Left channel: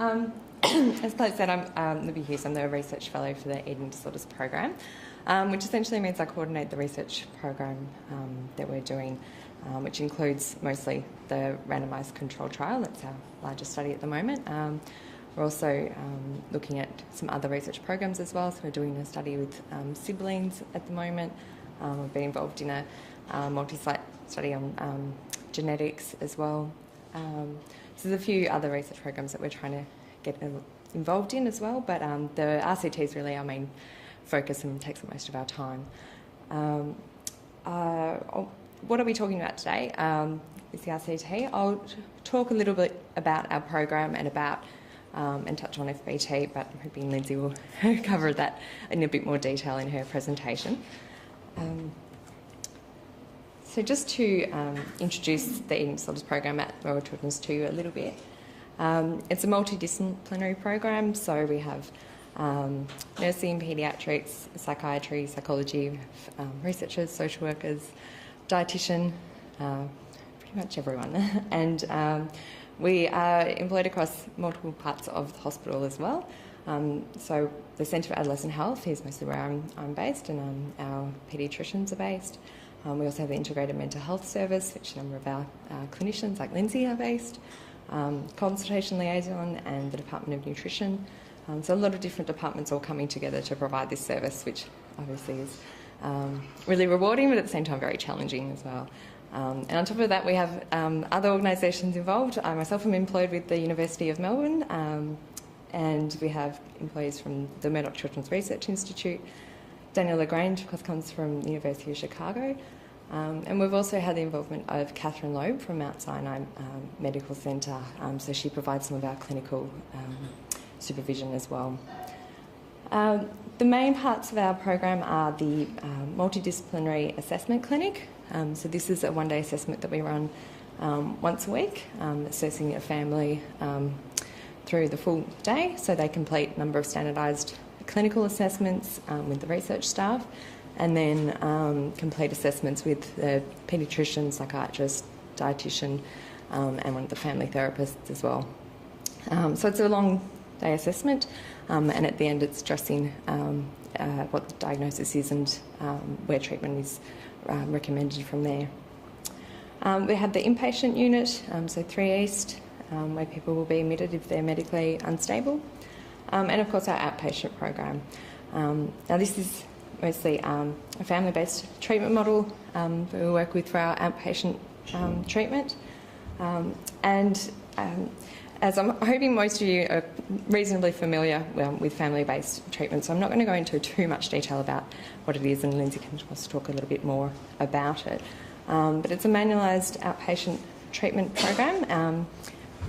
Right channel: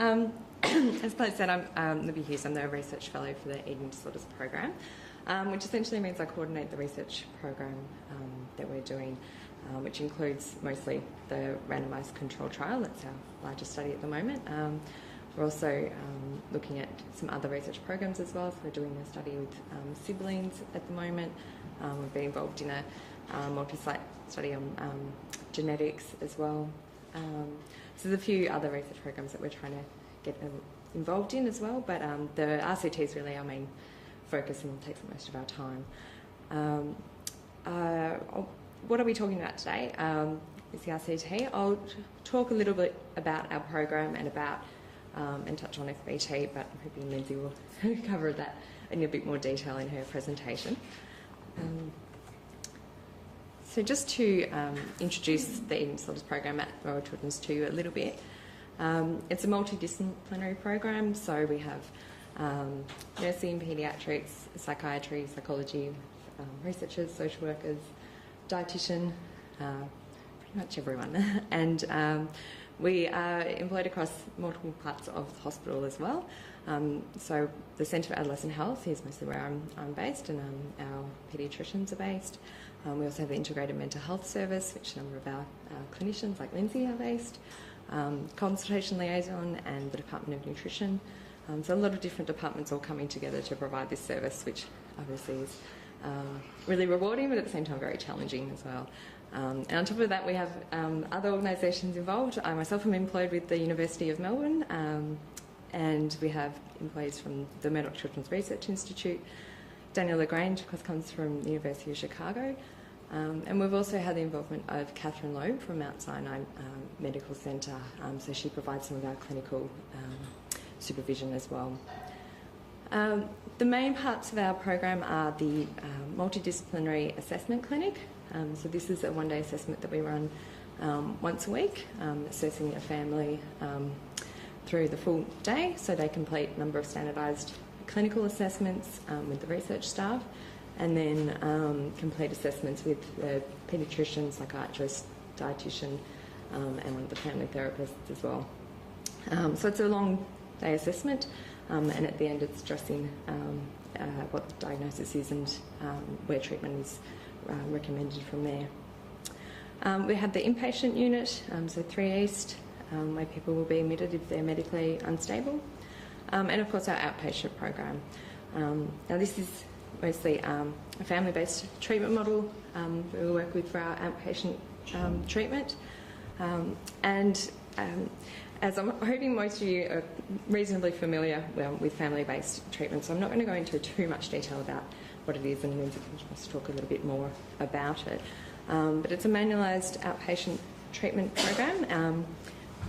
As Claire said, I'm Libby Hughes. I'm the Research Fellow for the Eating Disorders Program, which essentially means I coordinate the research program that we're doing, which includes mostly the randomised controlled trial. That's our largest study at the moment. We're also looking at some other research programs as well. So we're doing a study with siblings at the moment. We've been involved in a multi-site study on genetics as well. So there's a few other research programs that we're trying to get involved in as well, but the RCT is really our main focus and takes up most of our time. What are we talking about today? Is the RCT. I'll talk a little bit about our program and about and touch on FBT, but I'm hoping Lindsay will cover that in a bit more detail in her presentation. So just to introduce the Eating Disorders Program at Royal Children's to you a little bit. It's a multidisciplinary program, so we have nursing, paediatrics, psychiatry, psychology, researchers, social workers, dietitian, pretty much everyone. And we are employed across multiple parts of the hospital as well. So the Centre for Adolescent Health is mostly where I'm based, and our paediatricians are based. We also have the Integrated Mental Health Service, which a number of our clinicians like Lindsay are based. Consultation liaison and the Department of Nutrition. So a lot of different departments all coming together to provide this service, which obviously is really rewarding, but at the same time very challenging as well. And on top of that, we have other organisations involved. I myself am employed with the University of Melbourne, and we have employees from the Murdoch Children's Research Institute. Daniel Lagrange, of course, comes from the University of Chicago. And we've also had the involvement of Catherine Loeb from Mount Sinai Medical Centre, so she provides some of our clinical supervision as well. The main parts of our program are the multidisciplinary assessment clinic. So this is a one-day assessment that we run once a week, assessing a family through the full day, so they complete a number of standardised clinical assessments with the research staff, and then complete assessments with the paediatrician, psychiatrist, dietitian, and one of the family therapists as well. So it's a long day assessment, and at the end it's addressing what the diagnosis is and where treatment is recommended from there. We have the inpatient unit, so 3 East, where people will be admitted if they're medically unstable, and of course our outpatient program. Now this is mostly a family-based treatment model that we work with for our outpatient treatment. As I'm hoping most of you are reasonably familiar with family-based treatment, so I'm not going to go into too much detail about what it is, and Lindsay can just talk a little bit more about it. But it's a manualised outpatient treatment program.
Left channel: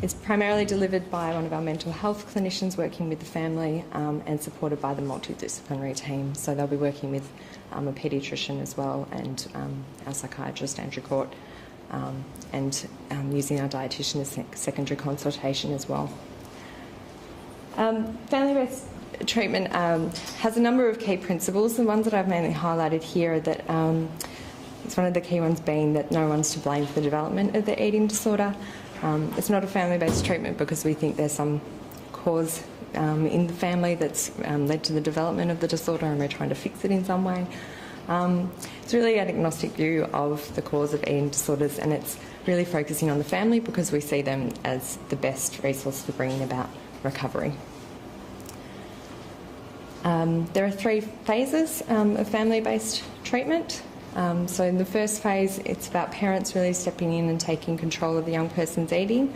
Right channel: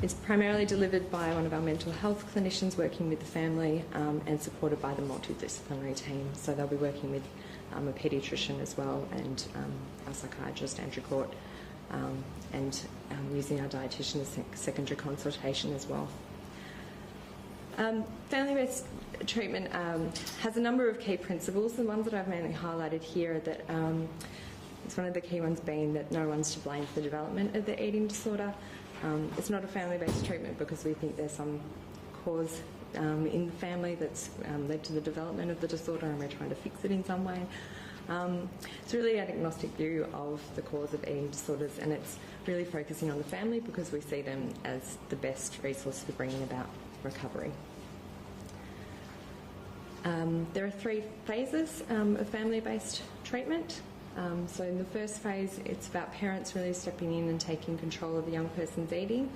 It's primarily delivered by one of our mental health clinicians working with the family and supported by the multidisciplinary team. So they'll be working with a paediatrician as well, and our psychiatrist, Andrew Court, and using our dietitian as secondary consultation as well. Family-based treatment has a number of key principles. The ones that I've mainly highlighted here are that it's one of the key ones being that no one's to blame for the development of the eating disorder. It's not a family-based treatment because we think there's some cause in the family that's led to the development of the disorder, and we're trying to fix it in some way. It's really an agnostic view of the cause of eating disorders, and it's really focusing on the family because we see them as the best resource for bringing about recovery. There are 3 phases of family-based treatment. So in the first phase, it's about parents really stepping in and taking control of the young person's eating,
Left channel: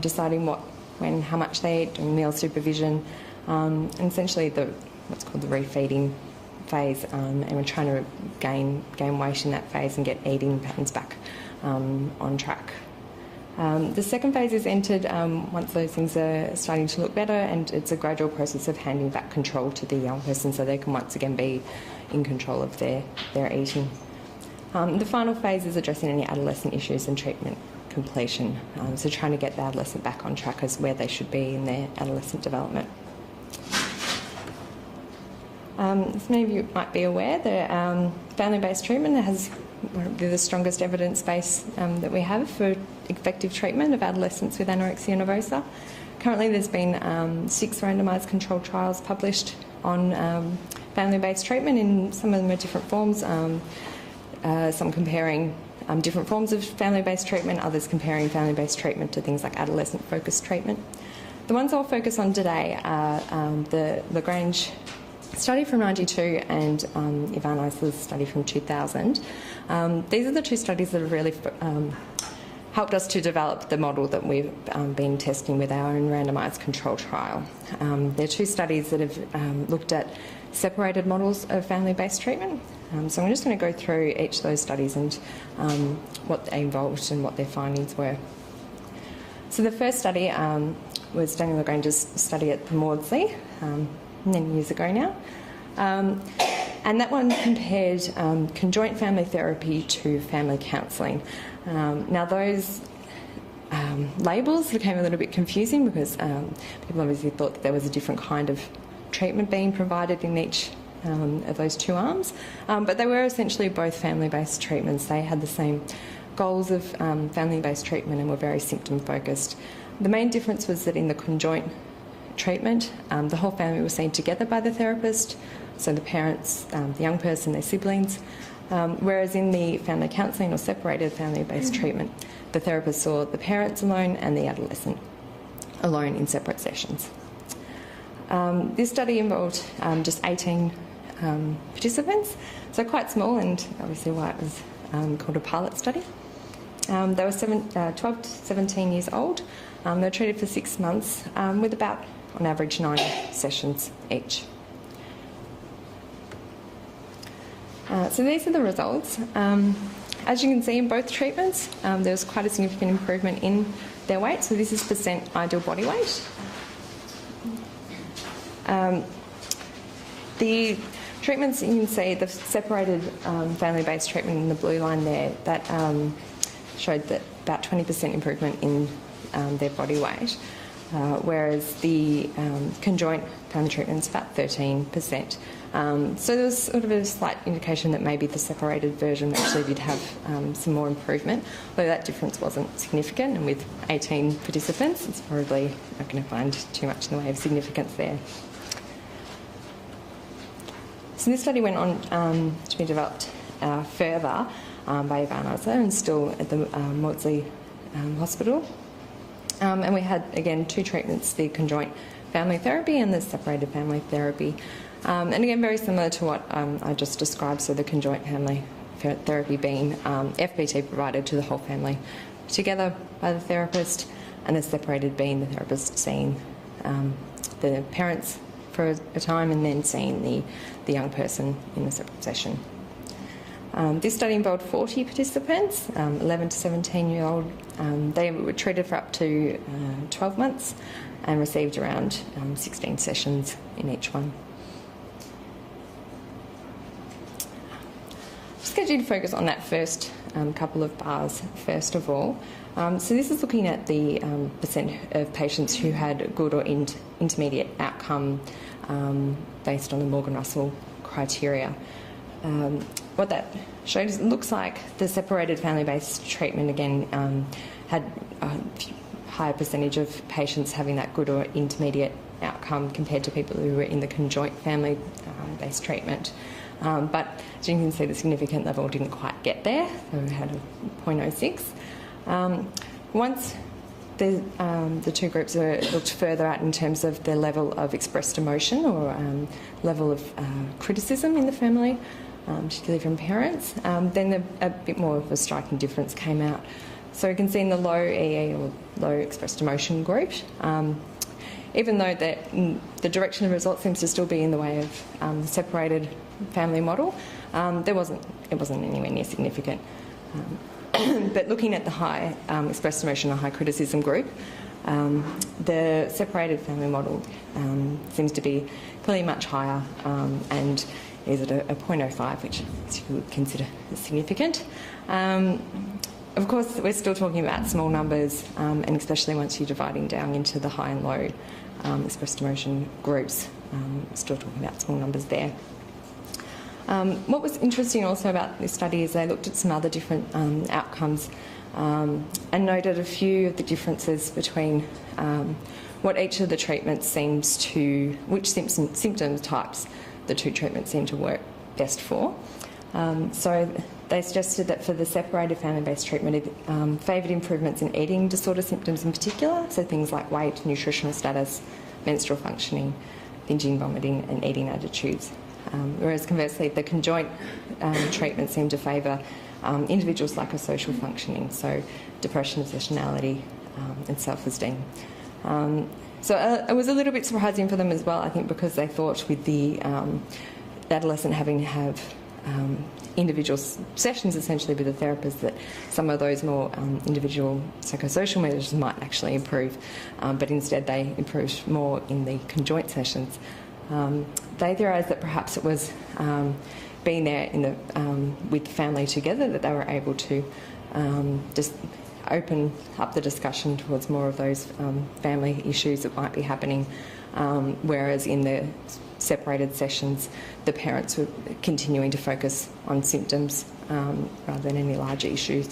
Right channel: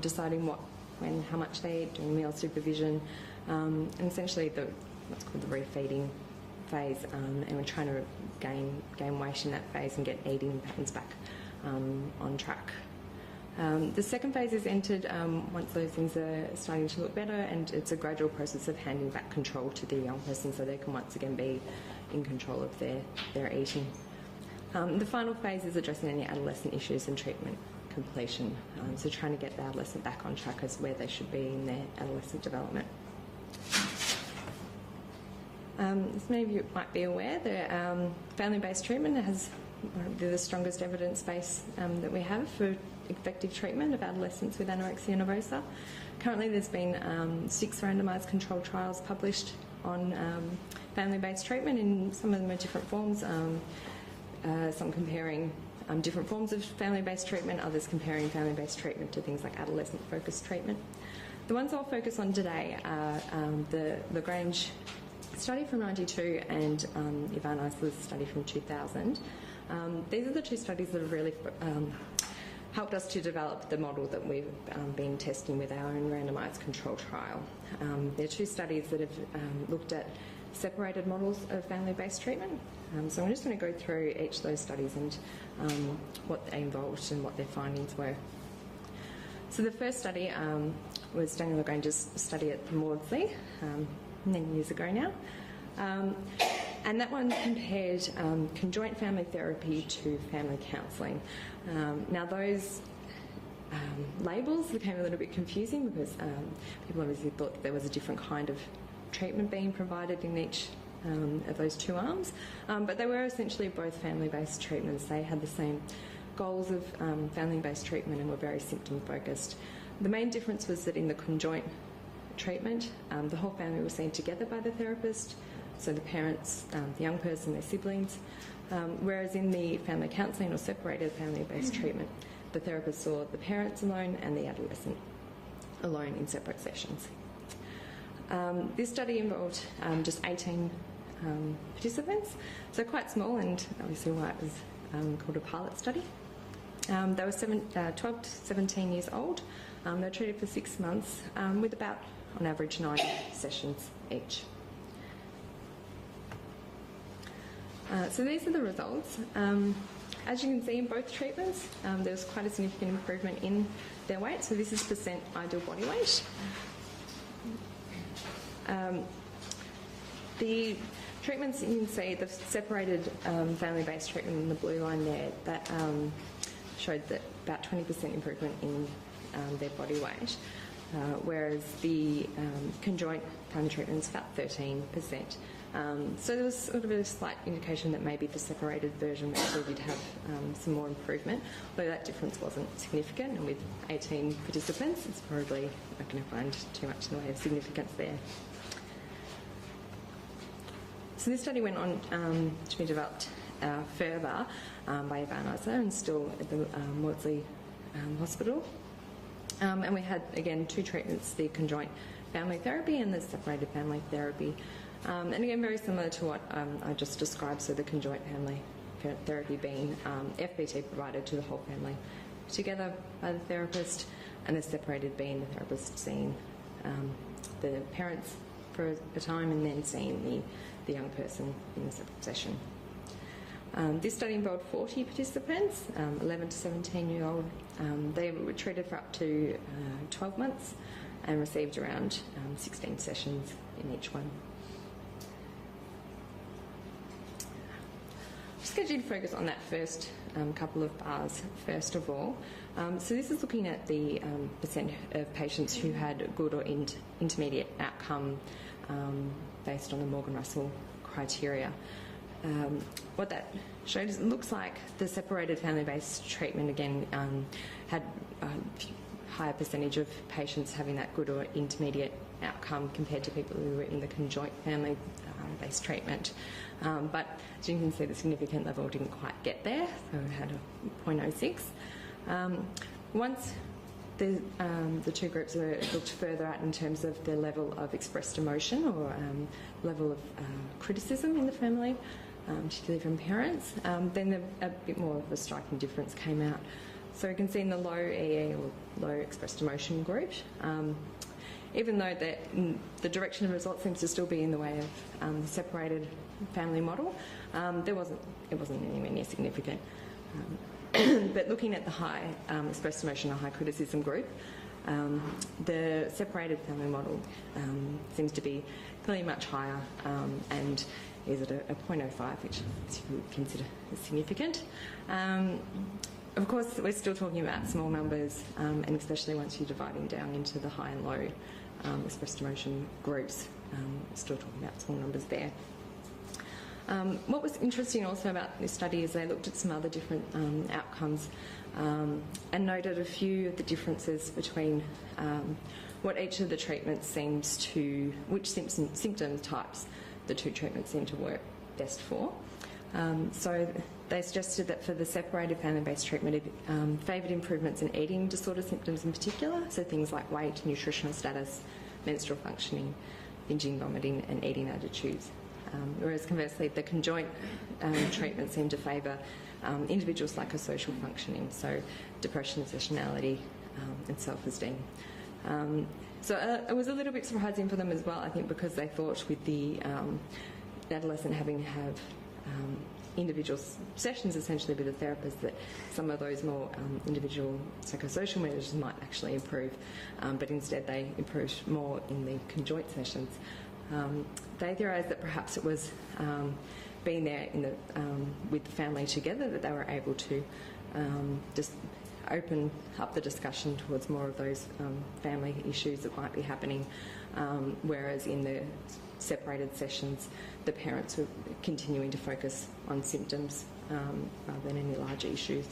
deciding what, when, how much they eat, doing meal supervision, and essentially what's called the refeeding phase, and we're trying to gain weight in that phase and get eating patterns back on track. The second phase is entered once those things are starting to look better, and it's a gradual process of handing back control to the young person so they can once again be in control of their eating. The final phase is addressing any adolescent issues and treatment completion, so trying to get the adolescent back on track as where they should be in their adolescent development. As many of you might be aware, the family-based treatment has one of the strongest evidence base that we have for effective treatment of adolescents with anorexia nervosa. Currently there's been 6 randomised controlled trials published on family-based treatment. In some of them are different forms, some comparing different forms of family-based treatment, others comparing family-based treatment to things like adolescent-focused treatment. The ones I'll focus on today are the Lagrange study from 92 and Ivan Eisler's study from 2000. These are the 2 studies that have really helped us to develop the model that we've been testing with our own randomised control trial. They're 2 studies that have looked at separated models of family-based treatment. So I'm just going to go through each of those studies and what they involved and what their findings were. So the first study was Daniel Lagrange's study at the Maudsley, many years ago now. And that one compared conjoint family therapy to family counselling. Now those labels became a little bit confusing because people obviously thought that there was a different kind of treatment being provided in each of those 2 arms, but they were essentially both family-based treatments. They had the same goals of family-based treatment and were very symptom-focused. The main difference was that in the conjoint treatment, the whole family was seen together by the therapist, so the parents, the young person, their siblings, whereas in the family counselling or separated family-based treatment, the therapist saw the parents alone and the adolescent alone in separate sessions. This study involved just 18 participants, so quite small, and obviously why it was called a pilot study. They were 12 to 17 years old. They were treated for 6 months with about, on average, 9 sessions each. So these are the results. As you can see in both treatments, there was quite a significant improvement in their weight. So this is percent ideal body weight. The treatments, you can see the separated family-based treatment in the blue line there, that showed that about 20% improvement in their body weight, whereas the conjoint family treatment is about 13%. So there was sort of a slight indication that maybe the separated version actually did have some more improvement, although that difference wasn't significant, and with 18 participants it's probably not going to find too much in the way of significance there. So this study went on to be developed further by Ivan Eisler and still at the Maudsley Hospital. And we had, again, 2 treatments, the conjoint family therapy and the separated family therapy. And again, very similar to what I just described, so the conjoint family therapy being FBT provided to the whole family together by the therapist, and the separated being the therapist seeing the parents for a time and then seeing the young person in a separate session. This study involved 40 participants, 11 to 17-year-old. They were treated for up to 12 months and received around 16 sessions in each one. Just get you to focus on that first couple of bars first of all. So this is looking at the percent of patients who had good or intermediate outcome based on the Morgan-Russell criteria. What that showed is it looks like the separated family-based treatment again had a higher percentage of patients having that good or intermediate outcome compared to people who were in the conjoint family-based treatment. But as you can see, the significant level didn't quite get there, so we had a 0.06. Once the 2 groups were looked further at in terms of their level of expressed emotion or level of criticism in the family, particularly from parents, then a bit more of a striking difference came out. So you can see in the low EE or low expressed emotion group, even though the direction of results seems to still be in the way of the separated family model, it wasn't anywhere near significant. But looking at the high expressed emotion or high criticism group, the separated family model seems to be clearly much higher and is at a 0.05, which you would consider significant. Of course, we're still talking about small numbers, and especially once you're dividing down into the high and low expressed emotion groups, we're still talking about small numbers there. What was interesting also about this study is they looked at some other different outcomes and noted a few of the differences between what each of the treatments seems to, which symptom types the two treatments seem to work best for. So they suggested that for the separated family-based treatment, it favoured improvements in eating disorder symptoms in particular, so things like weight, nutritional status, menstrual functioning, binging, vomiting and eating attitudes. Whereas conversely, the conjoint treatment seemed to favour individual psychosocial functioning, so depression, obsessionality and self-esteem. So it was a little bit surprising for them as well, I think, because they thought with the adolescent having to have individual sessions essentially with a therapist that some of those more individual psychosocial measures might actually improve, but instead they improved more in the conjoint sessions. They theorised that perhaps it was being there in the, with the family together that they were able to just open up the discussion towards more of those family issues that might be happening, whereas in the separated sessions the parents were continuing to focus on symptoms rather than any larger issues.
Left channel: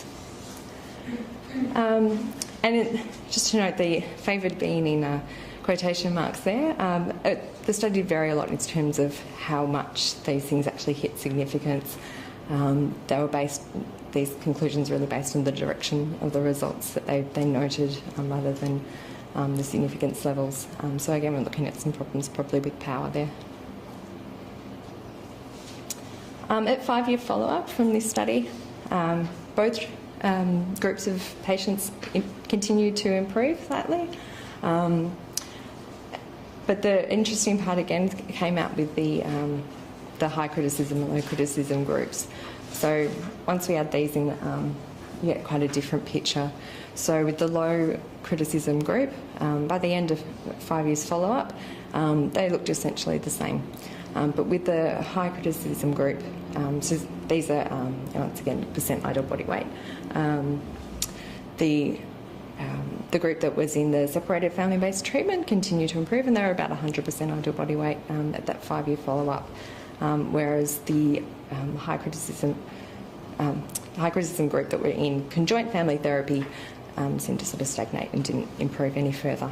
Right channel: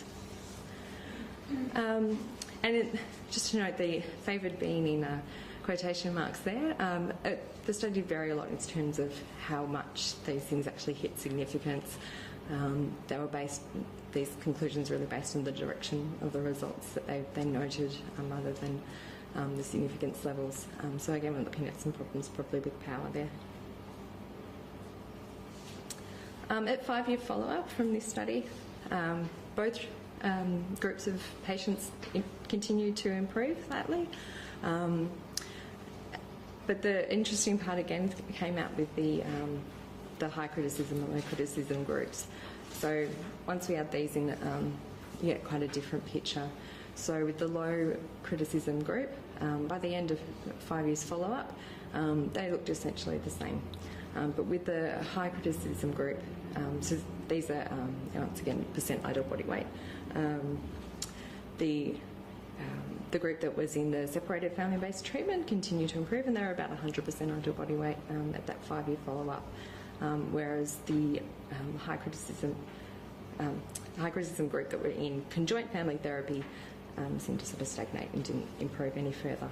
Just to note, the favoured being in quotation marks there, the study did vary a lot in terms of how much these things actually hit significance. These conclusions are really based on the direction of the results that they noted rather than the significance levels. So again, we're looking at some problems probably with power there. At 5-year follow-up from this study, both groups of patients continued to improve slightly. But the interesting part again came out with the high criticism and low criticism groups. So once we add these in, you get quite a different picture. So with the low criticism group, by the end of 5 years follow-up, they looked essentially the same. But with the high criticism group, so these are, once again, percent ideal body weight. The group that was in the separated family-based treatment continued to improve, and they were about 100% ideal body weight at that 5-year follow-up, whereas the high criticism group that were in conjoint family therapy seemed to sort of stagnate and didn't improve any further.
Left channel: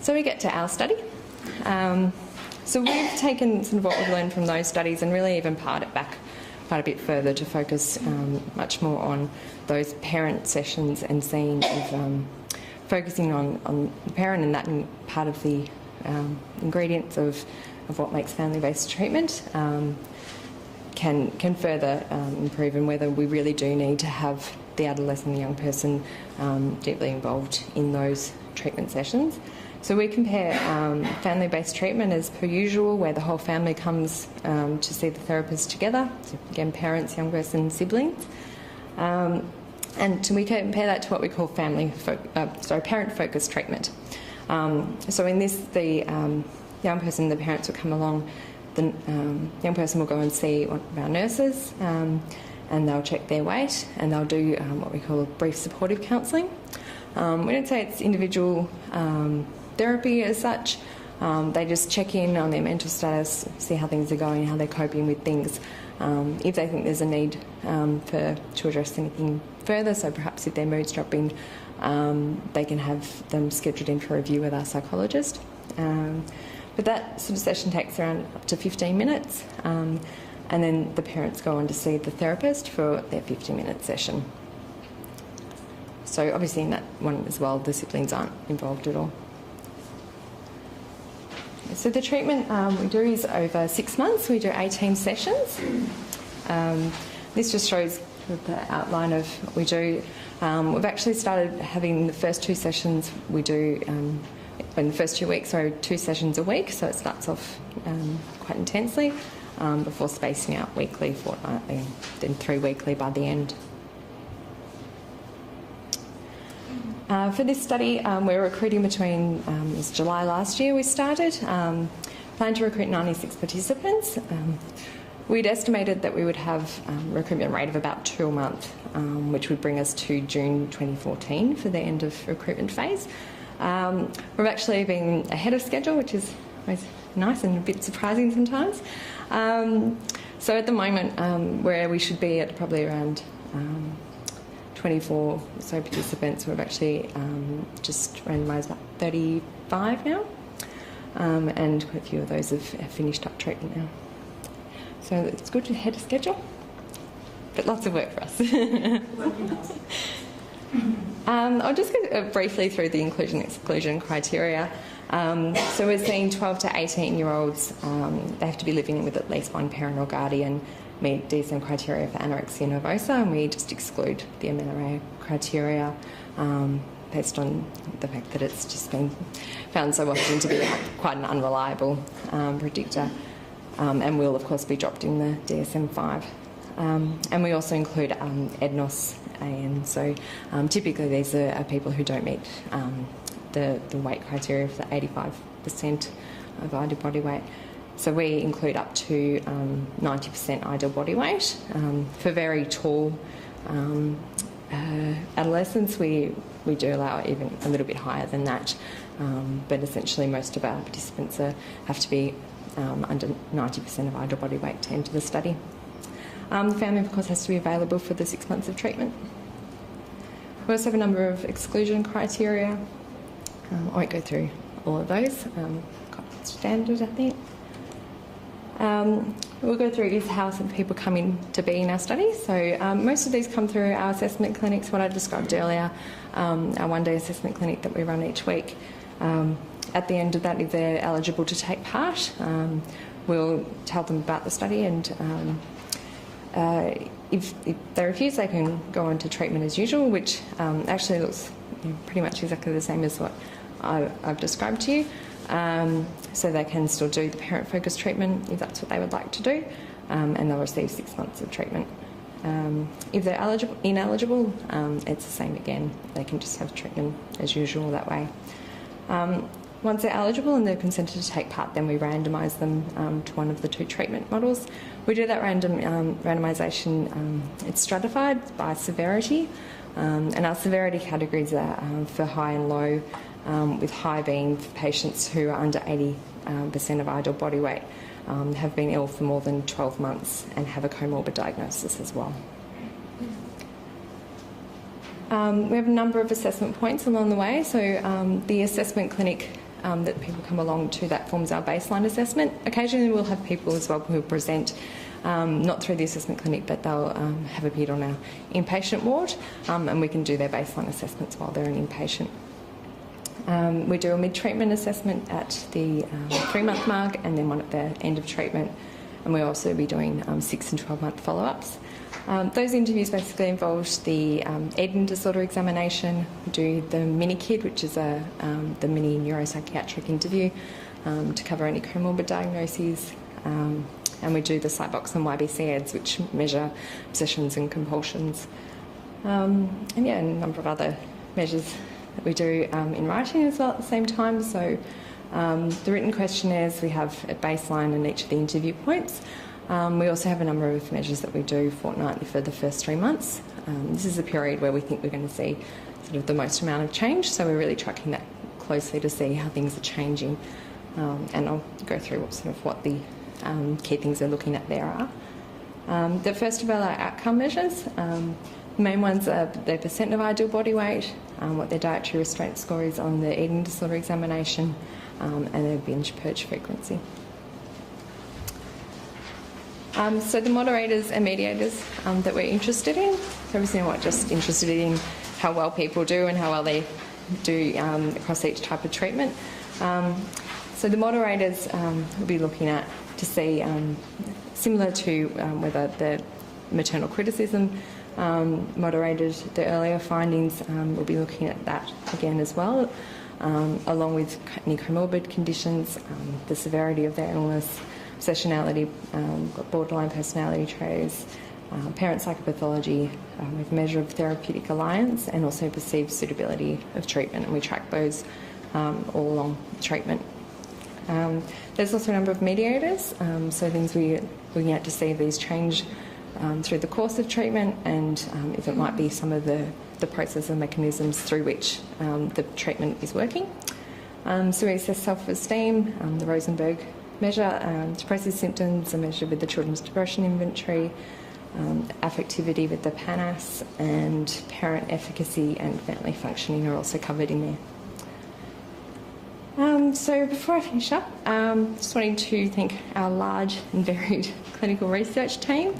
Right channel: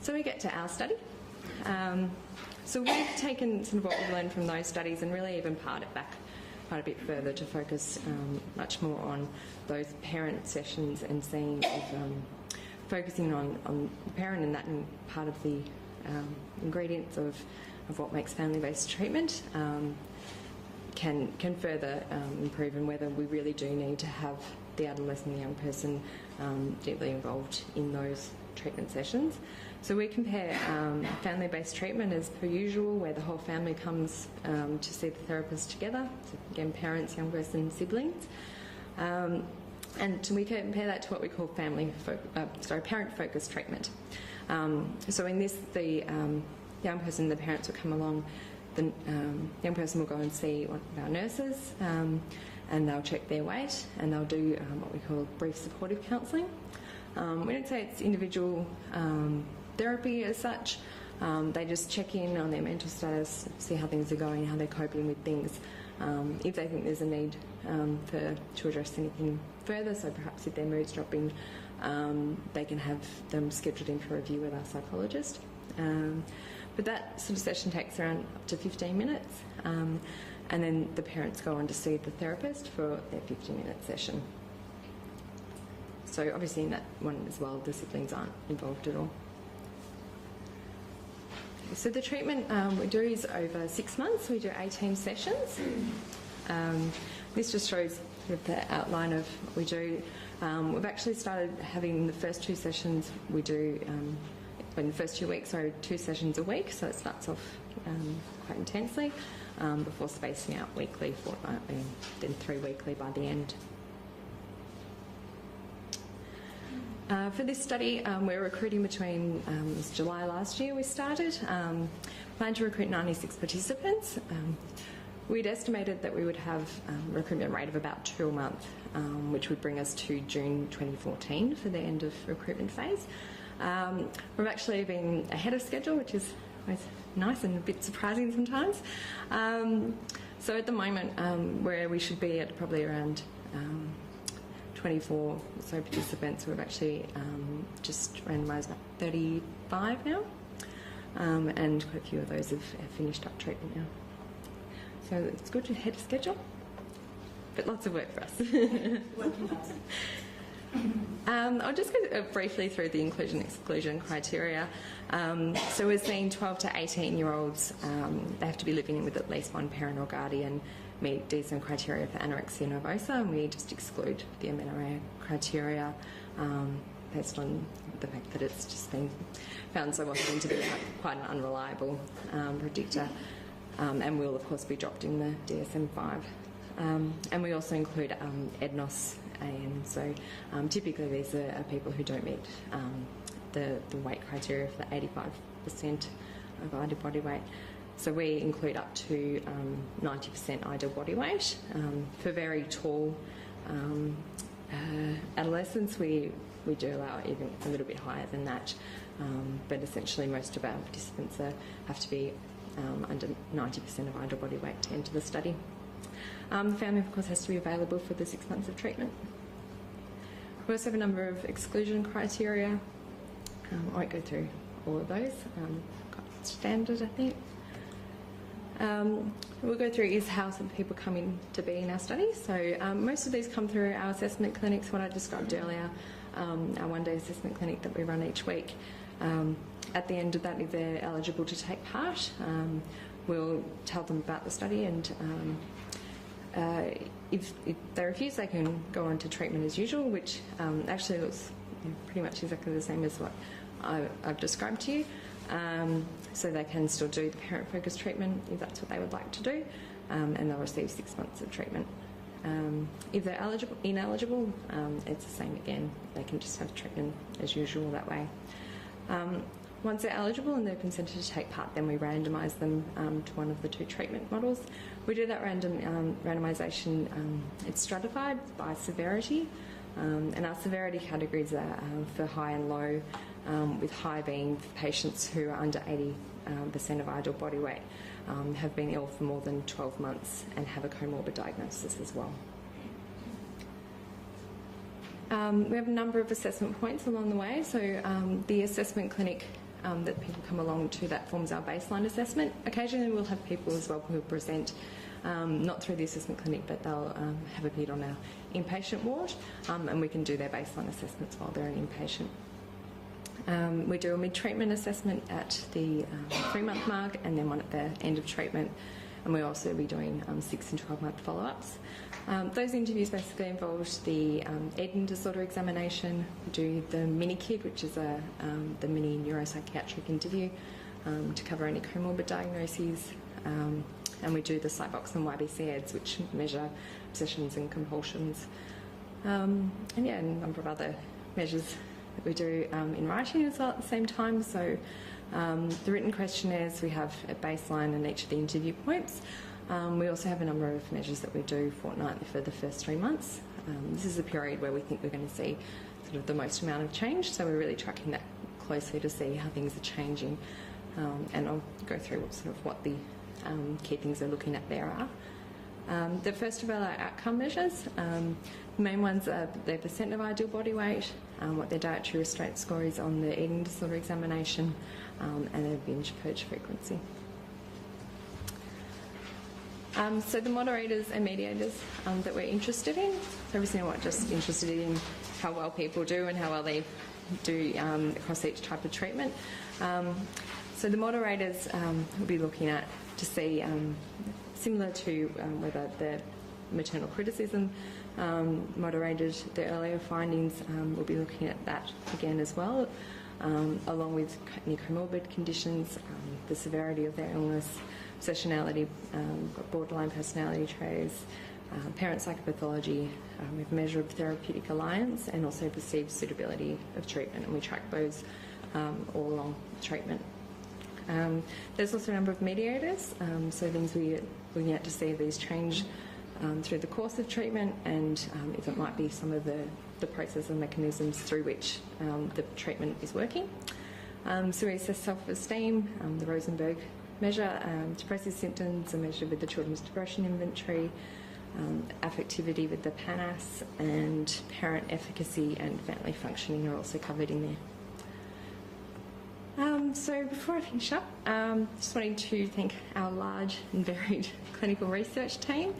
So we get to our study. So we've taken some of what we've learned from those studies and really even pared it back quite a bit further to focus much more on those parent sessions and seeing if focusing on the parent and that part of the ingredients of what makes family-based treatment can further improve, and whether we really do need to have the adolescent, the young person, deeply involved in those treatment sessions. So we compare family-based treatment as per usual, where the whole family comes to see the therapist together. So again, parents, young person, siblings. And we compare that to what we call parent-focused treatment. So in this, the young person, the parents will come along, the young person will go and see one of our nurses, and they'll check their weight, and they'll do what we call brief supportive counselling. We don't say it's individual therapy as such. They just check in on their mental status, see how things are going, how they're coping with things. If they think there's a need to address anything further, so perhaps if their mood's dropping, they can have them scheduled in for review with our psychologist. But that sort of session takes around up to 15 minutes, and then the parents go on to see the therapist for their 15-minute session. So obviously in that one as well, the siblings aren't involved at all. So the treatment we do is over 6 months. We do 18 sessions. This just shows the outline of what we do. We've actually started having the first 2 sessions we do in the first 2 weeks, so 2 sessions a week, so it starts off quite intensely before spacing out weekly, fortnightly, then 3 weekly by the end. For this study, we're recruiting between, it was July last year we started, planned to recruit 96 participants. We'd estimated that we would have a recruitment rate of about 2 a month, which would bring us to June 2014 for the end of recruitment phase. We've actually been ahead of schedule, which is always nice and a bit surprising sometimes. So at the moment, where we should be at probably around 24 or so participants. We've actually just randomised about 35 now, and quite a few of those have finished up treatment now. So it's good to ahead of schedule, but lots of work for us. I'll just go briefly through the inclusion-exclusion criteria. So we're seeing 12 to 18-year-olds, they have to be living with at least one parent or guardian, meet DSM criteria for anorexia nervosa, and we just exclude the MNRA criteria based on the fact that it's just been found so often to be quite an unreliable predictor, and will of course be dropped in the DSM-5. And we also include EDNOS AN, so typically these are people who don't meet the weight criteria for 85% of ideal body weight. So we include up to 90% ideal body weight. For very tall adolescents, we do allow even a little bit higher than that, but essentially most of our participants have to be under 90% of ideal body weight to enter the study. The family, of course, has to be available for the 6 months of treatment. We also have a number of exclusion criteria. I won't go through all of those, quite standard, I think. We'll go through is how some people come in to be in our study. So most of these come through our assessment clinics, what I described earlier, our one-day assessment clinic that we run each week. At the end of that, if they're eligible to take part, we'll tell them about the study, and if they refuse, they can go on to treatment as usual, which actually looks pretty much exactly the same as what I've described to you. So they can still do the parent-focused treatment if that's what they would like to do, and they'll receive 6 months of treatment. If they're ineligible, it's the same again. They can just have treatment as usual that way. Once they're eligible and they're consented to take part, then we randomise them to one of the 2 treatment models. We do that randomisation, it's stratified by severity, and our severity categories are for high and low, with high being for patients who are under 80% of ideal body weight, have been ill for more than 12 months and have a comorbid diagnosis as well. We have a number of assessment points along the way. So the assessment clinic that people come along to, that forms our baseline assessment. Occasionally we'll have people as well who present not through the assessment clinic, but they'll have appeared on our inpatient ward, and we can do their baseline assessments while they're an inpatient. We do a mid-treatment assessment at the 3-month mark, and then one at the end of treatment, and we'll also be doing 6 and 12-month follow-ups. Those interviews basically involve the eating disorder examination. We do the mini-KID, which is the mini neuropsychiatric interview to cover any comorbid diagnoses, and we do the Psybox and YBC-EDS, which measure obsessions and compulsions, and yeah, a number of other measures that we do in writing as well at the same time. So the written questionnaires we have at baseline and each of the interview points. We also have a number of measures that we do fortnightly for the first 3 months. This is a period where we think we're going to see sort of the most amount of change, so we're really tracking that closely to see how things are changing, and I'll go through what the key things they're looking at there are. The first of all are outcome measures. The main ones are their percent of ideal body weight, what their dietary restraint score is on the eating disorder examination, and their binge purge frequency. So the moderators and mediators that we're interested in, so obviously we're not just interested in how well people do and how well they do across each type of treatment. So the moderators we'll be looking at to see, similar to whether the maternal criticism moderated the earlier findings, we'll be looking at that again as well, along with any comorbid conditions, the severity of their illness, obsessionality, borderline personality traits, parent psychopathology, with measure of therapeutic alliance, and also perceived suitability of treatment, and we track those all along treatment. There's also a number of mediators, so things we're looking at to see if these change through the course of treatment, and if it might be some of the process and mechanisms through which the treatment is working. So we assess self-esteem, the Rosenberg measure, depressive symptoms are measured with the Children's Depression Inventory, affectivity with the PANAS, and parent efficacy and family functioning are also covered in there. So before I finish up, just wanting to thank our large and varied clinical research team.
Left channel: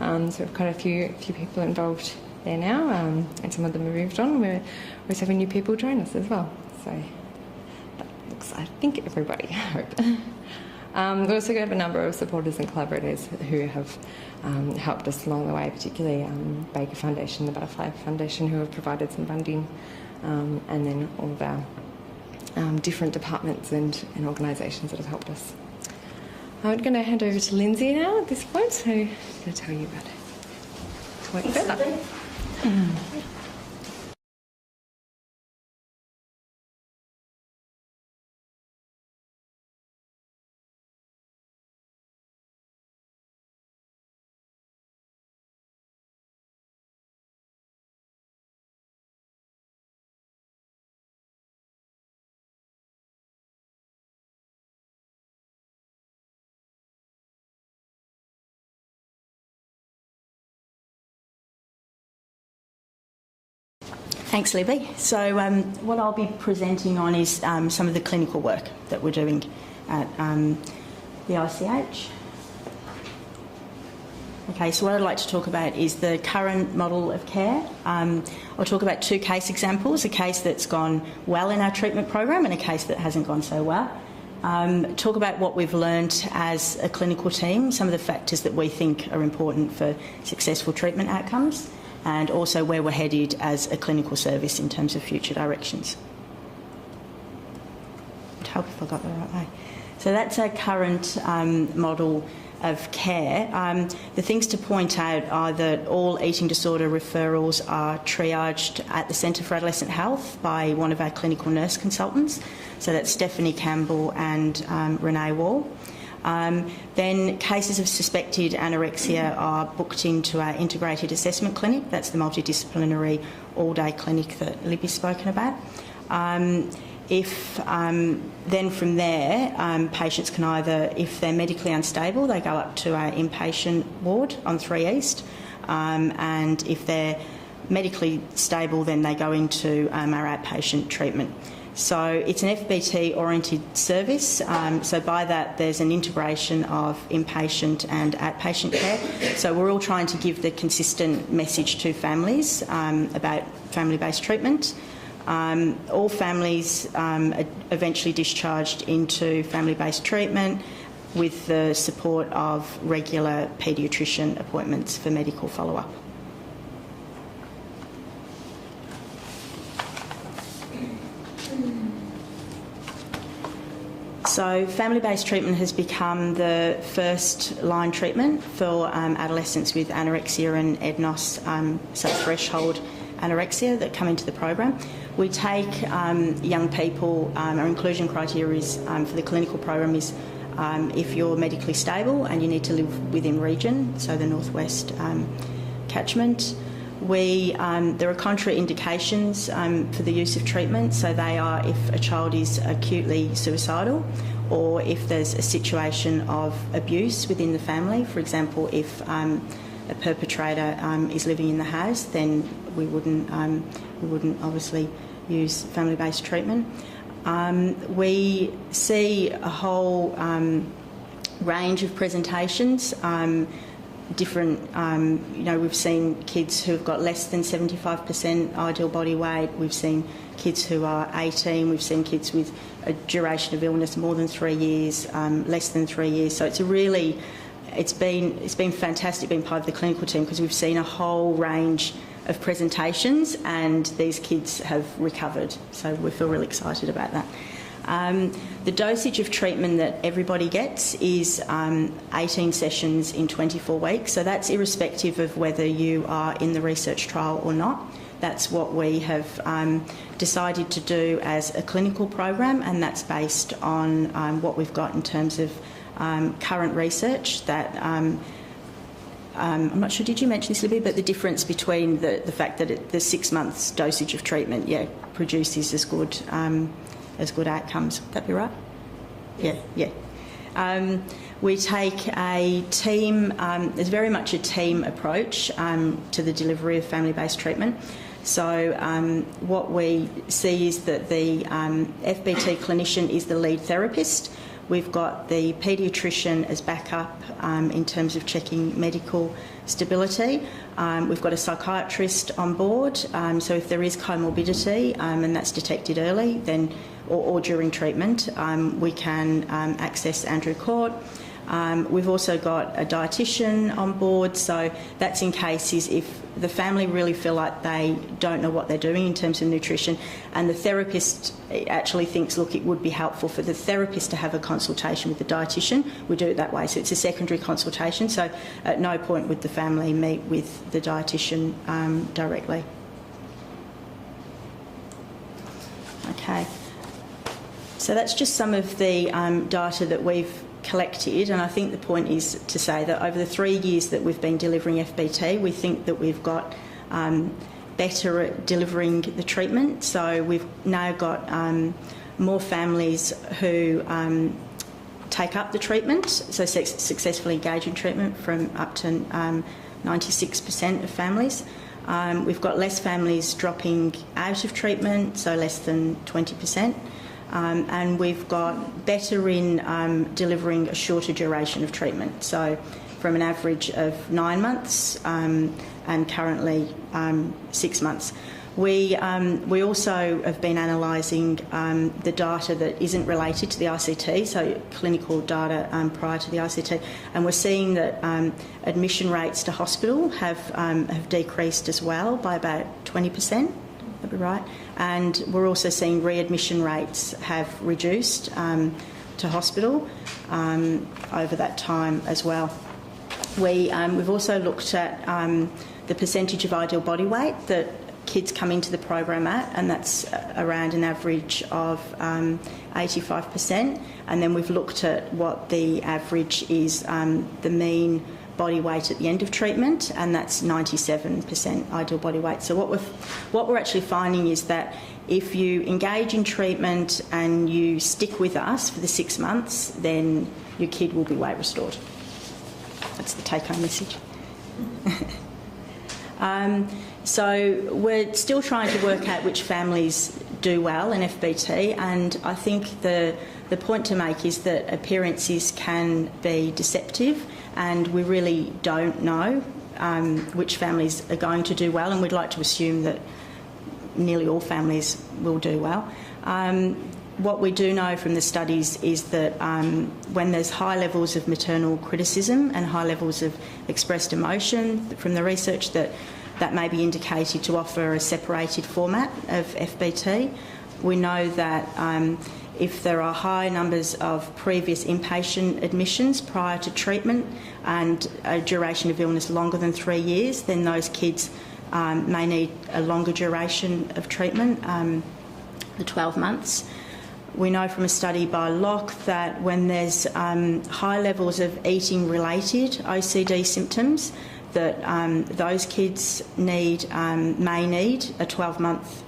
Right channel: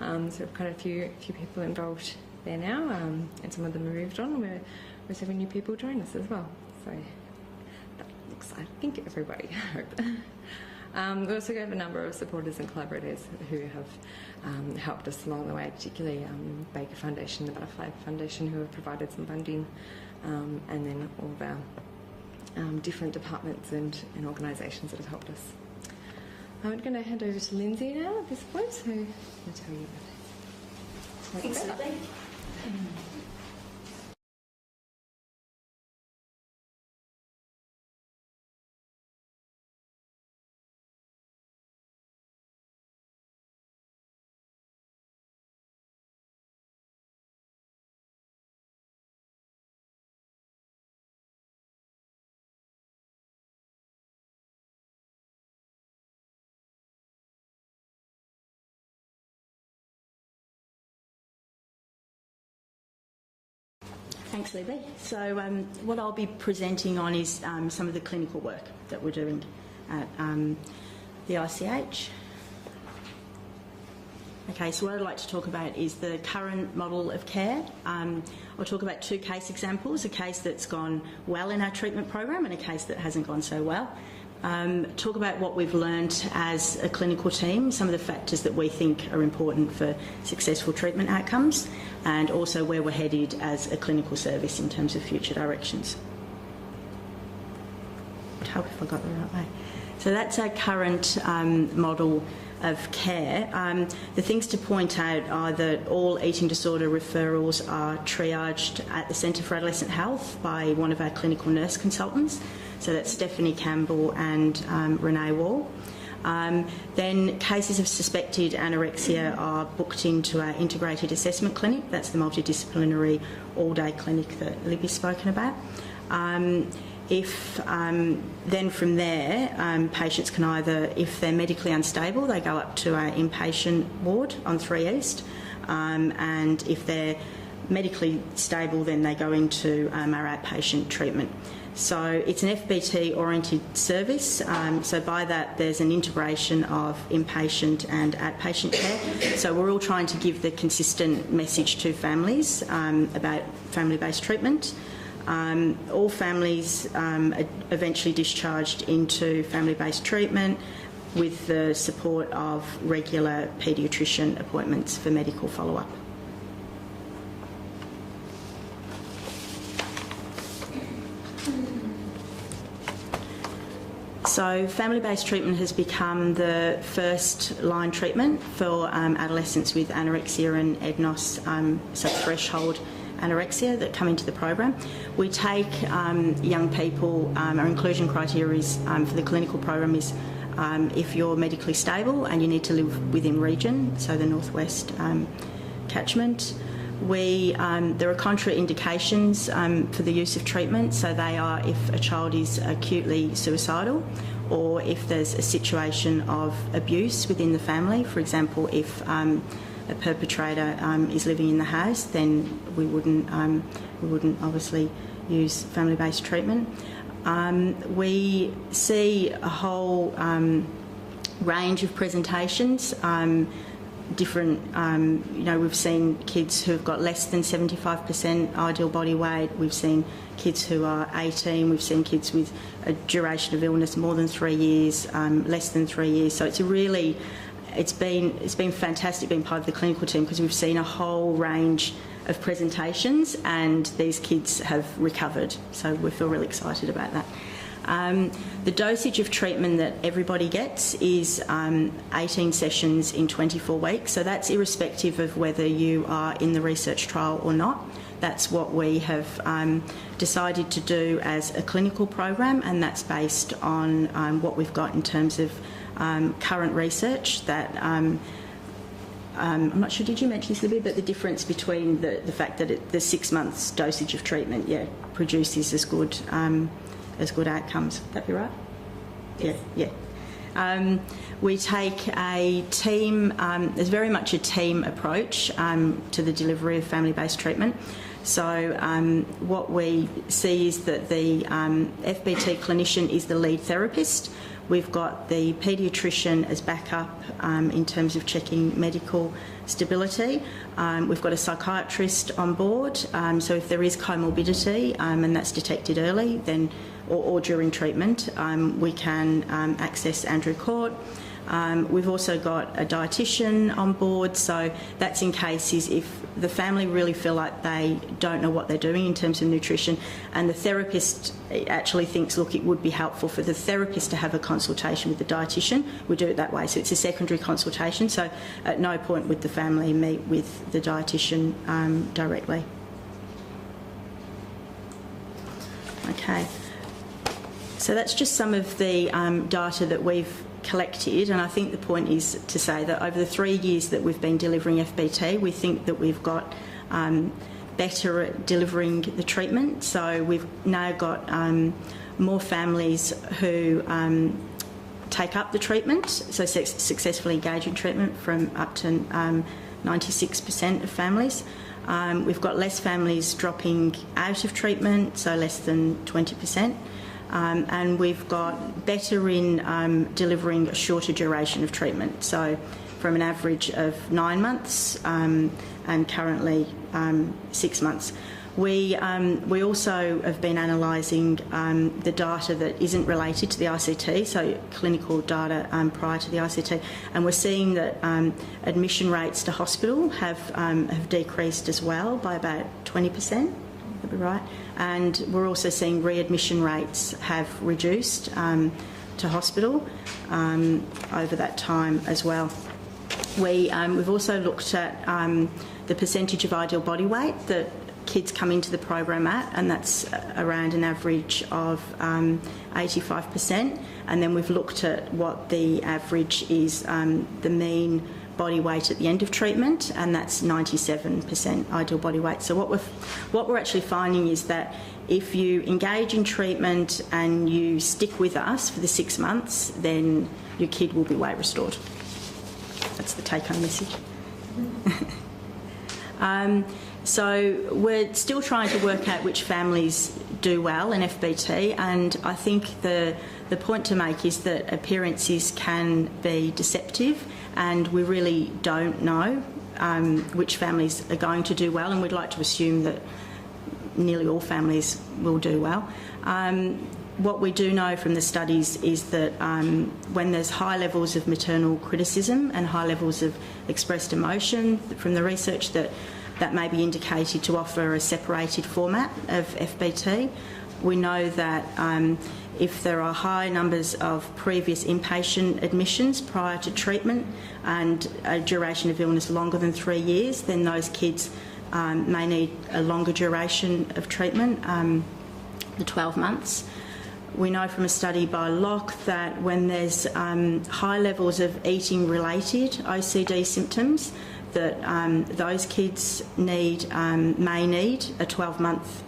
So we've got a few people involved there now, and some of them have moved on. We're always having new people join us as well. So that looks, I think, everybody, I hope. We also have a number of supporters and collaborators who have helped us along the way, particularly Baker Foundation, the Butterfly Foundation, who have provided some funding, and then all of our different departments and organisations that have helped us. I'm going to hand over to Lindsay now at this point, so to tell you about it. Wait further. Thanks, Libby. So what I'll be presenting on is some of the clinical work that we're doing at the ICH. Okay, so what I'd like to talk about is the current model of care. I'll talk about two case examples, a case that's gone well in our treatment program and a case that hasn't gone so well. Talk about what we've learned as a clinical team, some of the factors that we think are important for successful treatment outcomes, and also where we're headed as a clinical service in terms of future directions. I hope I got the right way. So that's our current model of care. The things to point out are that all eating disorder referrals are triaged at the Centre for Adolescent Health by one of our clinical nurse consultants. So that's Stephanie Campbell and Renee Wall. Then cases of suspected anorexia are booked into our integrated assessment clinic. That's the multidisciplinary all-day clinic that Libby's spoken about. Then from there, patients can either, if they're medically unstable, they go up to our inpatient ward on 3 East, and if they're medically stable, then they go into our outpatient treatment. So it's an FBT-oriented service, so by that there's an integration of inpatient and outpatient care. So we're all trying to give the consistent message to families about family-based treatment. All families are eventually discharged into family-based treatment with the support of regular paediatrician appointments for medical follow-up. So family-based treatment has become the first-line treatment for adolescents with anorexia and EDNOS, so threshold anorexia that come into the program. We take young people, our inclusion criteria is, for the clinical program is if you're medically stable and you need to live within region, so the northwest catchment. There are contraindications for the use of treatment, so they are if a child is acutely suicidal or if there's a situation of abuse within the family. For example, if a perpetrator is living in the house, then we wouldn't obviously use family-based treatment. We see a whole range of presentations. We've seen kids who've got less than 75% ideal body weight. We've seen kids who are 18. We've seen kids with a duration of illness more than 3 years, less than 3 years. So it's been fantastic being part of the clinical team because we've seen a whole range of presentations and these kids have recovered. So we feel really excited about that. The dosage of treatment that everybody gets is 18 sessions in 24 weeks, so that's irrespective of whether you are in the research trial or not. That's what we have decided to do as a clinical program, and that's based on what we've got in terms of current research that I'm not sure, did you mention this, Libby, but the difference between the fact that the 6 months dosage of treatment produces as good outcomes. Would that be right? Yeah. We take a team, there's very much a team approach to the delivery of family-based treatment. So what we see is that the FBT clinician is the lead therapist. We've got the paediatrician as backup in terms of checking medical stability. We've got a psychiatrist on board, so if there is comorbidity and that's detected early, then or during treatment, we can access Andrew Court. We've also got a dietitian on board, so that's in cases if the family really feel like they don't know what they're doing in terms of nutrition, and the therapist actually thinks, look, it would be helpful for the therapist to have a consultation with the dietitian. We do it that way, so it's a secondary consultation, so at no point would the family meet with the dietitian directly. Okay, so that's just some of the data that we've collected, and I think the point is to say that over the 3 years that we've been delivering FBT, we think that we've got better at delivering the treatment. So we've now got more families who take up the treatment, so successfully engage in treatment, from up to 96% of families. We've got less families dropping out of treatment, so less than 20%. And we've got better in delivering a shorter duration of treatment, so from an average of 9 months and currently 6 months. We also have been analysing the data that isn't related to the ICT, so clinical data prior to the ICT, and we're seeing that admission rates to hospital have decreased as well by about 20%. That'd be right. And we're also seeing readmission rates have reduced to hospital over that time as well. We've also looked at the percentage of ideal body weight that kids come into the program at, and that's around an average of 85%. And then we've looked at what the average is, the mean body weight at the end of treatment, and that's 97% ideal body weight. So what we're actually finding is that if you engage in treatment and you stick with us for the 6 months, then your kid will be weight restored. That's the take-home message. So we're still trying to work out which families do well in FBT, and I think the point to make is that appearances can be deceptive, and we really don't know which families are going to do well, and we'd like to assume that nearly all families will do well. What we do know from the studies is that when there's high levels of maternal criticism and high levels of expressed emotion from the research, that may be indicated to offer a separated format of FBT. We know that if there are high numbers of previous inpatient admissions prior to treatment and a duration of illness longer than 3 years, then those kids may need a longer duration of treatment, the 12 months. We know from a study by Locke that when there's high levels of eating-related OCD symptoms, that those kids may need a 12-month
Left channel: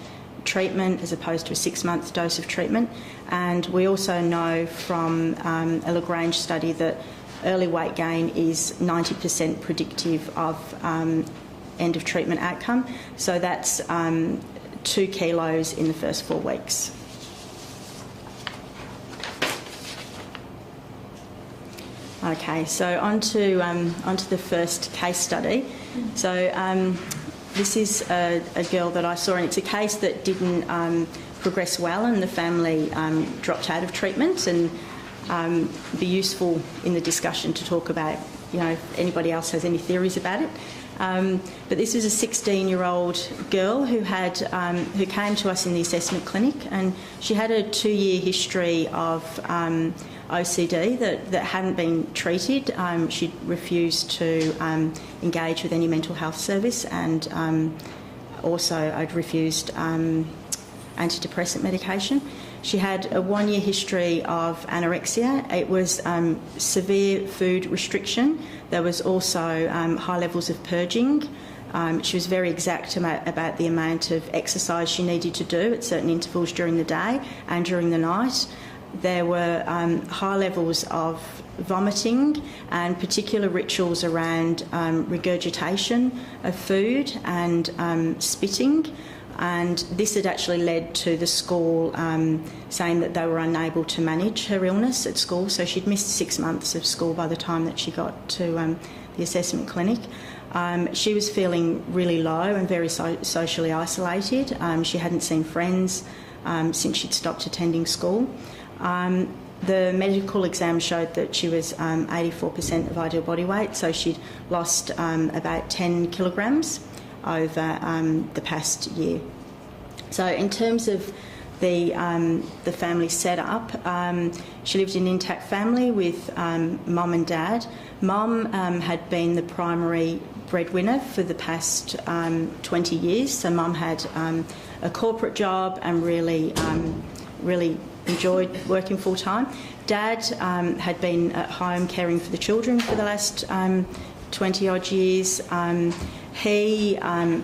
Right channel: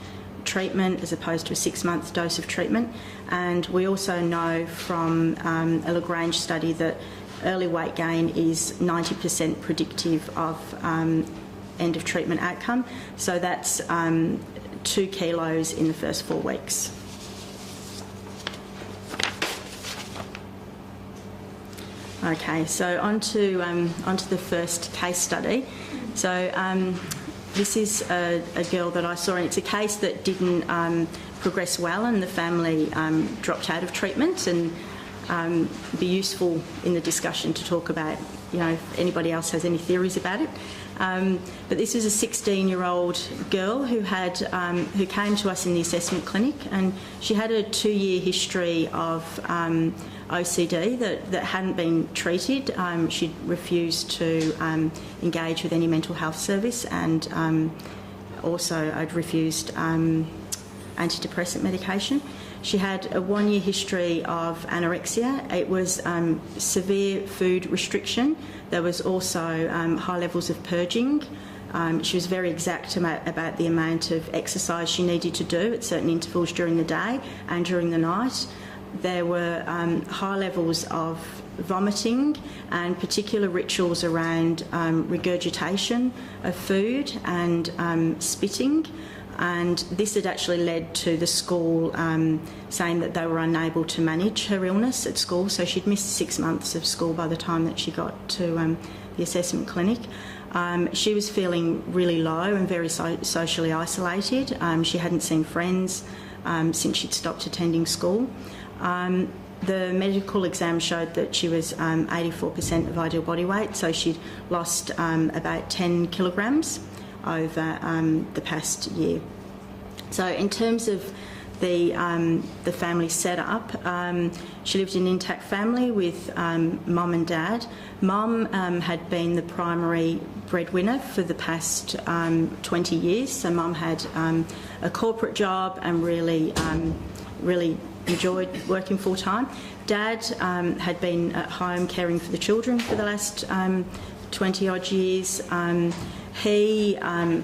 treatment as opposed to a 6-month dose of treatment. And we also know from a Lagrange study that early weight gain is 90% predictive of end of treatment outcome. So that's 2 kilos in the first 4 weeks. Okay, so on to the first case study. So this is a girl that I saw, and it's a case that didn't progress well, and the family dropped out of treatment, and be useful in the discussion to talk about, if anybody else has any theories about it. But this is a 16-year-old girl who came to us in the assessment clinic, and she had a 2-year history of OCD that hadn't been treated. She'd refused to engage with any mental health service, and also I'd refused antidepressant medication. She had a 1-year history of anorexia. It was severe food restriction. There was also high levels of purging. She was very exact about the amount of exercise she needed to do at certain intervals during the day and during the night. there were high levels of vomiting and particular rituals around regurgitation of food and spitting. And this had actually led to the school saying that they were unable to manage her illness at school. So she'd missed 6 months of school by the time that she got to the assessment clinic. She was feeling really low and very socially isolated. She hadn't seen friends since she'd stopped attending school. The medical exam showed that she was 84% of ideal body weight, so she'd lost about 10 kilograms over the past year. So in terms of the family setup, she lived in an intact family with mum and dad. Mum had been the primary breadwinner for the past 20 years, so mum had a corporate job and really enjoyed working full time. Dad had been at home caring for the children for the last 20 odd years. He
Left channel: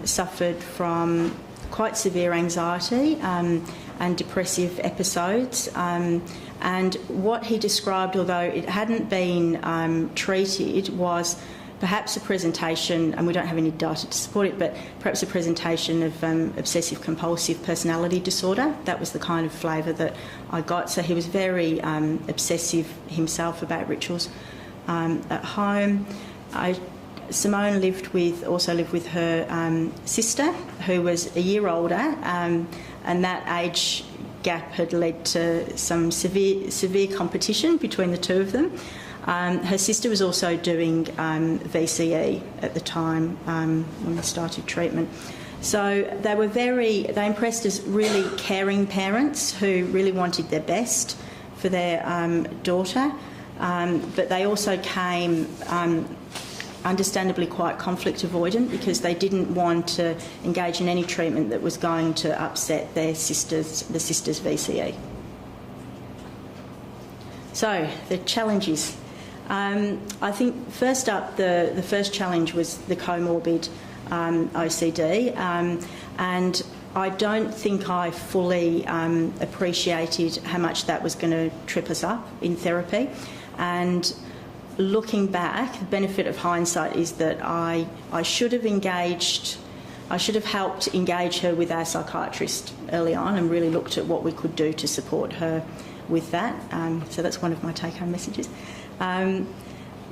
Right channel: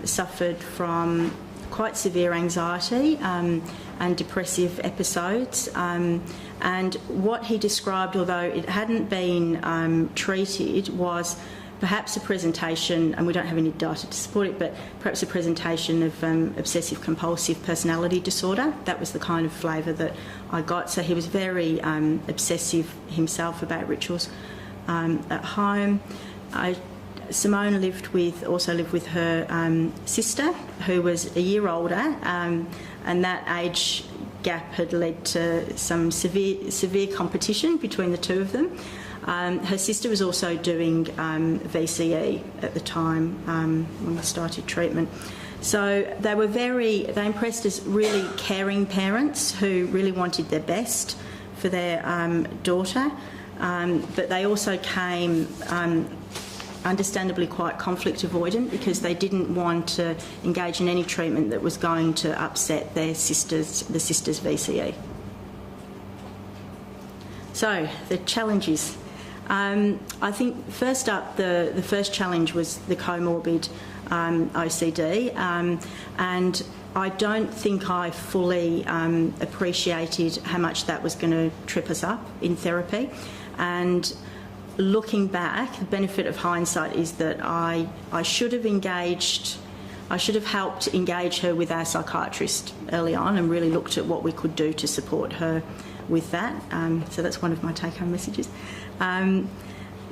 suffered from quite severe anxiety and depressive episodes. And what he described, although it hadn't been treated, was perhaps a presentation, and we don't have any data to support it, but perhaps a presentation of obsessive-compulsive personality disorder. That was the kind of flavour that I got. So he was very obsessive himself about rituals at home. Simone also lived with her sister, who was a year older, and that age gap had led to some severe competition between the two of them. Her sister was also doing VCE at the time when we started treatment. So they impressed as really caring parents who really wanted their best for their daughter, but they also came understandably quite conflict avoidant because they didn't want to engage in any treatment that was going to upset the sister's VCE. So the challenges. I think first up, the first challenge was the comorbid OCD, and I don't think I fully appreciated how much that was going to trip us up in therapy. And looking back, the benefit of hindsight is that I should have helped engage her with our psychiatrist early on and really looked at what we could do to support her with that. So that's one of my take-home messages.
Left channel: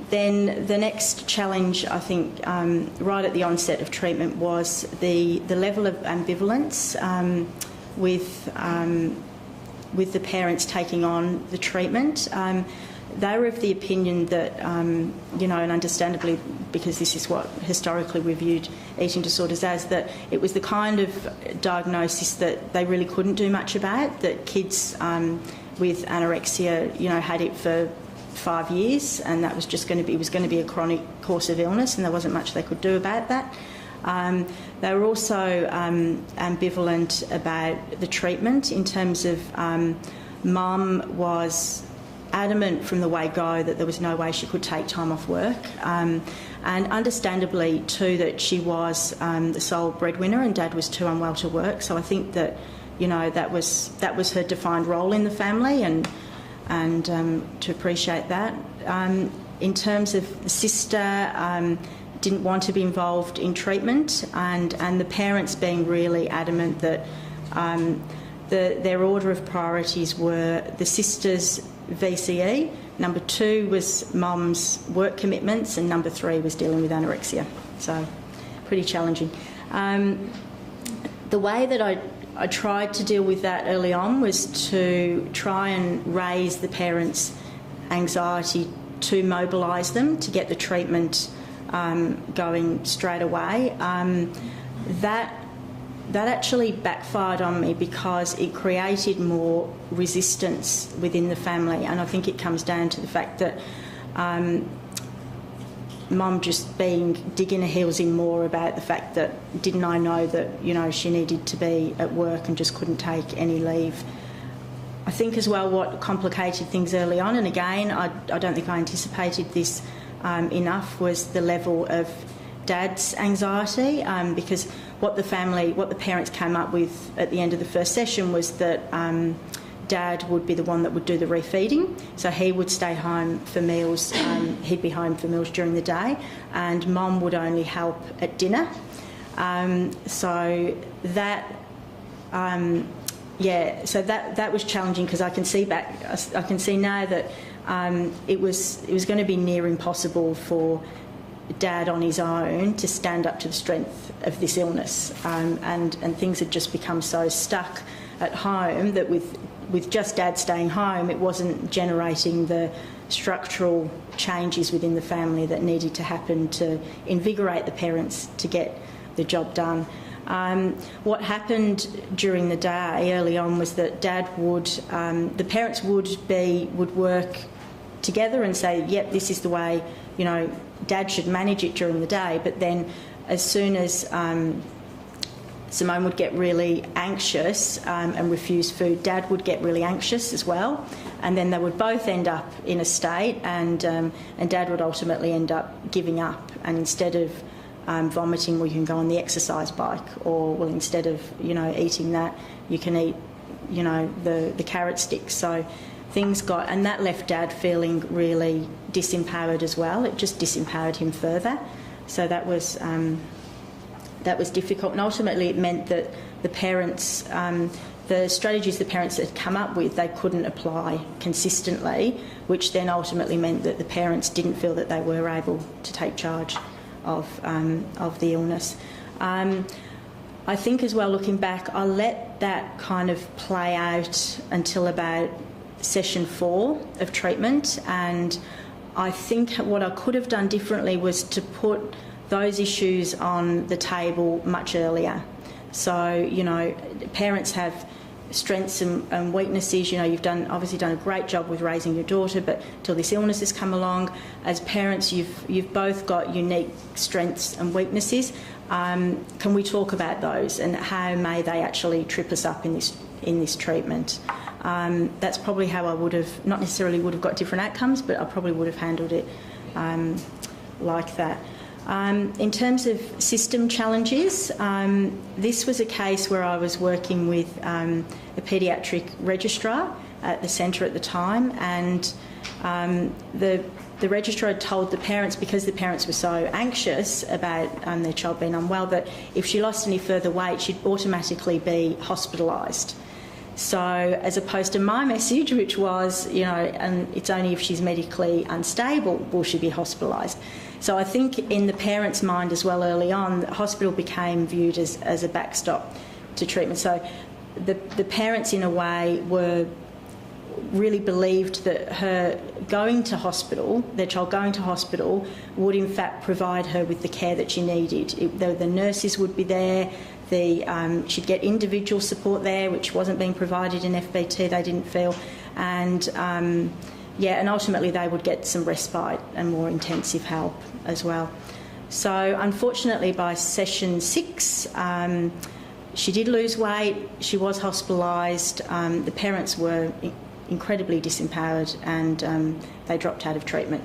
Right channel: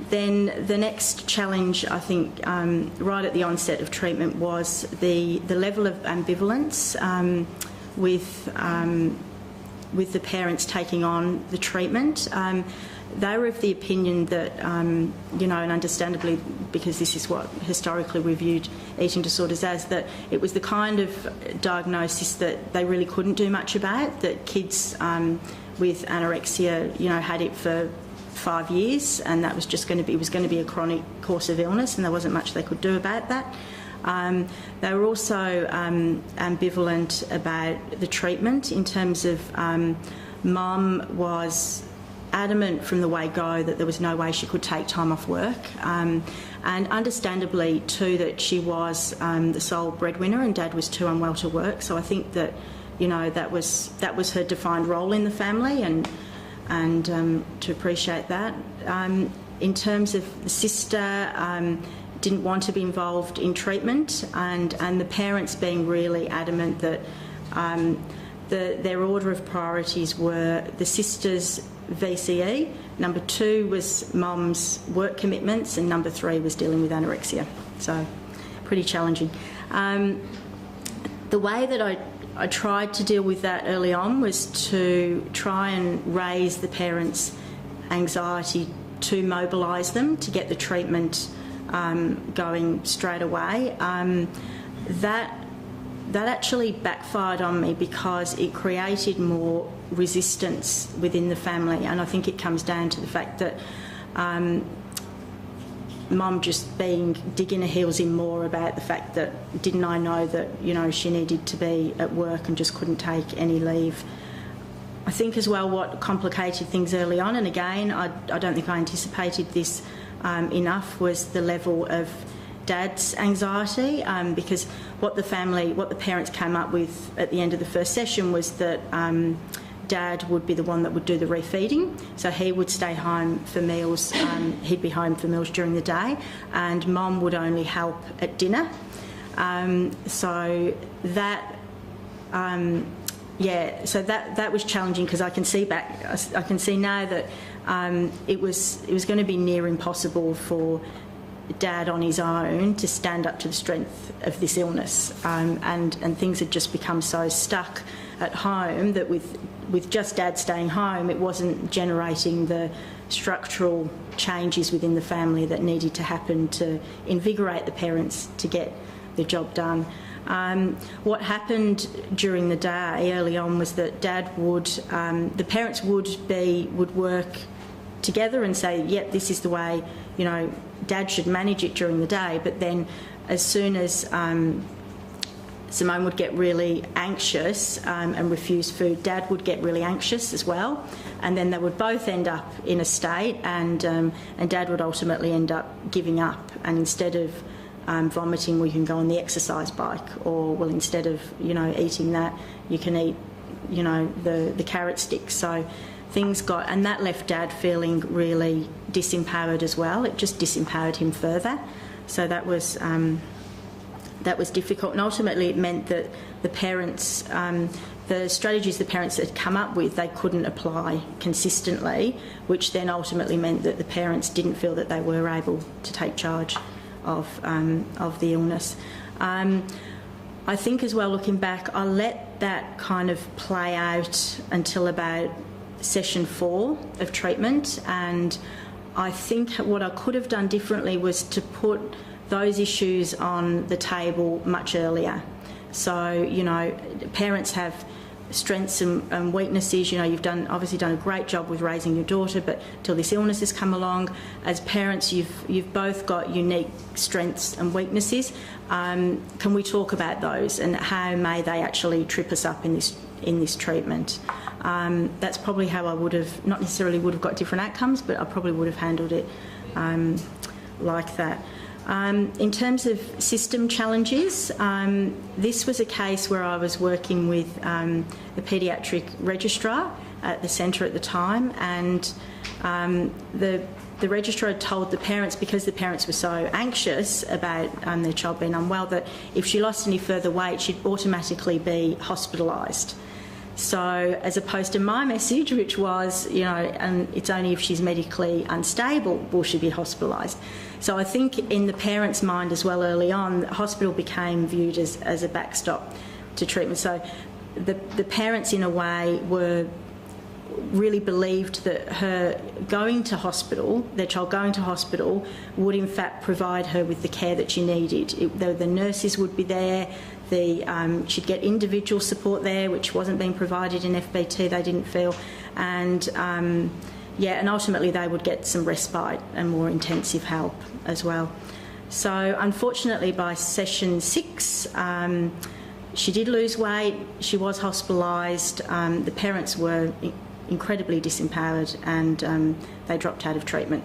Then the next challenge, I think, right at the onset of treatment was the level of ambivalence with the parents taking on the treatment. They were of the opinion that, and understandably, because this is what historically we viewed eating disorders as, that it was the kind of diagnosis that they really couldn't do much about, that kids with anorexia, had it for 5 years, and that was just going to be a chronic course of illness, and there wasn't much they could do about that. They were also ambivalent about the treatment in terms of mum was adamant from the word go that there was no way she could take time off work, and understandably too that she was the sole breadwinner and dad was too unwell to work. So I think that that was her defined role in the family, and to appreciate that. In terms of the sister, didn't want to be involved in treatment, and the parents being really adamant that their order of priorities were the sister's VCE, number 2 was mum's work commitments, and number 3 was dealing with anorexia. So pretty challenging. The way that I tried to deal with that early on was to try and raise the parents' anxiety to mobilise them to get the treatment going straight away. That actually backfired on me because it created more resistance within the family, and I think it comes down to the fact that mum just digging her heels in more about the fact that didn't I know that she needed to be at work and just couldn't take any leave. I think as well what complicated things early on, and again I don't think I anticipated this enough, was the level of dad's anxiety, because what the parents came up with at the end of the first session was that Dad would be the one that would do the refeeding, so he would stay home for meals. He'd be home for meals during the day, and Mum would only help at dinner. So that was challenging, because I can see now that it was going to be near impossible for Dad on his own to stand up to the strength of this illness, and things had just become so stuck at home that with just Dad staying home, it wasn't generating the structural changes within the family that needed to happen to invigorate the parents to get the job done. What happened during the day early on was that the parents would work together and say, yep, this is the way, Dad should manage it during the day. But then as soon as Simone would get really anxious and refuse food, Dad would get really anxious as well, and then they would both end up in a state, and Dad would ultimately end up giving up, and instead of vomiting, we can go on the exercise bike, or well, instead of eating that, you can eat the carrot sticks. So things got, and that left Dad feeling really disempowered as well. It just disempowered him further. So that was difficult, and ultimately it meant that the parents, the strategies the parents had come up with, they couldn't apply consistently, which then ultimately meant that the parents didn't feel that they were able to take charge of the illness. I think as well, looking back, I let that kind of play out until about session 4 of treatment, and I think what I could have done differently was to put those issues on the table much earlier. So, parents have strengths and weaknesses. You've obviously done a great job with raising your daughter, but till this illness has come along, as parents, you've both got unique strengths and weaknesses. Can we talk about those, and how may they actually trip us up in this treatment? That's probably how I would have, not necessarily would have got different outcomes, but I probably would have handled it like that. In terms of system challenges, this was a case where I was working with a paediatric registrar at the centre at the time, and the registrar had told the parents, because the parents were so anxious about their child being unwell, that if she lost any further weight, she'd automatically be hospitalised. So as opposed to my message, which was, it's only if she's medically unstable will she be hospitalised. So I think in the parents' mind as well early on, the hospital became viewed as a backstop to treatment. So the parents, in a way, really believed that her going to hospital, their child going to hospital, would in fact provide her with the care that she needed. The nurses would be there. She'd get individual support there, which wasn't being provided in FBT, they didn't feel. And and ultimately they would get some respite and more intensive help as well. So unfortunately by session 6, she did lose weight, she was hospitalised, the parents were incredibly disempowered, and they dropped out of treatment.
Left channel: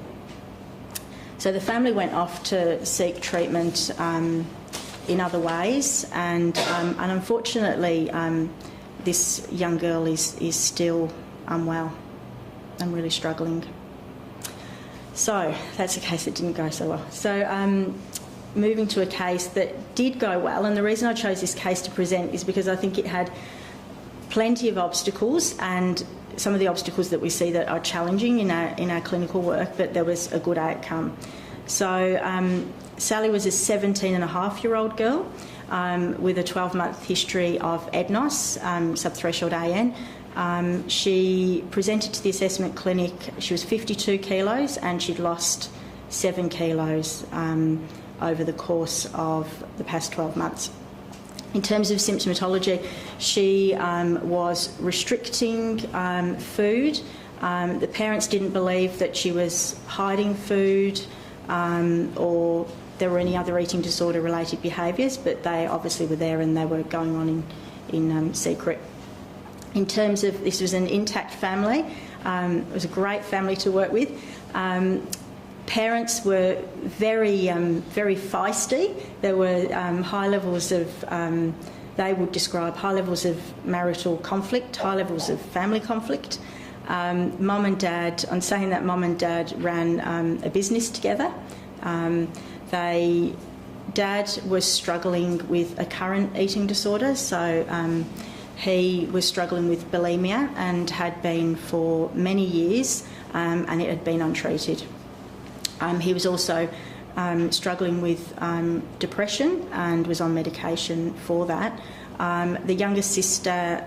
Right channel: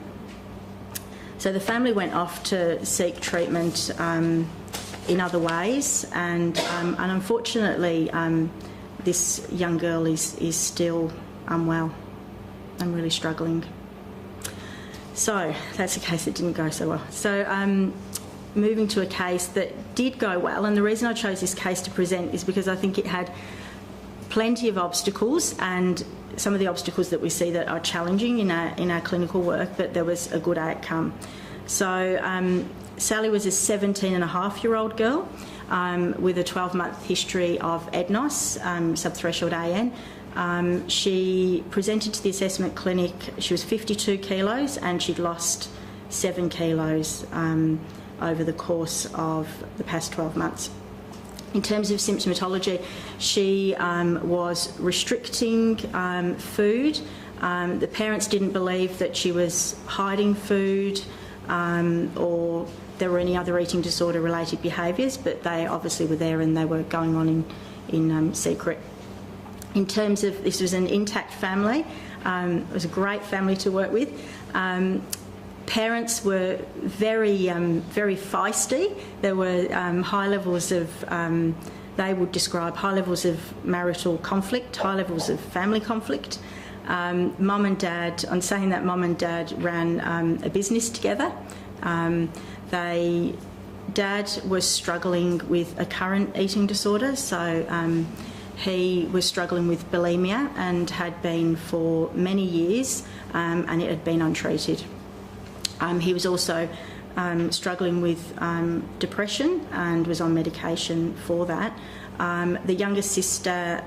So the family went off to seek treatment in other ways, and unfortunately this young girl is still unwell and really struggling. So that's a case that didn't go so well. So moving to a case that did go well, and the reason I chose this case to present is because I think it had plenty of obstacles, and some of the obstacles that we see that are challenging in our clinical work, but there was a good outcome. So Sally was a 17-and-a-half-year-old girl with a 12-month history of EDNOS, subthreshold AN. She presented to the assessment clinic. She was 52 kilos and she'd lost 7 kilos over the course of the past 12 months. In terms of symptomatology, she was restricting food. The parents didn't believe that she was hiding food or there were any other eating disorder related behaviours, but they obviously were there and they were going on in secret. In terms of, this was an intact family, it was a great family to work with. Parents were very feisty. There were high levels of they would describe high levels of marital conflict, high levels of family conflict. Mum and Dad, I'm saying that Mum and Dad ran a business together. Dad was struggling with a current eating disorder, so he was struggling with bulimia and had been for many years, and it had been untreated. He was also struggling with depression and was on medication for that. The youngest sister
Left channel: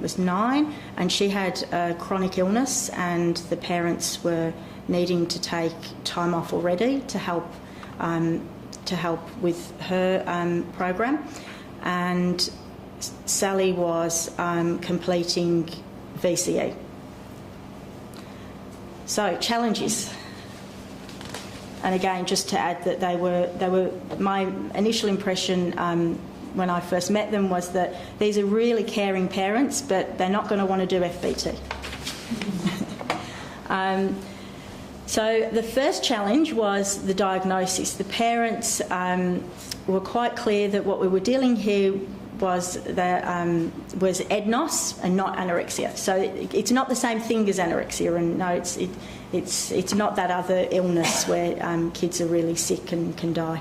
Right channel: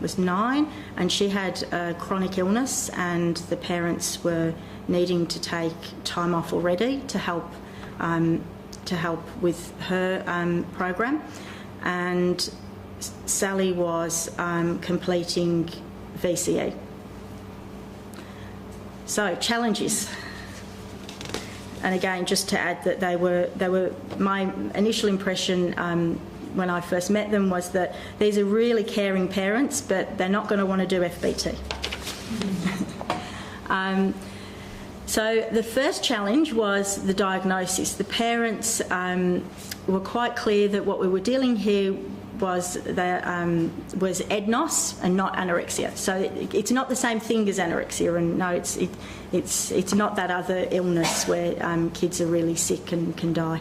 was 9, and she had a chronic illness, and the parents were needing to take time off already to help with her program. And Sally was completing VCE. So challenges. And again, just to add that they were my initial impression when I first met them was that these are really caring parents, but they're not going to want to do FBT. So the first challenge was the diagnosis. The parents were quite clear that what we were dealing here was EDNOS and not anorexia. So it's not the same thing as anorexia, and no, it's not that other illness where kids are really sick and can die.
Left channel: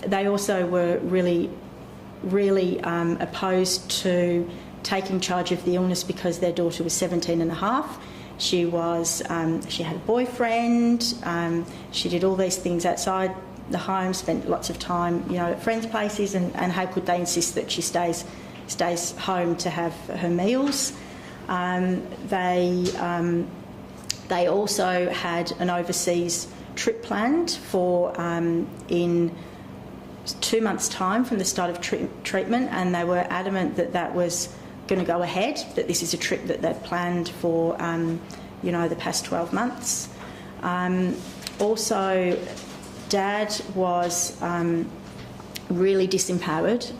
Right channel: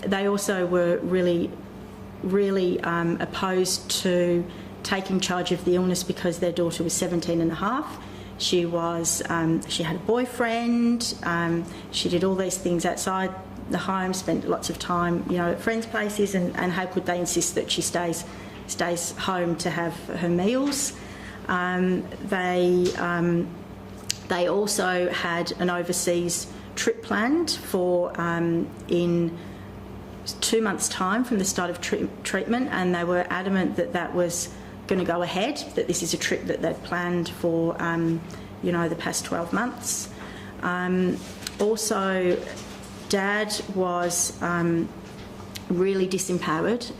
They also were really opposed to taking charge of the illness because their daughter was 17 and a half. She had a boyfriend. She did all these things outside the home, spent lots of time, at friends' places, and how could they insist that she stays home to have her meals? They also had an overseas trip planned for in 2 months' time from the start of treatment, and they were adamant that was going to go ahead, that this is a trip that they'd planned for, the past 12 months. Also, Dad was really disempowered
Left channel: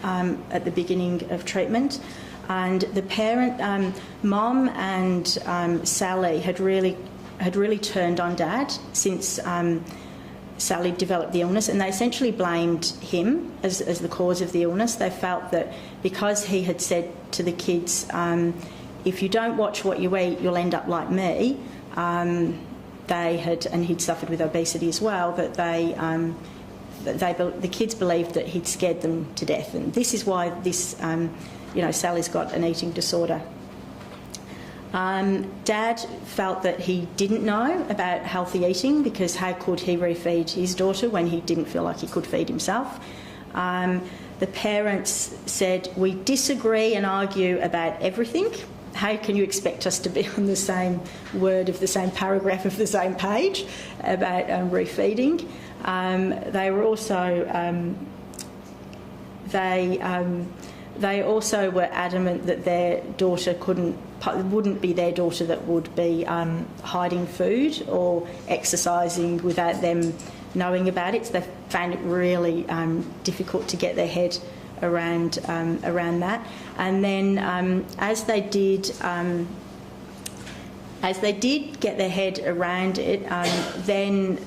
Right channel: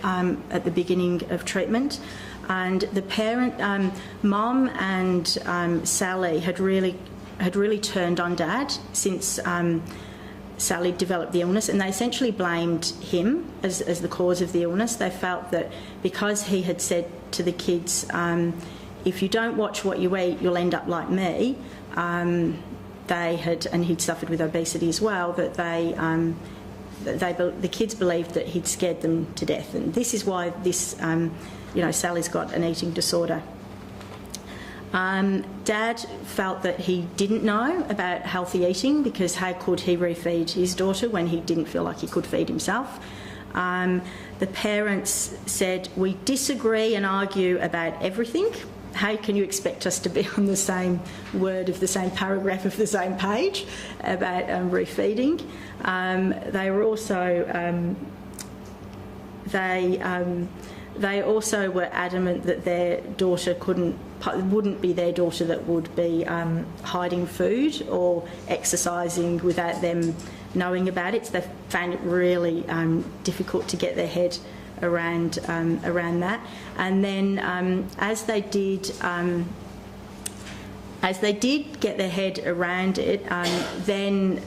at the beginning of treatment, and the parent, Mum and Sally, had really turned on Dad since Sally developed the illness, and they essentially blamed him as the cause of the illness. They felt that because he had said to the kids, if you don't watch what you eat, you'll end up like me, and he'd suffered with obesity as well, that the kids believed that he'd scared them to death, and this is why Sally's got an eating disorder. Dad felt that he didn't know about healthy eating because how could he refeed his daughter when he didn't feel like he could feed himself? The parents said, we disagree and argue about everything. How can you expect us to be on the same word of the same paragraph of the same page about refeeding? They were also they also were adamant that their daughter wouldn't be their daughter that would be hiding food or exercising without them knowing about it. So they found it really difficult to get their head around that. And then as they did get their head around it, then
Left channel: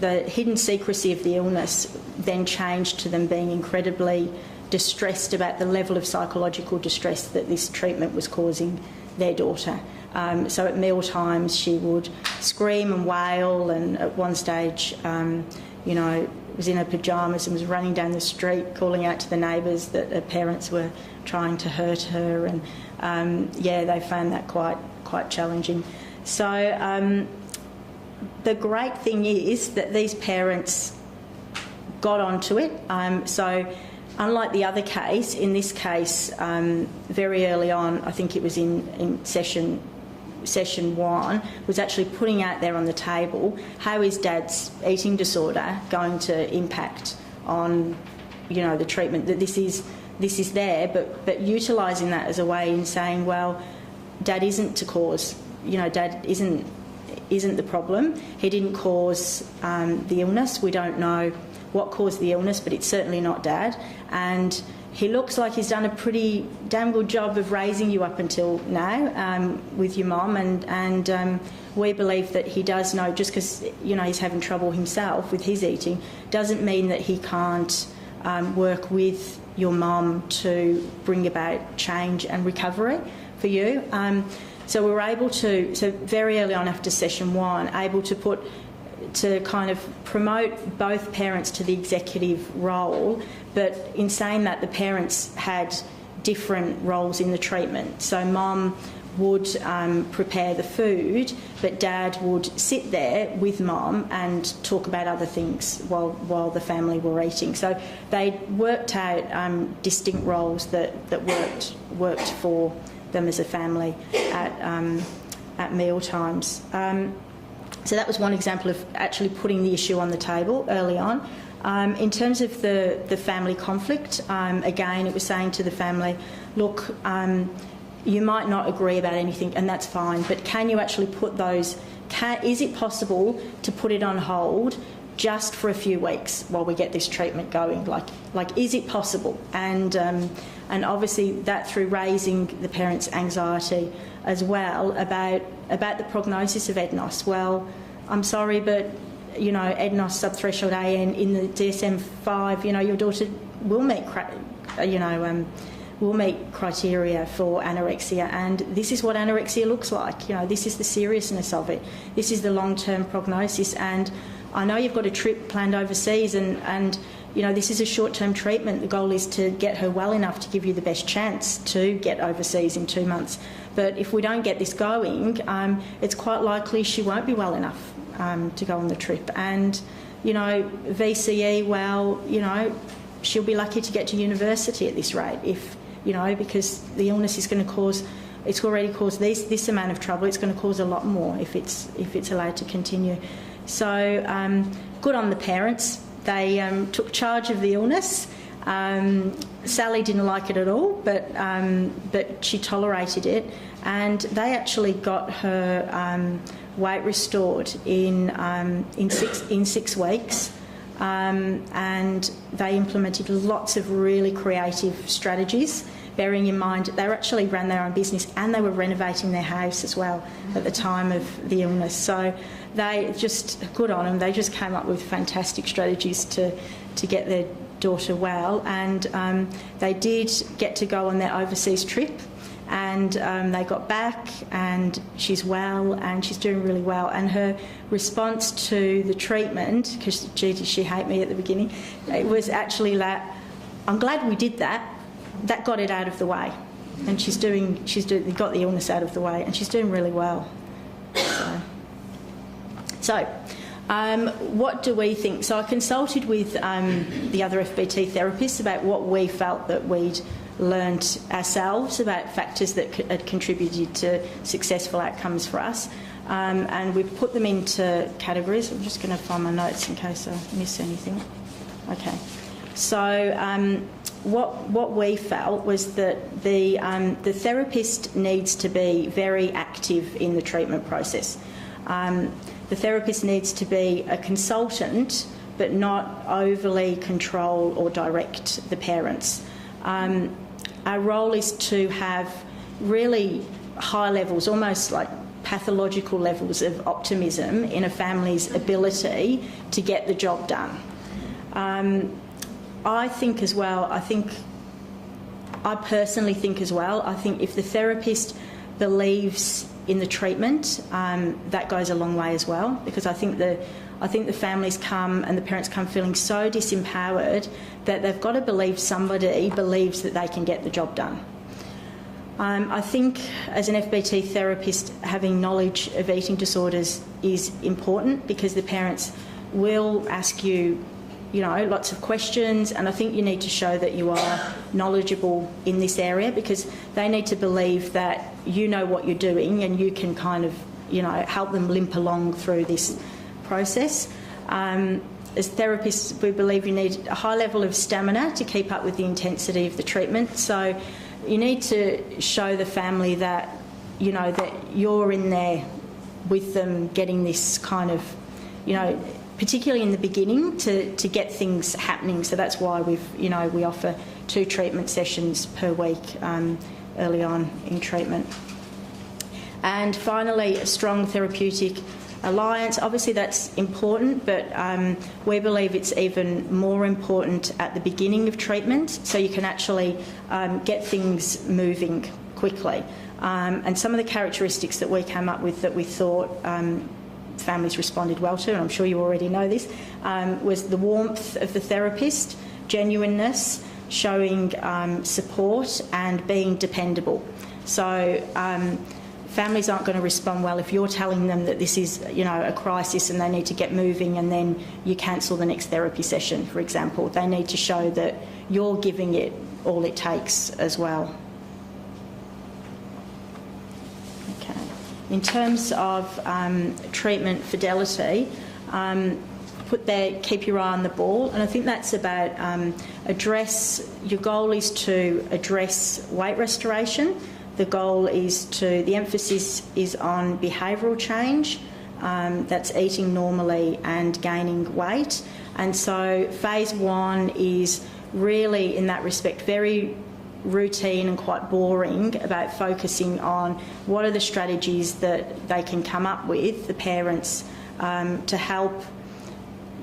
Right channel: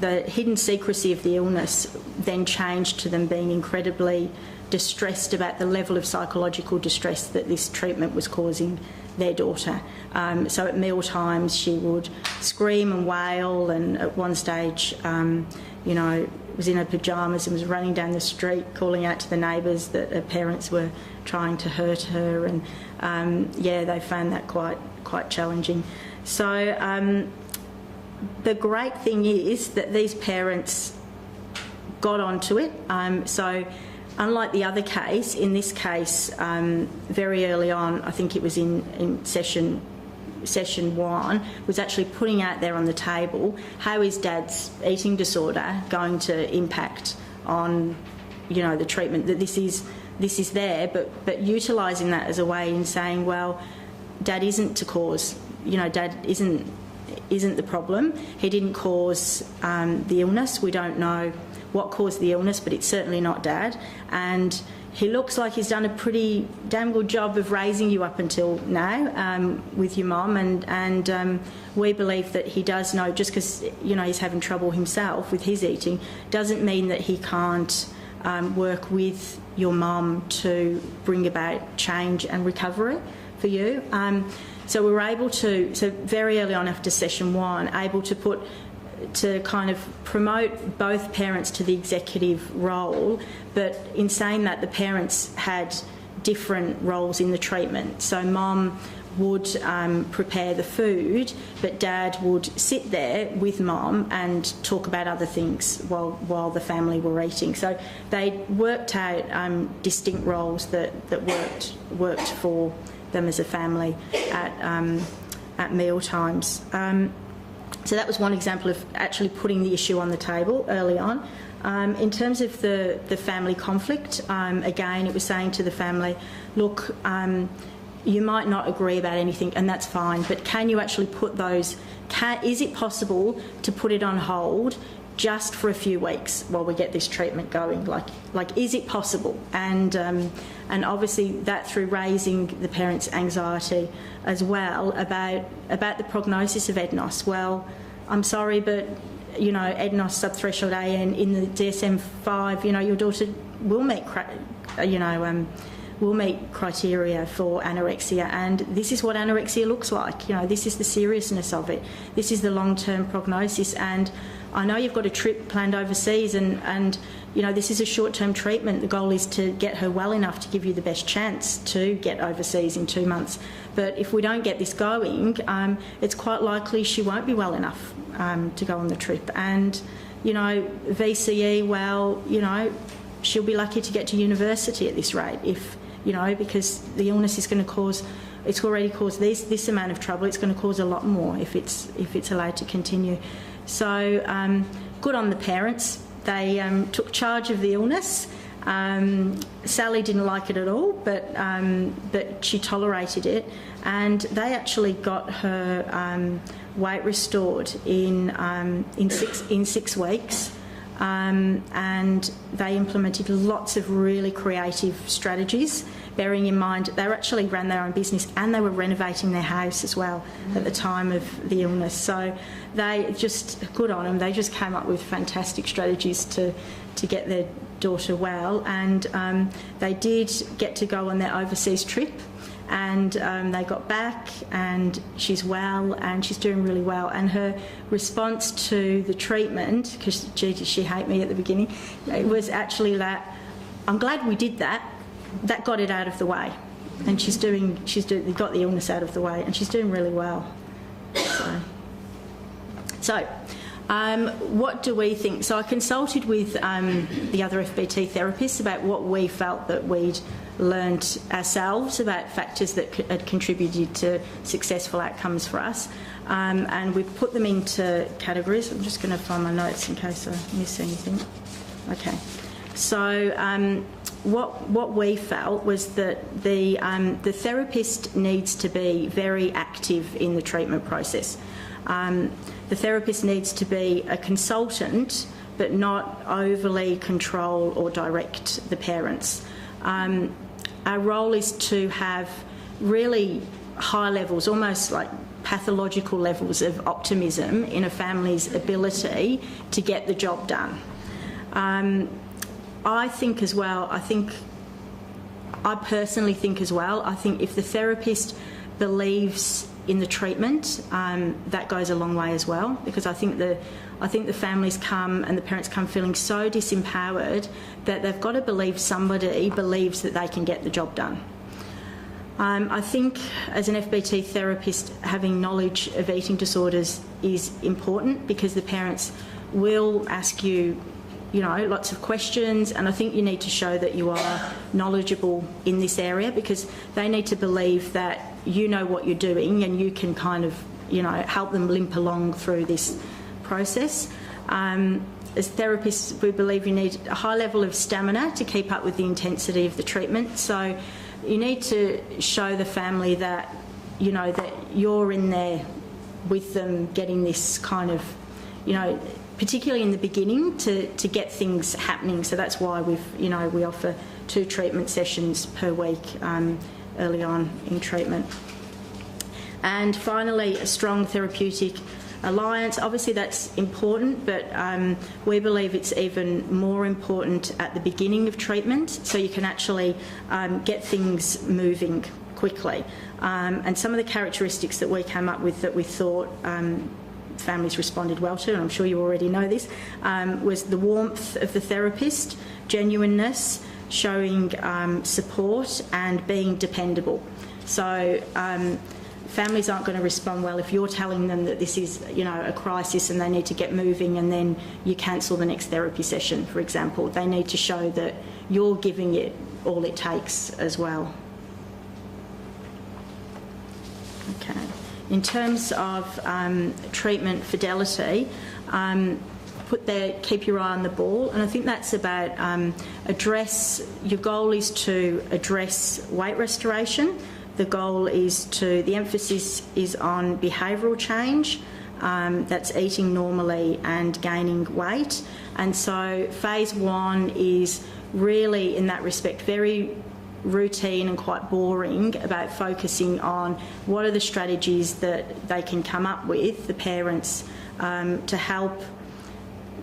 the hidden secrecy of the illness then changed to them being incredibly distressed about the level of psychological distress that this treatment was causing their daughter. So at meal times she would scream and wail, and at one stage, was in her pyjamas and was running down the street calling out to the neighbours that her parents were trying to hurt her, and they found that quite challenging. So the great thing is that these parents got onto it. So unlike the other case, in this case, very early on, I think it was in session 1, was actually putting out there on the table, how is Dad's eating disorder going to impact on, the treatment? That this is there, but utilising that as a way in saying, well, Dad isn't to cause, Dad isn't the problem. He didn't cause the illness. We don't know what caused the illness, but it's certainly not Dad. And he looks like he's done a pretty damn good job of raising you up until now with your mum, and we believe that he does know, just because he's having trouble himself with his eating, doesn't mean that he can't work with your mum to bring about change and recovery for you. So we were able to, so very early on after session 1, able to kind of promote both parents to the executive role, but in saying that, the parents had different roles in the treatment. So mum would prepare the food, but dad would sit there with mum and talk about other things while the family were eating. So they worked out distinct roles that worked for them as a family at meal times. So that was one example of actually putting the issue on the table early on. In terms of the family conflict, again, it was saying to the family, look, you might not agree about anything, and that's fine, but can you actually put those... is it possible to put it on hold just for a few weeks while we get this treatment going? Like is it possible? And obviously that through raising the parents' anxiety as well about the prognosis of EDNOS. Well, I'm sorry, but, you know, EDNOS subthreshold AN in the DSM-5, you know, your daughter will meet, will meet criteria for anorexia, and this is what anorexia looks like. You know, this is the seriousness of it. This is the long-term prognosis, and I know you've got a trip planned overseas, and you know, this is a short-term treatment. The goal is to get her well enough to give you the best chance to get overseas in 2 months. But if we don't get this going, it's quite likely she won't be well enough to go on the trip. And, you know, VCE, well, you know, she'll be lucky to get to university at this rate if, you know, because the illness is going to cause, it's already caused this amount of trouble, it's going to cause a lot more if it's allowed to continue. So good on the parents. They took charge of the illness. Sally didn't like it at all, but she tolerated it, and they actually got her weight restored in 6 weeks. And they implemented lots of really creative strategies, bearing in mind they actually ran their own business and they were renovating their house as well at the time of the illness. So they just, good on them, they just came up with fantastic strategies to get their daughter well, and they did get to go on their overseas trip, and they got back and she's well and she's doing really well, and her response to the treatment, because gee did she hate me at the beginning, it was actually that I'm glad we did that got it out of the way, and she's got the illness out of the way and she's doing really well. So what do we think? So I consulted with the other FBT therapists about what we felt that we'd learnt ourselves about factors that had contributed to successful outcomes for us, and we've put them into categories. I'm just going to find my notes in case I miss anything. Okay. So what we felt was that the therapist needs to be very active in the treatment process. The therapist needs to be a consultant, but not overly control or direct the parents. Our role is to have really high levels, almost like pathological levels of optimism in a family's ability to get the job done. I personally think as well, I think if the therapist believes in the treatment, that goes a long way as well, because I think the families come and the parents come feeling so disempowered that they've got to believe somebody believes that they can get the job done. I think as an FBT therapist, having knowledge of eating disorders is important, because the parents will ask you, you know, lots of questions, and I think you need to show that you are knowledgeable in this area, because they need to believe that you know what you're doing and you can kind of, you know, help them limp along through this process. As therapists, we believe you need a high level of stamina to keep up with the intensity of the treatment. So you need to show the family that, you know, that you're in there with them, getting this kind of, you know, particularly in the beginning, to get things happening. So that's why we offer 2 treatment sessions per week early on in treatment. And finally, a strong therapeutic alliance. Obviously that's important, but we believe it's even more important at the beginning of treatment, so you can actually get things moving quickly. And some of the characteristics that we came up with that we thought families responded well to, and I'm sure you already know this, was the warmth of the therapist, genuineness, showing support and being dependable. So families aren't going to respond well if you're telling them that this is, you know, a crisis and they need to get moving, and then you cancel the next therapy session, for example. They need to show that you're giving it all it takes as well. Okay. In terms of treatment fidelity, put there, keep your eye on the ball, and I think that's about your goal is to address weight restoration. The goal is the emphasis is on behavioural change, that's eating normally and gaining weight. And so phase 1 is really, in that respect, very routine and quite boring, about focusing on what are the strategies that they can come up with, the parents, to help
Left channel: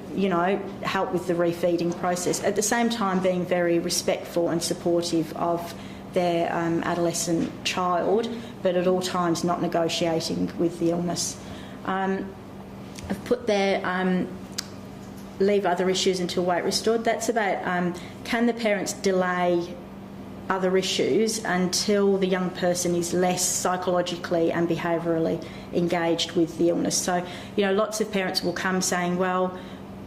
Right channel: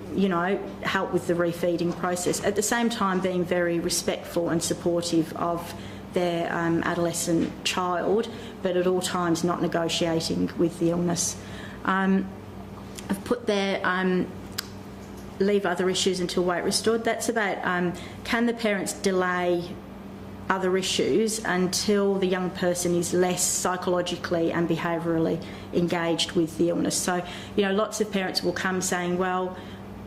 with the refeeding process. At the same time, being very respectful and supportive of their adolescent child, but at all times not negotiating with the illness. I've put there, leave other issues until weight restored. That's about can the parents delay other issues until the young person is less psychologically and behaviourally engaged with the illness. So, lots of parents will come saying, well,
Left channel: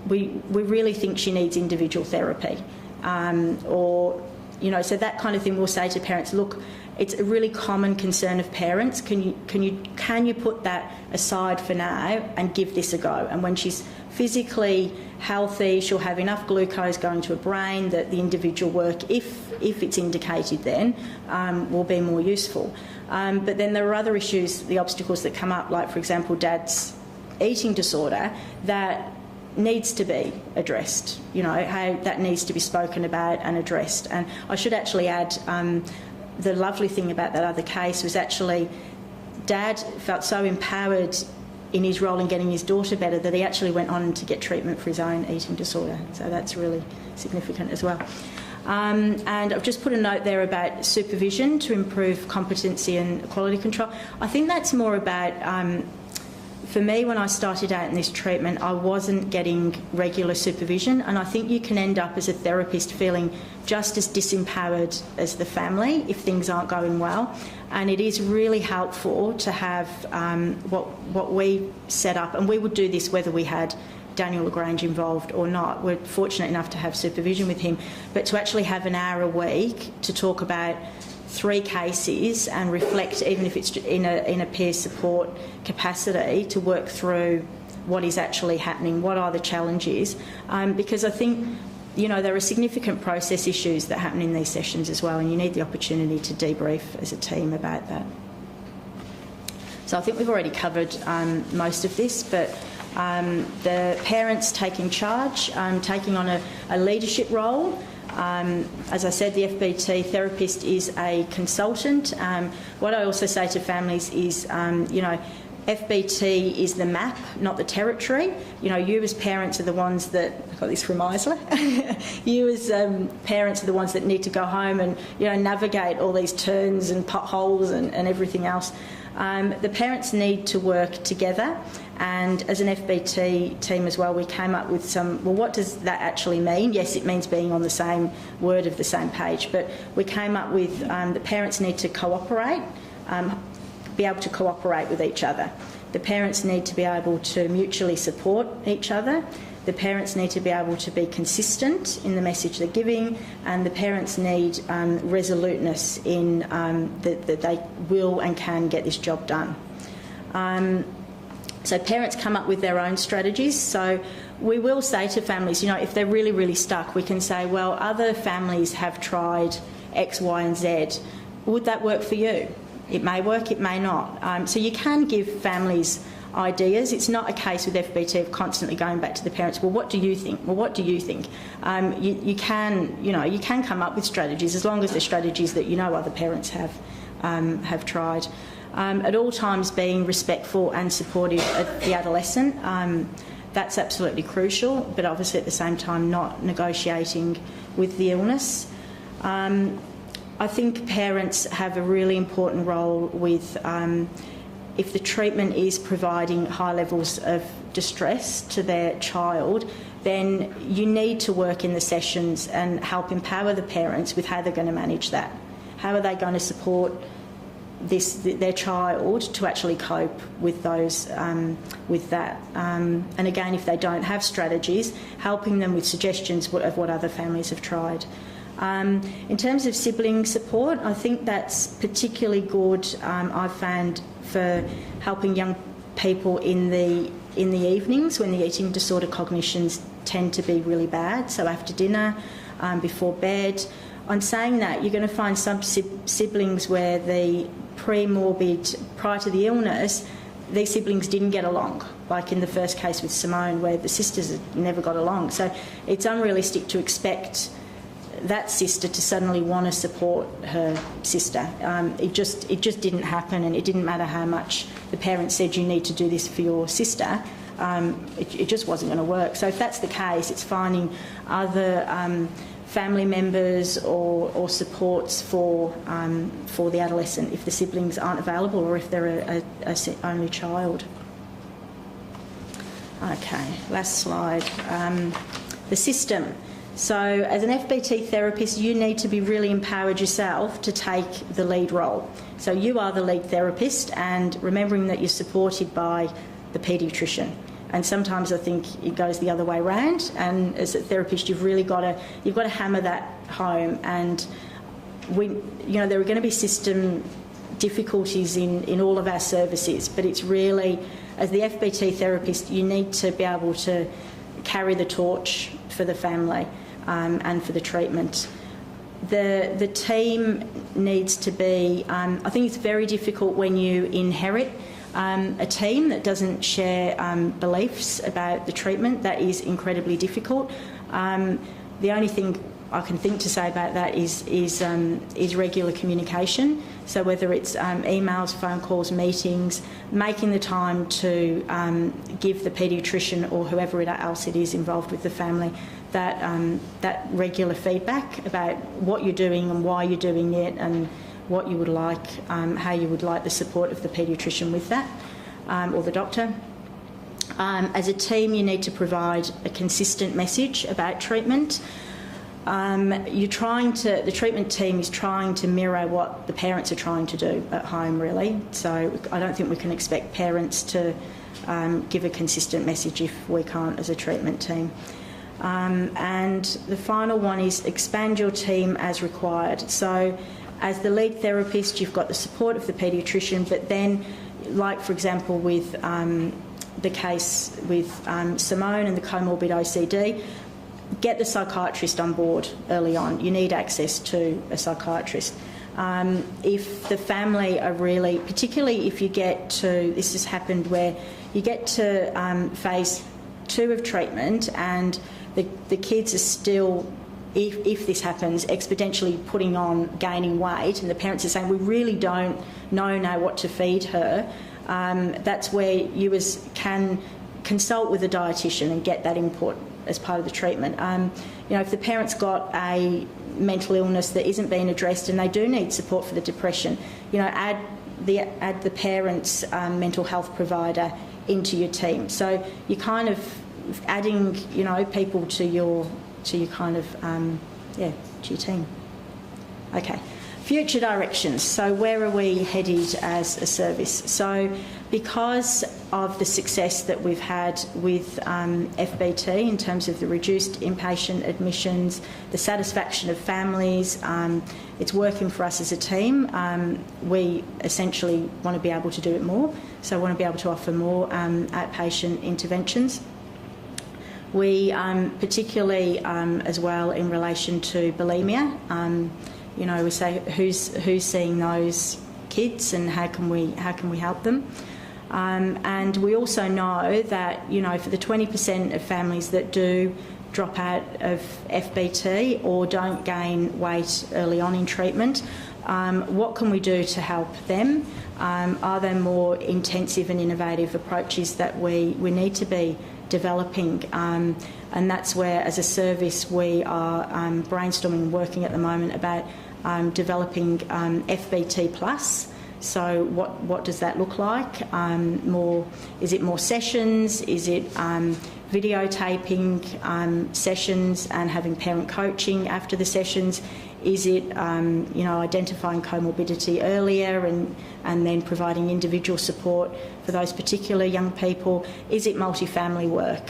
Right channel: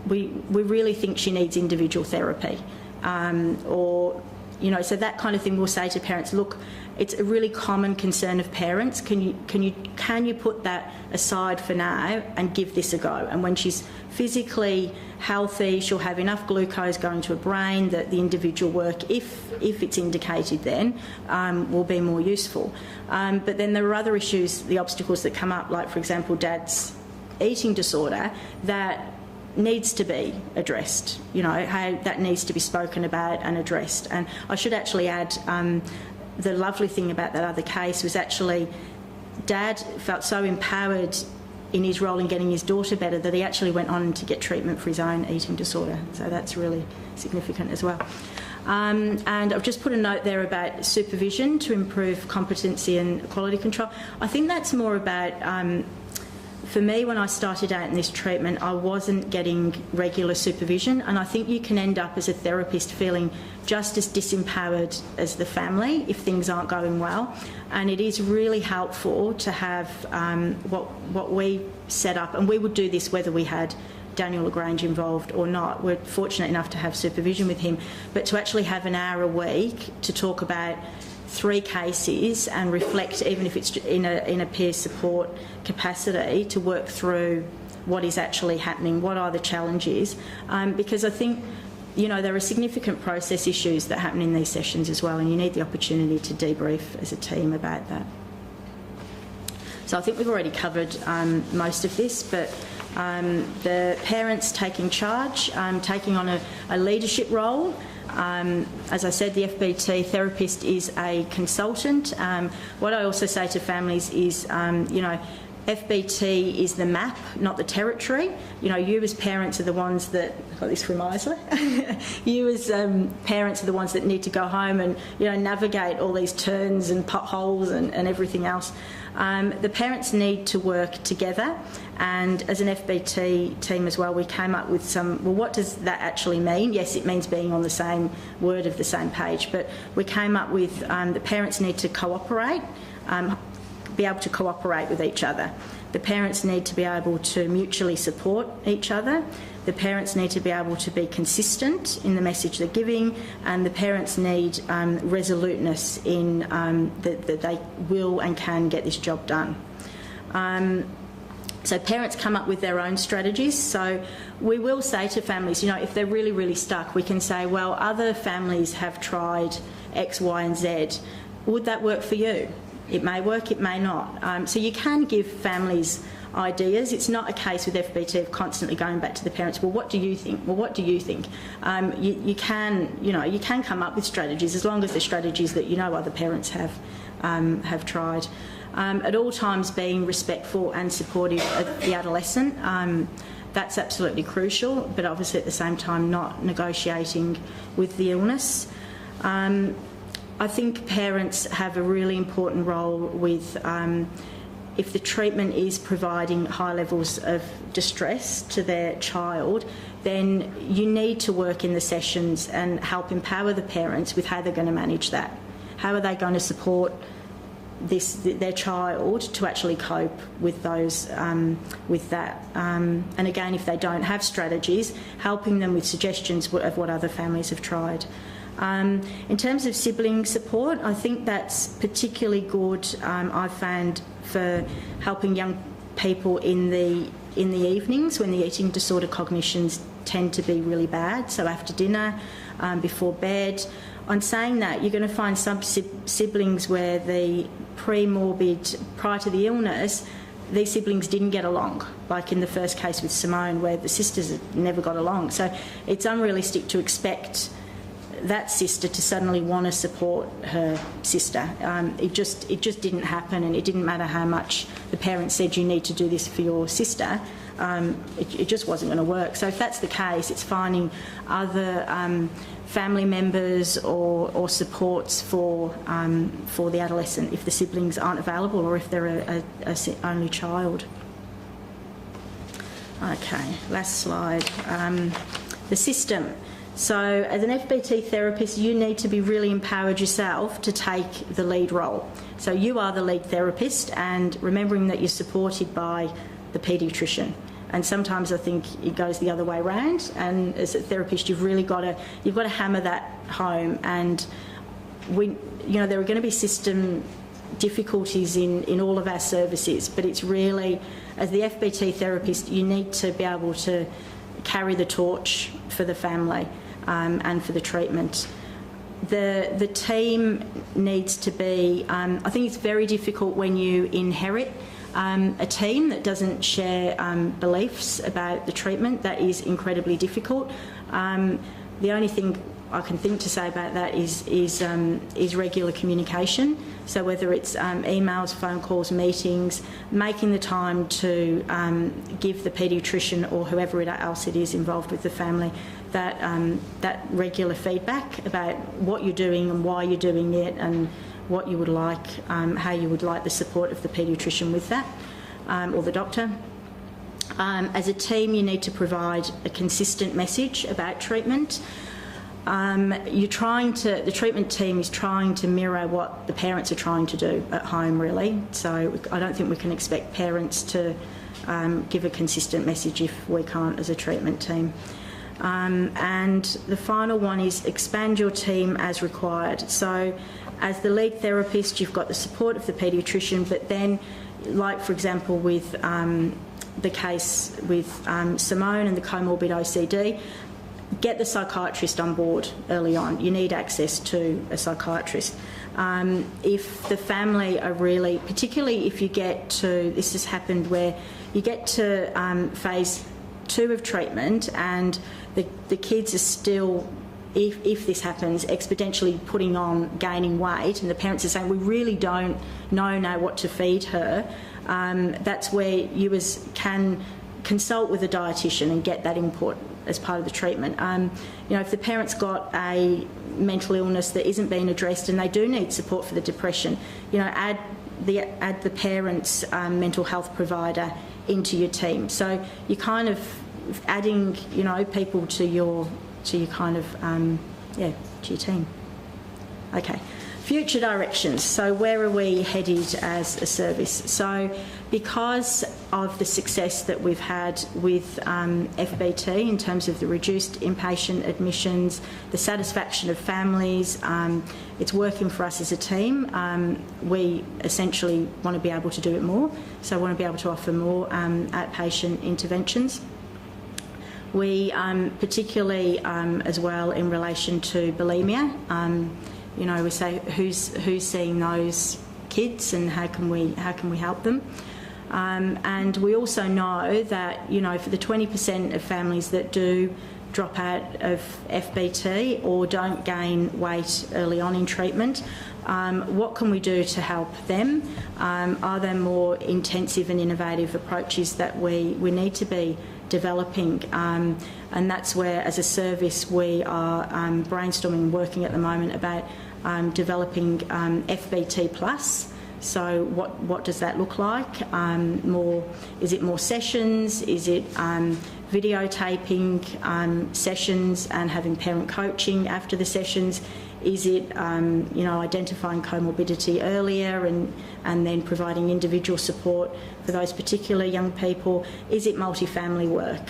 we really think she needs individual therapy, so that kind of thing. We'll say to parents, look, it's a really common concern of parents. Can you put that aside for now and give this a go? And when she's physically healthy, she'll have enough glucose going to her brain that the individual work, if it's indicated then, will be more useful. But then there are other issues, the obstacles that come up, like, for example, Dad's eating disorder, that needs to be addressed. That needs to be spoken about and addressed. And I should actually add, the lovely thing about that other case was actually Dad felt so empowered in his role in getting his daughter better that he actually went on to get treatment for his own eating disorder. So that's really significant as well. And I've just put a note there about supervision to improve competency and quality control. I think that's more about, for me, when I started out in this treatment, I wasn't getting regular supervision, and I think you can end up as a therapist feeling just as disempowered as the family if things aren't going well. And it is really helpful to have what we set up, and we would do this whether we had Daniel LaGrange involved or not. We're fortunate enough to have supervision with him, but to actually have an hour a week to talk about 3 cases and reflect, even if it's in a peer support capacity, to work through what is actually happening, what are the challenges, because I think there are significant process issues that happen in these sessions as well, and you need the opportunity to debrief as a team about that. So I think we've already covered most of this, but the parents taking charge, taking on a leadership role. As I said, the FBT therapist is a consultant. What I also say to families is, FBT is the map, not the territory. You as parents are the ones that, I got this from Maudsley, you as parents are the ones that need to go home and, navigate all these turns and potholes and everything else. The parents need to work together, and as an FBT team as well, we came up with what does that actually mean? Yes, it means being on the same word of the same page, but we came up with the parents need to cooperate, be able to cooperate with each other. The parents need to be able to mutually support each other. The parents need to be able to be consistent in the message they're giving, and the parents need resoluteness in that they will and can get this job done. So parents come up with their own strategies. So we will say to families, if they're really, really stuck, we can say, well, other families have tried X, Y and Z. Would that work for you? It may work, it may not. So you can give families ideas. It's not a case with FBT of constantly going back to the parents, well, what do you think? Well, what do you think? You can come up with strategies as long as they're strategies that other parents have have tried. At all times being respectful and supportive of the adolescent. That's absolutely crucial, but obviously at the same time not negotiating with the illness. I think parents have a really important role with if the treatment is providing high levels of distress to their child, then you need to work in the sessions and help empower the parents with how they're going to manage that. How are they going to support their child to actually cope with those with that, and again, if they don't have strategies, helping them with suggestions of what other families have tried. In terms of sibling support, I think that's particularly good. I've found for helping young people in the evenings when the eating disorder cognitions tend to be really bad. So after dinner, before bed. I'm saying that you're going to find some siblings where the prior to the illness, these siblings didn't get along, like in the first case with Simone, where the sisters never got along. So it's unrealistic to expect that sister to suddenly want to support her sister. It just didn't happen, and it didn't matter how much the parents said you need to do this for your sister. It just wasn't going to work. So if that's the case, it's finding other family members or supports for the adolescent if the siblings aren't available or if they're a only child. Okay, last slide. The system. So as an FBT therapist, you need to be really empowered yourself to take the lead role. So you are the lead therapist, and remembering that you're supported by the paediatrician. And sometimes I think it goes the other way around. And as a therapist, you've got to hammer that home. And there are going to be system difficulties in all of our services, but it's really, as the FBT therapist, you need to be able to carry the torch for the family and for the treatment. The team needs to be. I think it's very difficult when you inherit a team that doesn't share beliefs about the treatment. That is incredibly difficult. The only thing I can think to say about that is regular communication. So whether it's emails, phone calls, meetings, making the time to give the paediatrician or whoever else it is involved with the family that regular feedback about what you're doing and why you're doing it and what you would like, how you would like the support of the paediatrician with that, or the doctor. As a team, you need to provide a consistent message about treatment. The treatment team's trying to mirror what the parents are trying to do at home, really. So I don't think we can expect parents to give a consistent message if we can't as a treatment team. And the final one is expand your team as required. So as the lead therapist, you've got the support of the paediatrician, but then, like for example with the case with Simone and the comorbid OCD, get the psychiatrist on board early on. You need access to a psychiatrist. If the family are really, particularly if you get to, this has happened where you get to phase 2 of treatment and the kids are still, if this happens, exponentially gaining weight, and the parents are saying, we really don't know now what to feed her, that's where you can consult with a dietitian and get that input as part of the treatment. If the parent's got a mental illness that isn't being addressed and they do need support for the depression, add the parent's mental health provider into your team. So you're kind of adding, people to your kind of to your team. Okay. Future directions. So where are we headed as a service? So because of the success that we've had with FBT in terms of the reduced inpatient admissions, the satisfaction of families, it's working for us as a team. We essentially want to be able to do it more. So I want to be able to offer more outpatient interventions. We particularly as well in relation to bulimia, we say who's seeing those kids and how can we help them, and we also know that for the 20% of families that do drop out of FBT or don't gain weight early on in treatment, What can we do to help them? Are there more intensive and innovative approaches that we need to be developing? And that's where, as a service, we are brainstorming and working at the moment about developing FBT Plus. So what does that look like? Is it more sessions? Is it videotaping sessions and having parent coaching after the sessions? Is it identifying comorbidity earlier and then providing individual support for those particular young people? Is it multifamily work?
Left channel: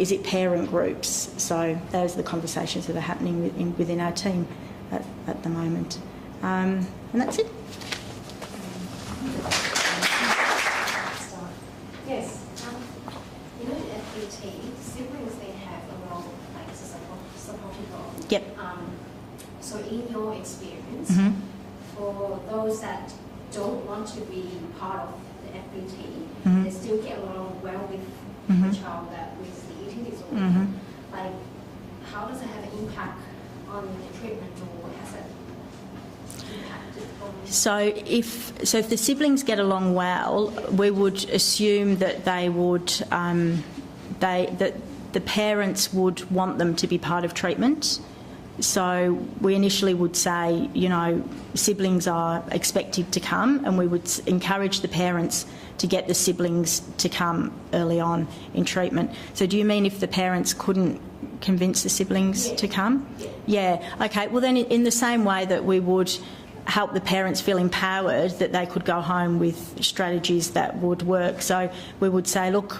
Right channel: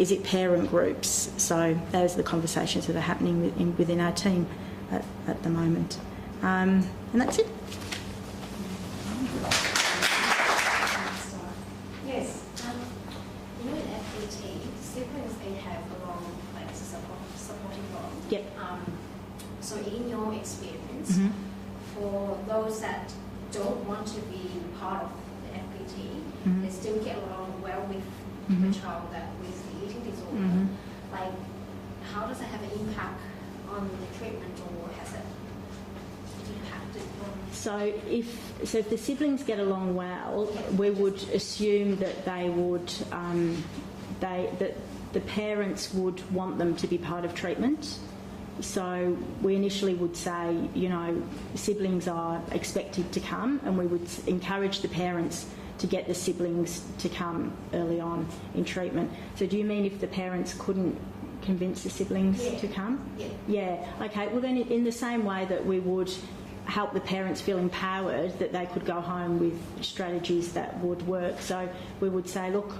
Is it parent groups? So those are the conversations that are happening within our team at the moment. And that's it. Yes. You know, in FBT, siblings, they have a role, like it's a supportive role. Yep. So in your experience, Mm-hmm. for those that don't want to be part of the FBT, Mm-hmm. they still get along well with Mm-hmm. the child with the eating disorder. Mm-hmm. Like, how does it have an impact on the treatment, or has it impacted on? So if the siblings get along well, we would assume that they would that the parents would want them to be part of treatment. So we initially would say, siblings are expected to come, and we would encourage the parents to get the siblings to come early on in treatment. So do you mean if the parents couldn't convince the siblings to come? Yeah. Okay. Well, then in the same way that we would help the parents feel empowered that they could go home with strategies that would work. So we would say, look,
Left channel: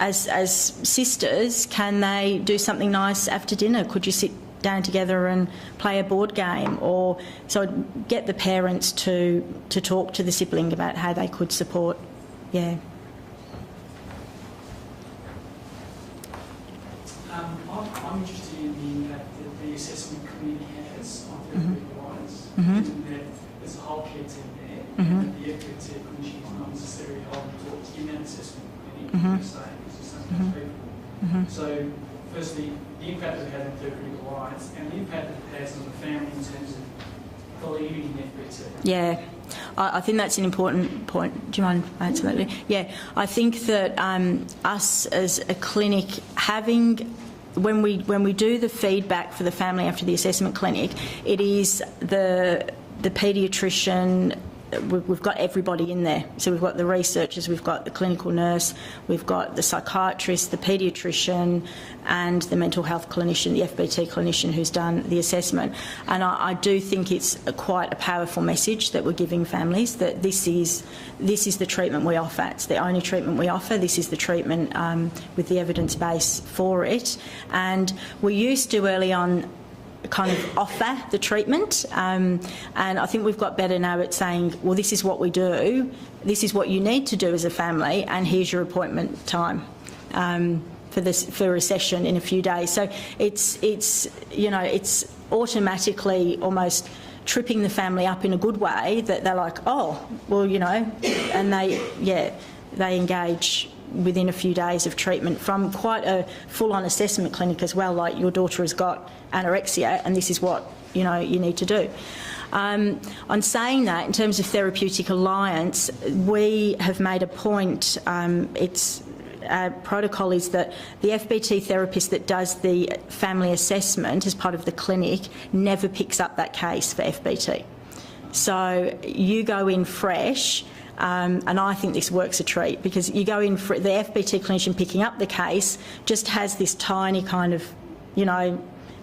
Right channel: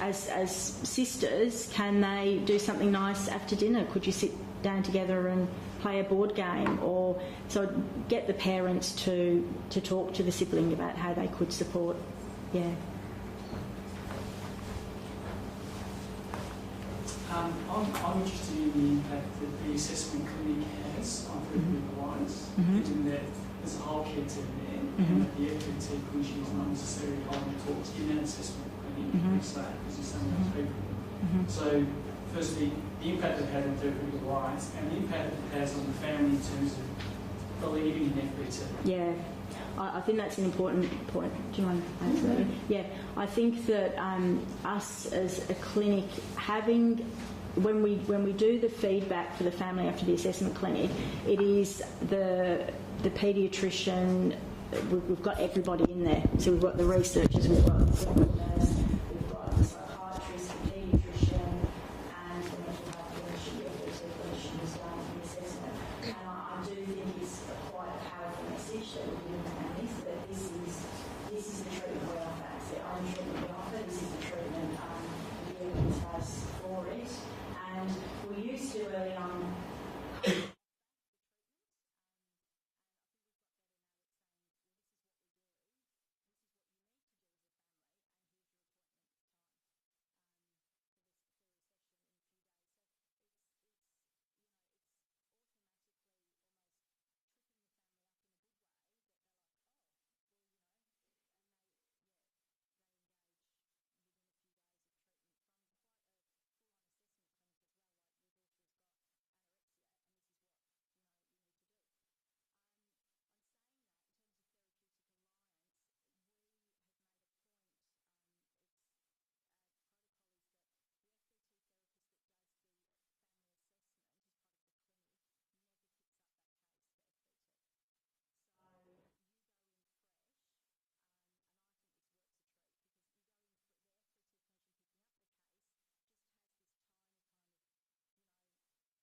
as sisters, can they do something nice after dinner? Could you sit down together and play a board game? Or so get the parents to talk to the sibling about how they could support. Yeah. I'm interested in the impact that the assessment clinic has on therapeutic lives, given that there's a whole care team there, and that the FBT clinicians not necessarily hold the talks in that assessment clinic, because you're some of those people. So, firstly, the impact it had on therapeutic lives and the impact it has on the family in terms of believing in FBT. Yeah. I think that's an important point. Do you mind? Absolutely. Yeah. I think that us as a clinic having, when we do the feedback for the family after the assessment clinic, it is the paediatrician. We've got everybody in there. So we've got the researchers, we've got the clinical nurse, we've got the psychiatrist, the paediatrician, and the mental health clinician, the FBT clinician who's done the assessment. And I do think it's quite a powerful message that we're giving families, that this is the treatment we offer. It's the only treatment we offer. This is the treatment with the evidence base for it. And we used to early on kind of offer the treatment, and I think we've got better now at saying, well, this is what we do, this is what you need to do as a family, and here's your appointment time for a session in a few days. So it's automatically almost tripping the family up in a good way, that they're like, oh, well, and they engage within a few days of treatment from quite a full-on assessment clinic as well, like your daughter has got anorexia and this is what you need to do. On saying that, in terms of Therapeutic Alliance, we have made a point, our protocol is that the FBT therapist that does the family assessment as part of the clinic never picks up that case for FBT. So you go in fresh, and I think this works a treat, because you go in for the FBT clinician picking up the case just has this tiny kind of,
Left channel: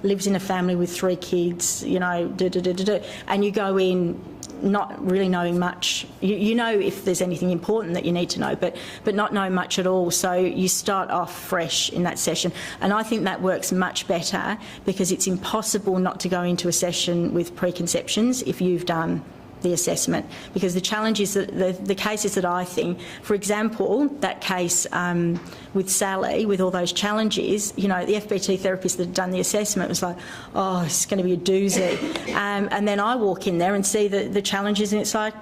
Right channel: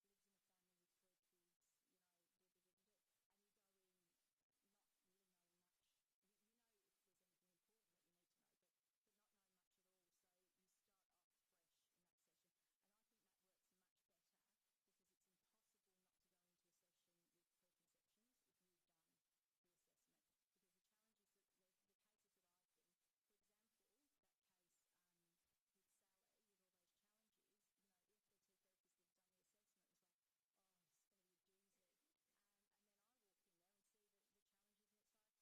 lives in a family with 3 kids, and you go in not really knowing much. You know if there's anything important that you need to know, but not know much at all. So you start off fresh in that session. And I think that works much better, because it's impossible not to go into a session with preconceptions if you've done the assessment, because the challenge is that the cases that I think, for example, that case with Sally, with all those challenges, the FBT therapist that had done the assessment was like, oh, it's going to be a doozy. And then I walk in there and see the challenges, and it's like,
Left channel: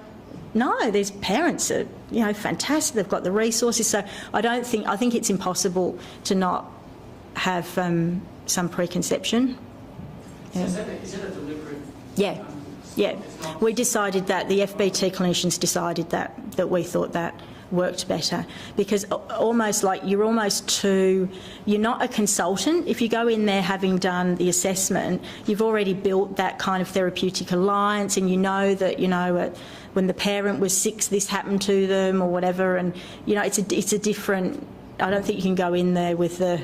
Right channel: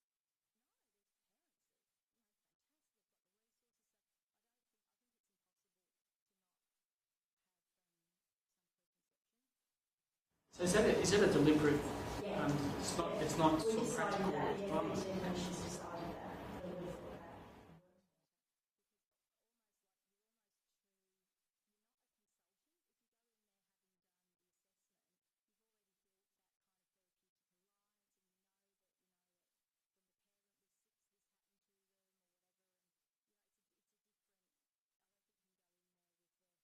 no, there's parents that are, fantastic, they've got the resources. So I think it's impossible to not have some preconception. So is that a deliberate Yeah, yeah. We decided that, the FBT clinicians decided that we thought that worked better, because almost like you're not a consultant. If you go in there having done the assessment, you've already built that kind of therapeutic alliance, and you know that, when the parent was 6, this happened to them or whatever, and it's a different. I don't think you can go in there with the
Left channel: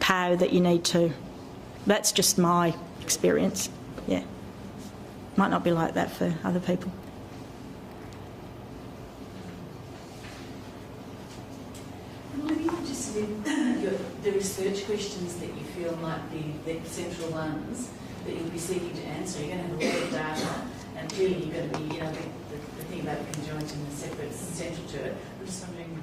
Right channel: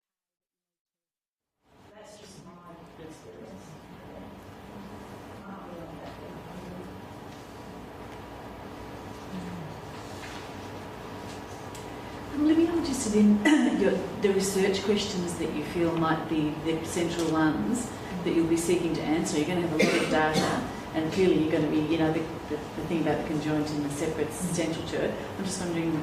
power that you need to. That's just my experience. Yeah, might not be like that for other people. I'm really interested in the research questions that you feel might be the central ones that you'll be seeking to answer. You're going to have a lot of data, and clearly you're going to be, the thing about the conjoint and the separate central to it. I'm just wondering.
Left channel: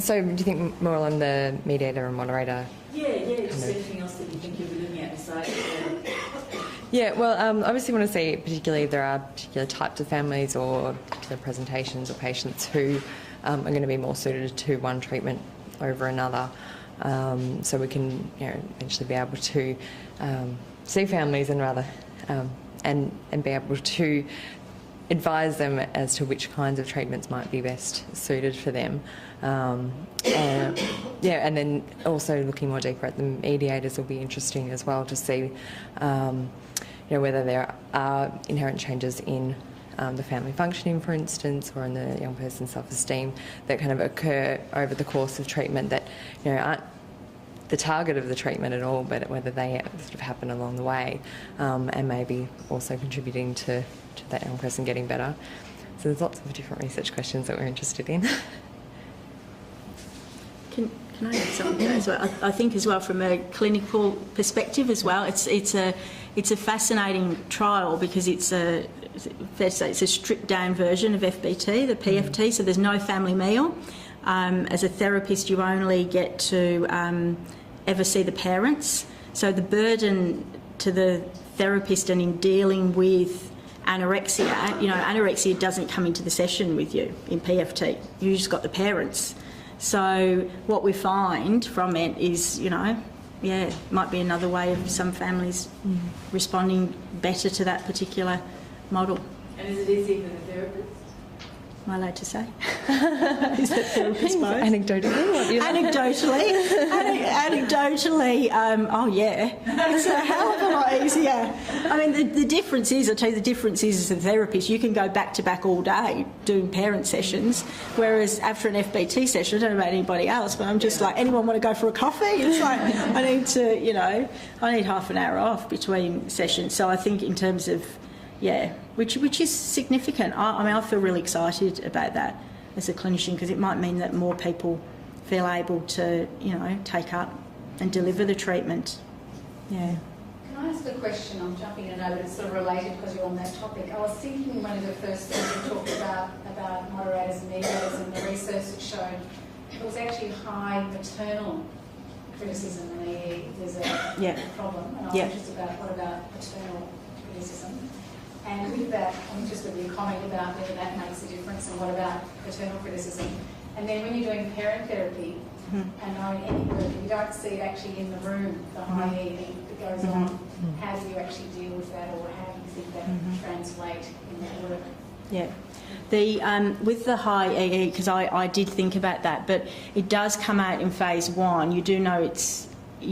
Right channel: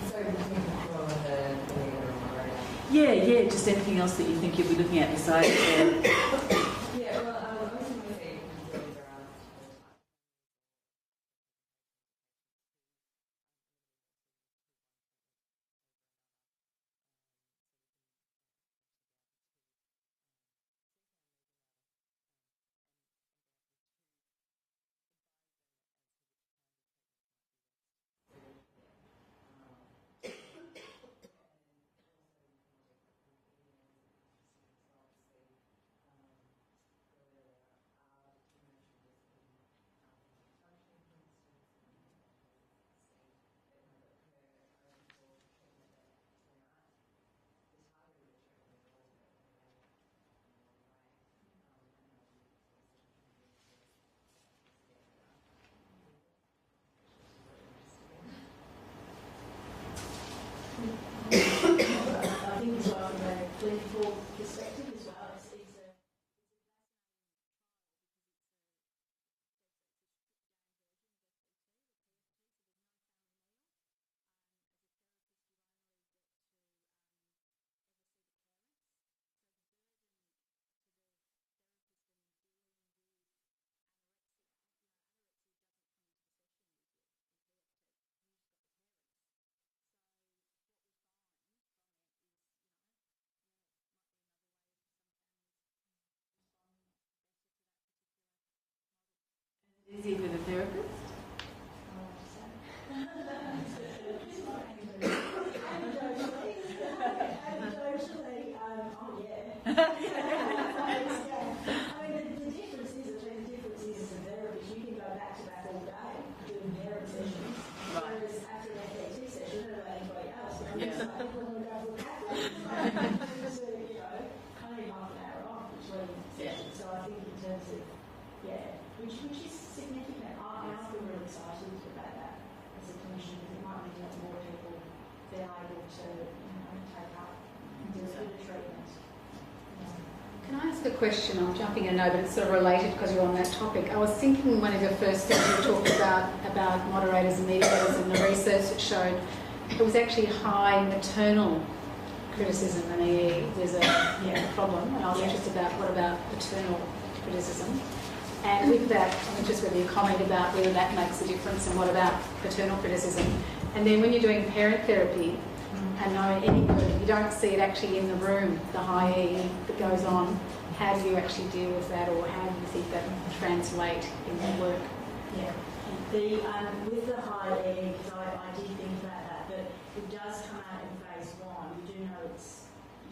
So do you think more on the mediator and moderator? Yeah, just anything else that you think you'll be looking at besides Yeah, well, obviously want to see particularly if there are particular types of families or particular presentations or patients who are going to be more suited to one treatment over another. So we can eventually be able to see families and be able to advise them as to which kinds of treatments might be best suited for them. And then also looking more deeper at the mediators will be interesting as well to see whether there are inherent changes in the family functioning, for instance, or in the young person's self-esteem that kind of occur over the course of treatment that aren't the target of the treatment at all, but whether they sort of happen along the way, and maybe also contributing to that young person getting better. So there's lots of different research questions that we're interested in. Can I add something as well? I think as well from a clinical perspective as well, it's a fascinating trial because it's a stripped down version of FBT, the PFT. So there's no family meal. As a therapist, you only get to ever see the parents. So the burden to the therapist and in dealing with anorexia, anorexia doesn't come into the session with you in PFT. You just got the parents. So what we find from it is, might be another way of some families responding better to that particular model. And is it easier for the therapist? Am I allowed to say? Is that therapist both? Anecdotally? Anecdotally, oh yeah. It's a hell of a lot easier. I mean, the difference is, I'll tell you, the difference is as a therapist, you can go back to back all day doing parent sessions, whereas after an FBT session, I don't know about anybody else, but I'm just like, anyone want to go for a coffee? It's like, I need half an hour off between sessions. So I think in terms of, which is significant. I feel really excited about that as a clinician because it might mean that more people feel able to, take up and deliver the treatment. Yeah. Can I ask a question? I'm jumping in, I know, but it's sort of related because you're on that topic. I was thinking one of your first things you talked about moderators and mediators and the research that showed it was actually high maternal criticism in EE. There's a problem. And I was interested about what about paternal criticism? And with that, I'm just with your comment about whether that makes a difference and what about paternal criticism. And then when you're doing parent therapy and knowing anybody, you don't see it actually in the room, the high E that goes on. How do you actually deal with that, or how do you think that translate in that work? Yeah. With the high EE, because I did think about that, but it does come out in phase 1. You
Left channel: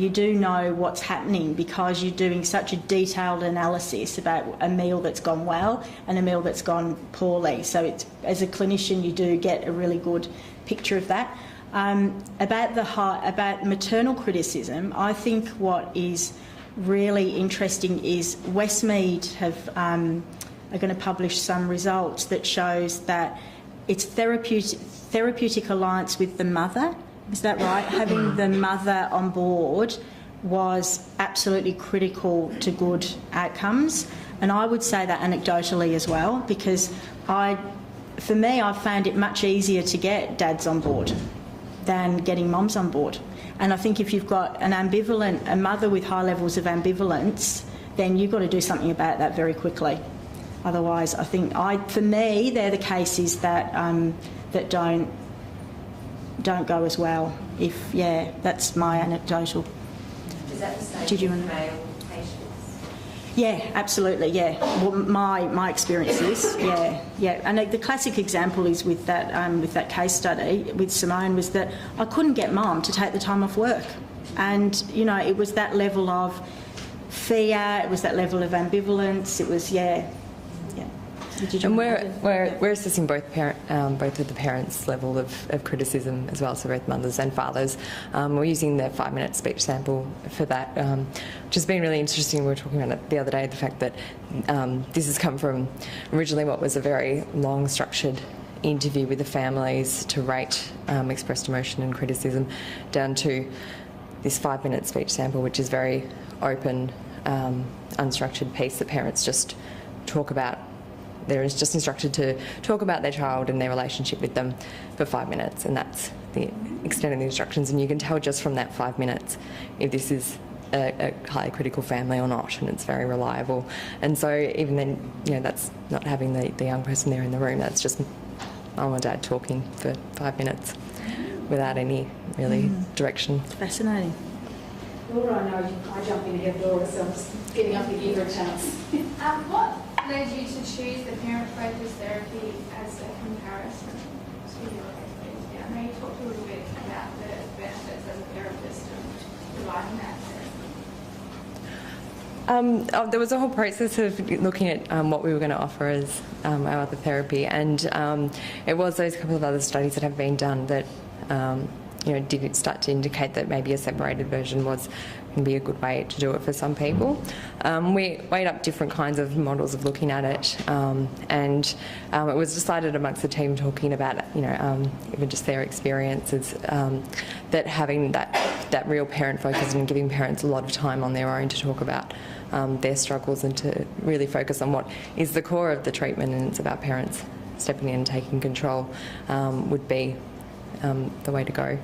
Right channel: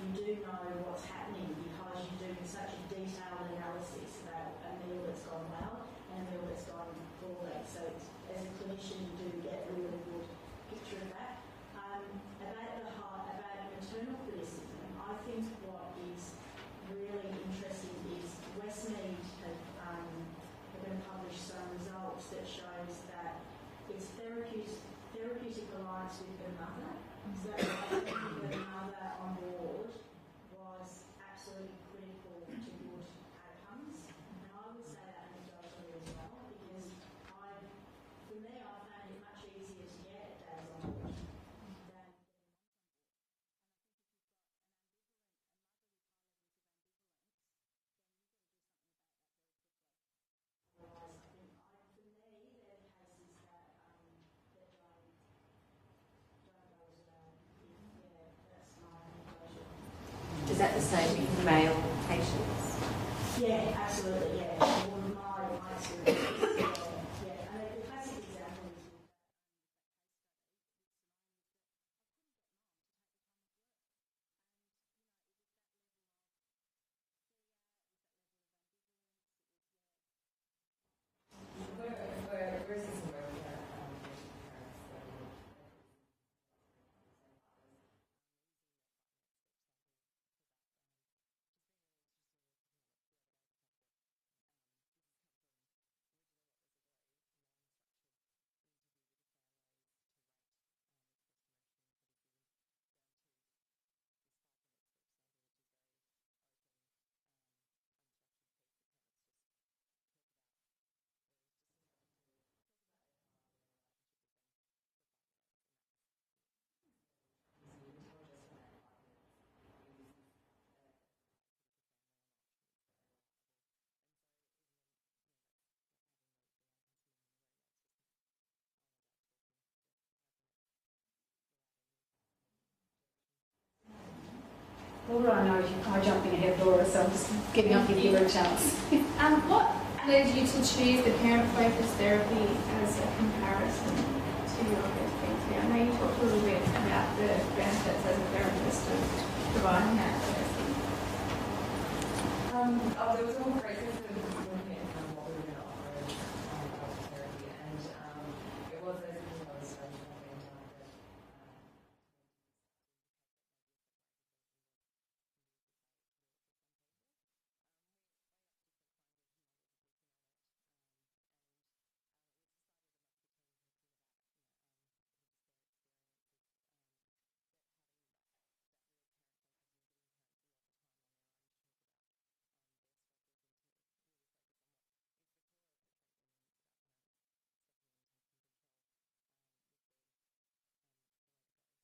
do know what's happening because you're doing such a detailed analysis about a meal that's gone well and a meal that's gone poorly. So as a clinician, you do get a really good picture of that. About maternal criticism, I think what is really interesting is Westmead are going to publish some results that shows that it's therapeutic alliance with the mother. Is that right? Having the mother on board was absolutely critical to good outcomes. And I would say that anecdotally as well, because for me, I found it much easier to get dads on board than getting mums on board. And I think if you've got a mother with high levels of ambivalence, then you've got to do something about that very quickly. Otherwise, I think for me, they're the cases that don't go as well. That's my anecdotal. Is that the same Did you with want- male patients? Yeah, absolutely, yeah. Well, my experience is, yeah. And the classic example is with that case study with Simone was that I couldn't get Mum to take the time off work. And, you know, it was that level of fear, it was that level of ambivalence, it was, yeah. And we're assessing both of the parents' level of criticism as well, so both mothers and fathers. We're using the 5-minute speech sample for that, which has been really interesting. We were talking about it the other day, the fact that this has come from originally what was a very long, structured interview with the families to rate expressed emotion and criticism, down to this 5-minute speech sample, which is very open, unstructured piece that parents just talk about. They're just instructed to talk about their child and their relationship with them for 5 minutes, and that's the extent of the instructions. And you can tell just from that 5 minutes if this is a highly critical family or not, and it's very reliable. And so even then, you know, that's not having the young person there in the room. That's just mum or dad talking for 5 minutes without any really direction. It's fascinating. Laura, I know I jump in ahead of Laura, so I'm just getting up to give her a chance. What led you to choose the parent-focused therapy as a comparison to your PhD? I know you talked a little bit about the benefits as a therapist of providing that therapy. There was a whole process of looking at what we were going to offer as our other therapy, and it was those couple of other studies that have been done that did start to indicate that maybe a separated version can be a good way to do it for some people. We weighed up different kinds of models of looking at it, and it was decided amongst the team talking about, even just their experiences, that having that real parent focus and giving parents a lot of time on their own to talk about their struggles and to really focus on what is the core of the treatment, and it's about parents stepping in and taking control, would be the way to go.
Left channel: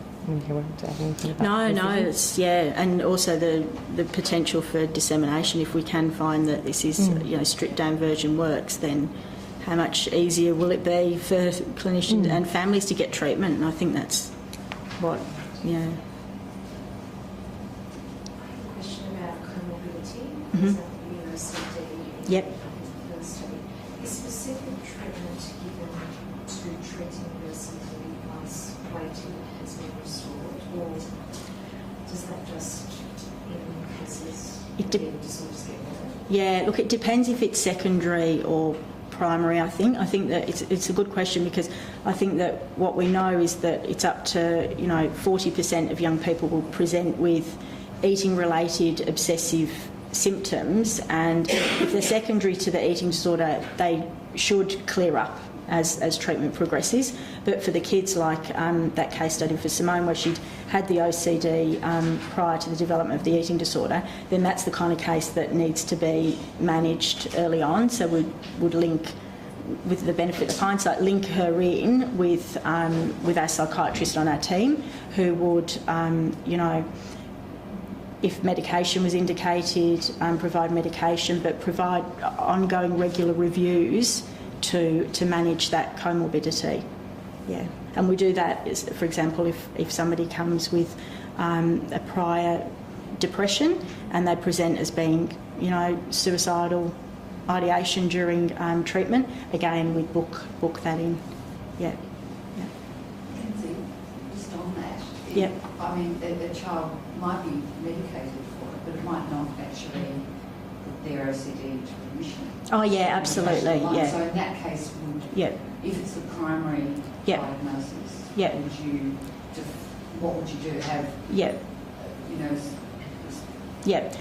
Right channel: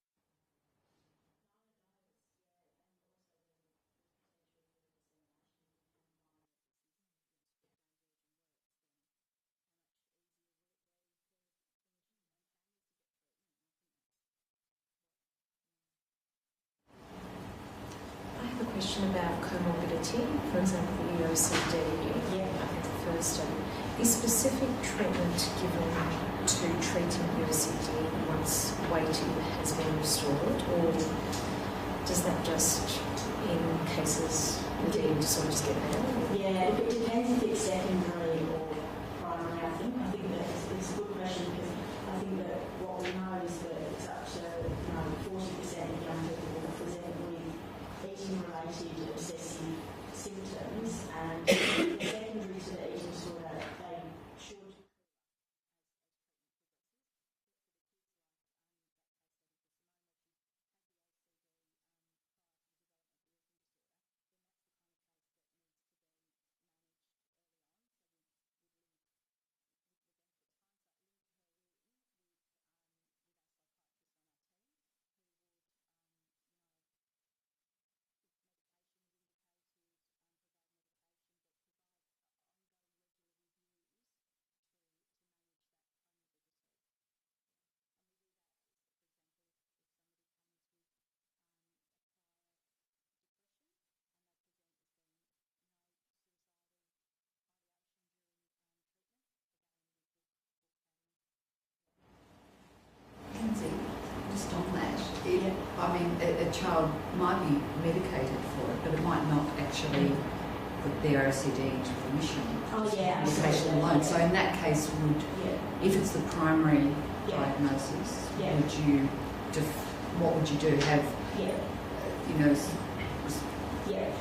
No, it's, and also the potential for dissemination. If we can find that this is, stripped down version works, then how much easier will it be for clinicians and families to get treatment? And I think that's what, I have a question about comorbidity. For example, OCD. Yep. The first study. Is specific treatment given to treating OCD once weight has been restored, or does that just, in cases of eating disorders, get better? Yeah, look, it depends if it's secondary or primary, I think. I think that it's a good question, because I think that what we know is that it's up to, 40% of young people will present with eating-related obsessive symptoms, and if they're secondary to the eating disorder, they should clear up as treatment progresses. But for the kids, like that case study for Simone, where she'd had the OCD prior to the development of the eating disorder, then that's the kind of case that needs to be managed early on. So we would link, with the benefit of hindsight, link her in with our psychiatrist on our team, who would, if medication was indicated, provide medication, but provide ongoing regular reviews to manage that comorbidity. Yeah, and we do that, for example, if somebody comes with a prior depression and they present as being, suicidal ideation during treatment, again, we'd book that in. Yeah. Just on that, Yeah. I mean, a child might be medicated for it, but it might not actually put their OCD into remission. Oh, yeah, absolutely. Alone. Yeah. So in that case, if it's the primary diagnosis, what would you do? Have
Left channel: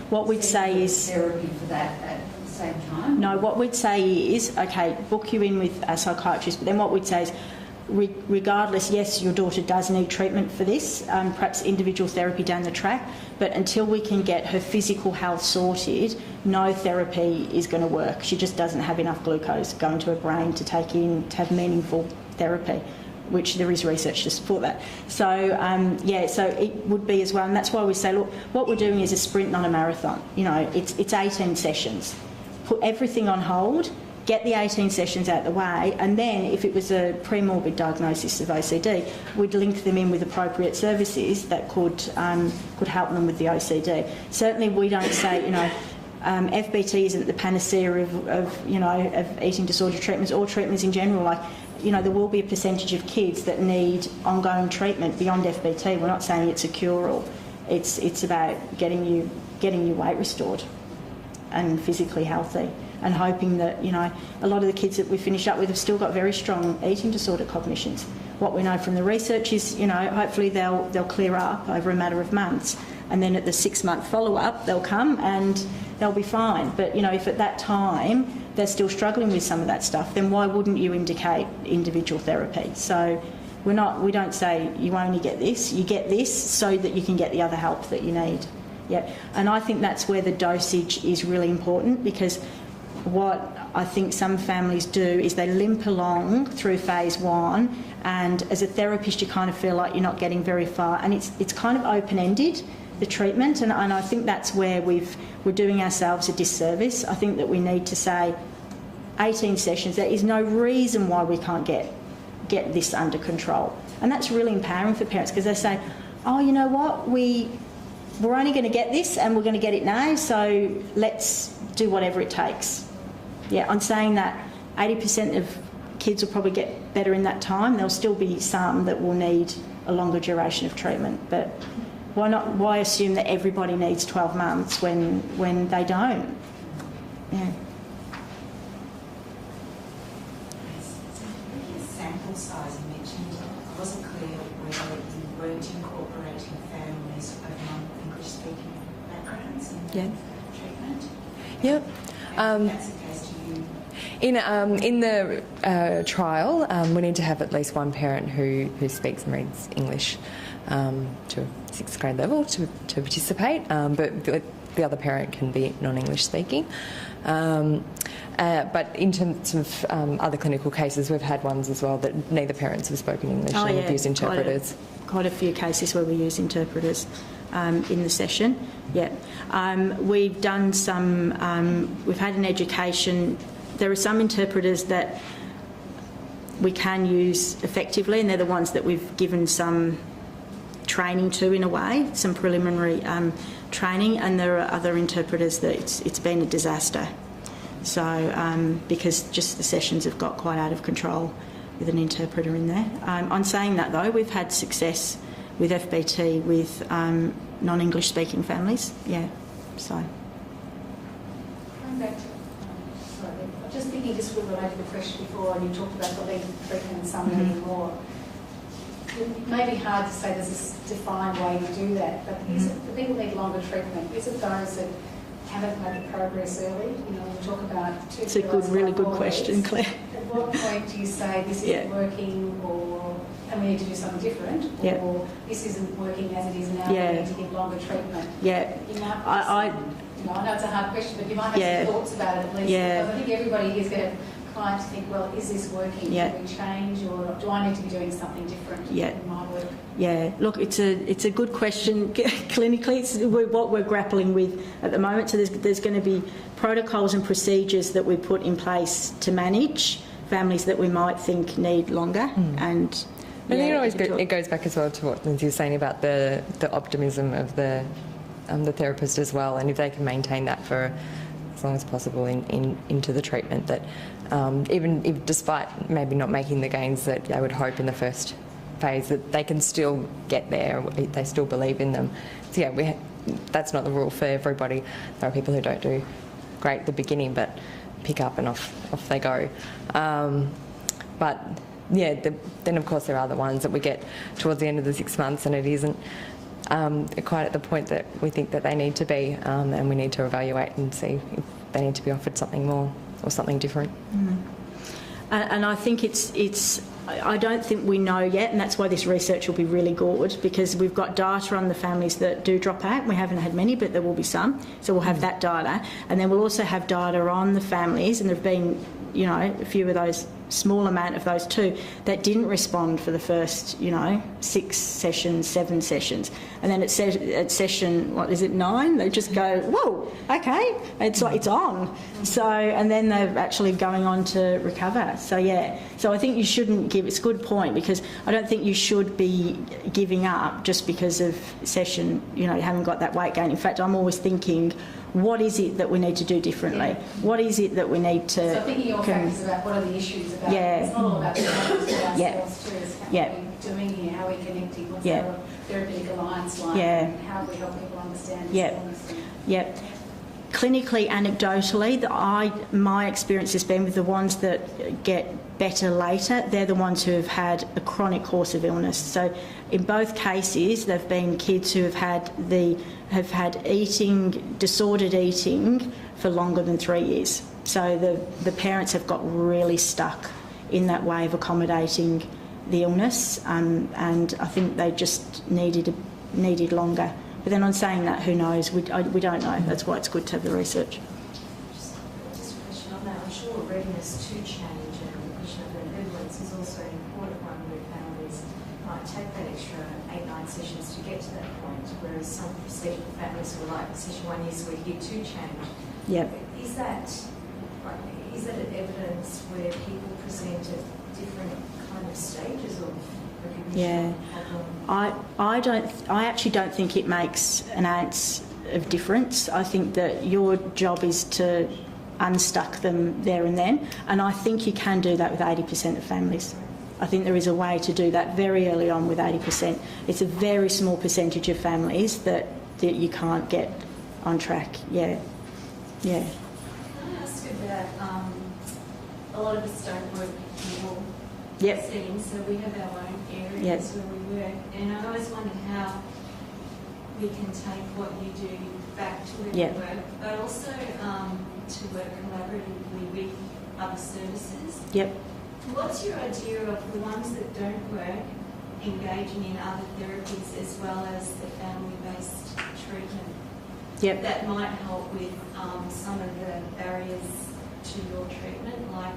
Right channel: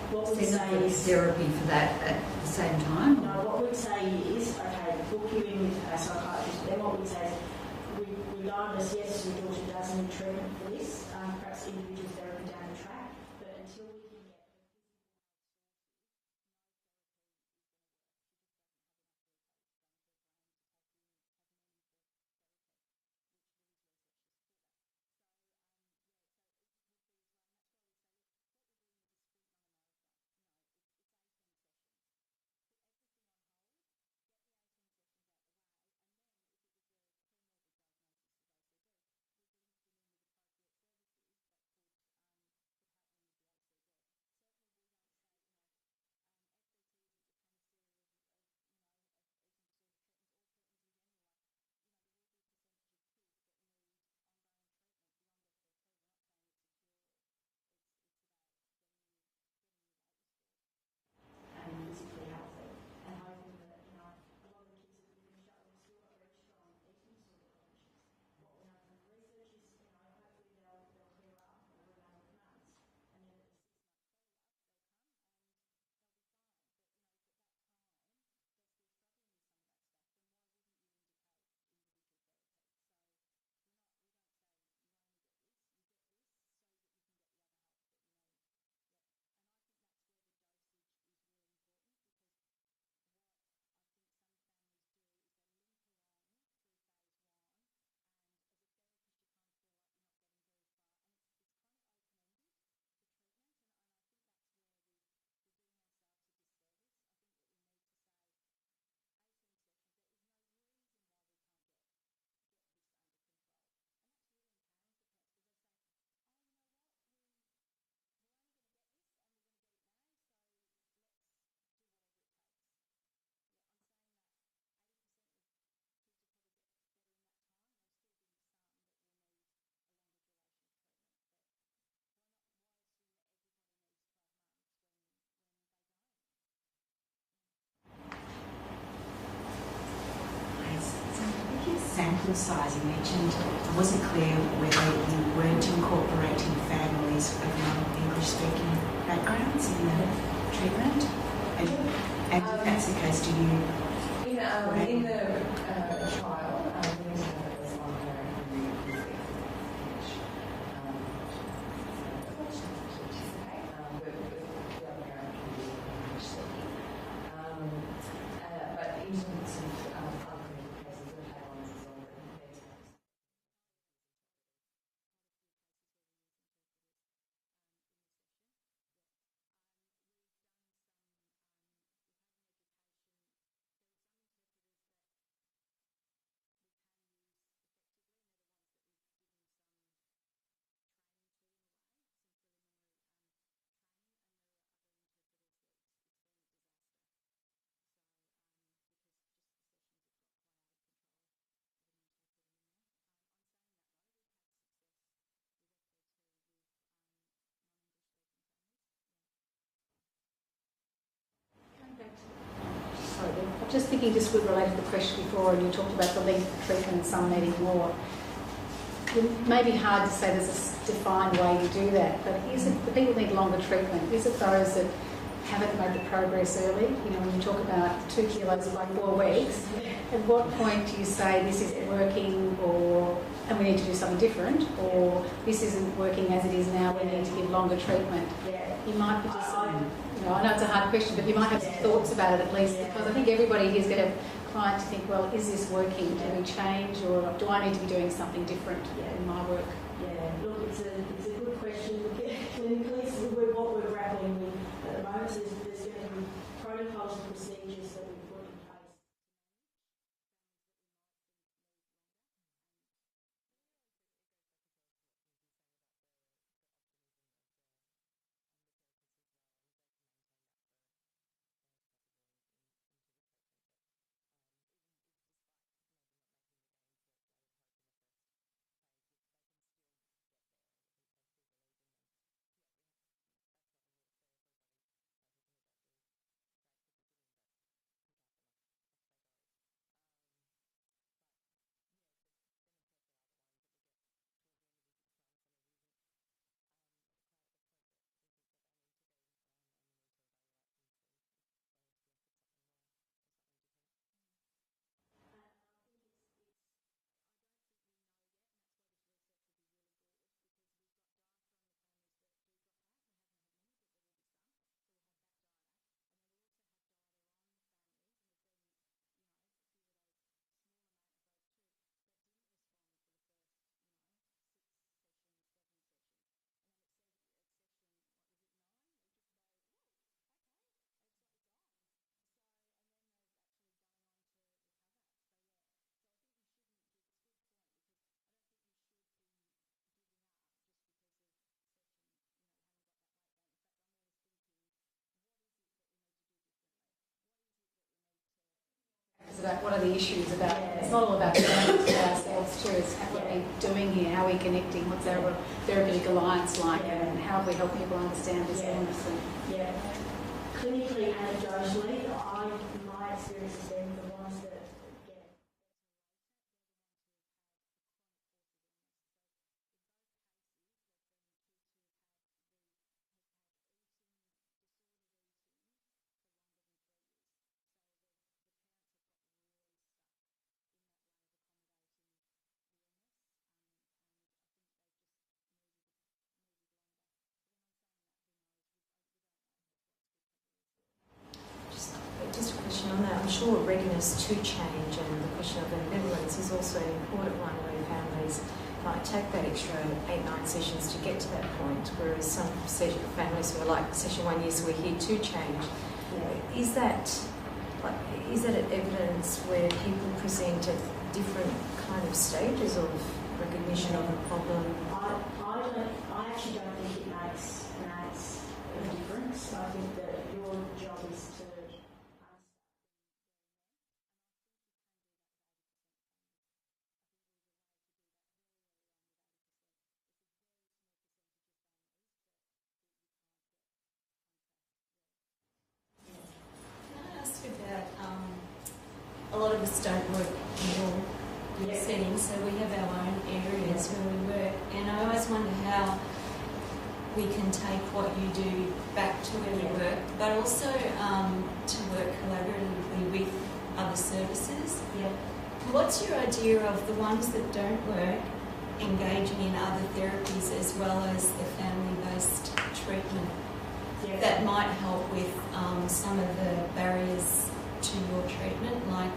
what we'd say is therapy for that at the same time? No, what we'd say is, okay, book you in with a psychiatrist, but then what we'd say is, regardless, yes, your daughter does need treatment for this, perhaps individual therapy down the track, but until we can get her physical health sorted, no therapy is going to work. She just doesn't have enough glucose going to her brain to have meaningful therapy, which there is research to support that. So, so it would be as well, and that's why we say, look, what we're doing is a sprint, not a marathon. It's 18 sessions. Put everything on hold, get the 18 sessions out the way, and then if it was a pre-morbid diagnosis of OCD, we'd link them in with appropriate services that could help them with the OCD. Certainly we don't say, FBT isn't the panacea of eating disorder treatments or treatments in general. Like, there will be a percentage of kids that need ongoing treatment beyond FBT. We're not saying it's a cure-all. It's about getting your weight restored and physically healthy, and hoping that, a lot of the kids that we finish up with have still got very strong eating disorder cognitions. What we know from the research is, hopefully they'll clear up over a matter of months, and then at the 6-month follow-up they'll come and they'll be fine. But, if at that time they're still struggling with some of that stuff, then why wouldn't you indicate individual therapy? So we don't say you only get this, you get this so that you can get the other help that you need. Yeah, and I think that's where the dosage is really important, because what I think some families do is they limp along through phase 1, and as a therapist you kind of feel like you're not getting very far, and it's kind of open-ended, the treatment, and I think that's where we're doing ourselves a disservice. I think that we need to say 18 sessions. There is no reason why we can't get this under control, and that's really empowering for parents, because they say, oh, you know what, we're only going to get this and we're going to get it now, so let's do whatever it takes. Yeah, I'm saying that 80% of kids will probably get better in that time. There'll still be some that will need a longer duration of treatment, but why assume that everybody needs 12 months when they don't? Yeah. Sample size, you mentioned, I wasn't clear whether you weren't incorporating families of non-English speaking backgrounds in the treatment. Yep. And if that's the case, do you... In the trial, we need to have at least one parent who speaks and reads English to a 6th grade level to participate, but the other parent can be non-English speaking. But in terms of other clinical cases, we've had ones as well that neither parents have spoken English and have used interpreters. Quite a few cases where we use interpreters in the session. Yeah, we've done some. We've had an education. There are some interpreters that we can use effectively, and they're the ones that we've given some training to, in a way, some preliminary training, and there are other interpreters that it's been a disaster. So, because just the sessions have got quite out of control with an interpreter in there. On saying that, though, we've had success with FBT with non-English speaking families. Yeah, so. Sorry, I'm just thinking this would relate to the question before, and you talked about the length of treatment and some needing more. It may be hard to say there's a defined way to do that, but is it the people need longer treatment? Is it those that haven't made the progress early? When you talk about 2 kilos, it's a really good question, Claire. At what point do you say this isn't working, and we need to do something different, or this isn't working as it is now, we need to give longer treatment? Yeah. You might I know it's a hard question, but you might have some thoughts about it at least, because I think everybody here is going to have clients to think, well, is this working? Can we change, or do I need to be doing something different in my work? Yeah, look, it's a good question. Clinically, it's what we're grappling with at the moment. So there's going to be protocols and procedures that we put in place to manage families that we might think need longer. And I think it goes back as well to what Lindsay was saying about the optimism of the therapist as well, and if they can maintain that for as long as possible into the treatment, that even if, despite maybe not making the gains that they would hope in the first phase, that they can still get there, they still believe in them. So yeah, that's not the rule for everybody. There are people who don't do great at the beginning but pick up and off they go. But yeah, then of course there are the ones that we get towards the end of the 6 months and it isn't quite at the point that we think that they need to be, and we need to evaluate and see if they need to be offered something more or something different. And I think I don't think we know yet, and that's why this research will be really good, because we've got data on the families that do drop out. We haven't had many, but there will be some. So we'll have that data. And then we'll also have data on the families, and there have been you know, a few of those, small amount of those too, that didn't respond for the first, you know, 6 sessions, 7 sessions. And then at session, what is it, 9, they just go, whoa, okay, it's like it's on. So, and then they're actually going on to recover. So, yeah, so I think you shouldn't give, it's a good point, because I don't think you should be giving up just because of session, you know, you haven't got that weight gain. In fact, I'm always thinking, what is it that we need to do differently? Yeah. What is it that we need to... So thinking your factors about what are the issues about... Yeah. It's not all about ourselves too. It's how yeah. are we doing here? How are we connecting? What's yeah. our therapeutic alliance like? Yeah. And how do we help people understand this yeah. illness? Yeah. Clinically, anecdotally, my experience has been with the ones that get better later, they're the ones who have had a chronic course of illness. So in both cases, they've been kids who have had disordered eating for longer than 3 years. So the parents have got really stuck in that way of accommodating the illness, and I think they just needed longer. But then on saying that, who knows? We don't know. That's why it's good to have the research. Just a question on that. I'm sure readiness to change and the question of ambivalence is also an important one where families might take that extra 8-9 sessions to get to that point, whereas some families who are like session 1 year, so we're here to change. Yeah. Is that an evidence where people present at different kind of stages of recognition of the problem? I actually don't think it makes an ounce of difference. I think that your job is to unstuck them there and then, and I think you can do that with 80% of families. I think there is a way to do that very early on with 80%. It's a very small percentage of families that you can't get on track. Yeah. Can I ask about, a lot of us don't work in your settings, so we have our own areas where we work, and I always wonder how we can take what you do back to where we work, but also to work collaboratively with other services. Yep. What's your idea of the ones that don't work, engaging in other therapies as well as the family-based treatment? Yep. That might help with some of the barriers to your treatment, like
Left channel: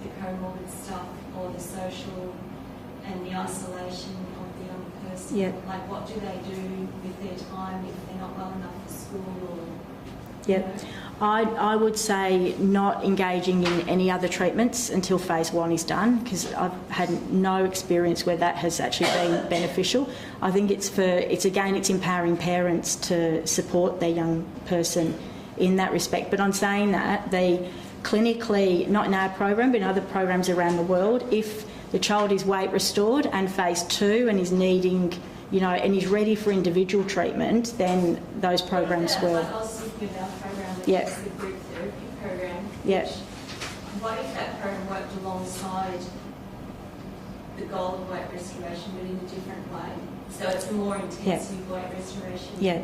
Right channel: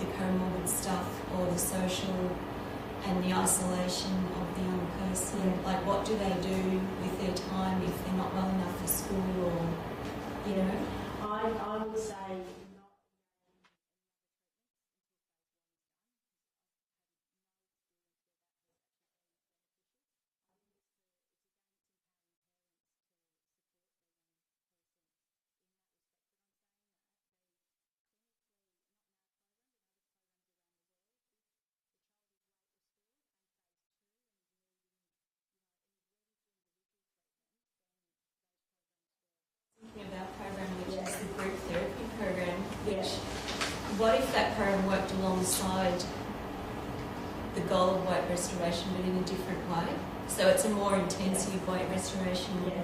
the comorbid stuff or the social and the isolation of the young person. Yep. Like, what do they do with their time if they're not well enough for school or... Yep. I would say not engaging in any other treatments until phase 1 is done, because I've had no experience where that has actually been beneficial. I think it's empowering parents to support their young person in that respect. But on saying that, they clinically, not in our program but in other programs around the world, if the child is weight restored and phase 2 and is needing, you know, and is ready for individual treatment, then those programs will... I was thinking of our program, which Yeah. is the group therapy program. Yeah. What if that program worked alongside the goal of weight restoration but in a different way? So it's a more intensive weight restoration. Yeah.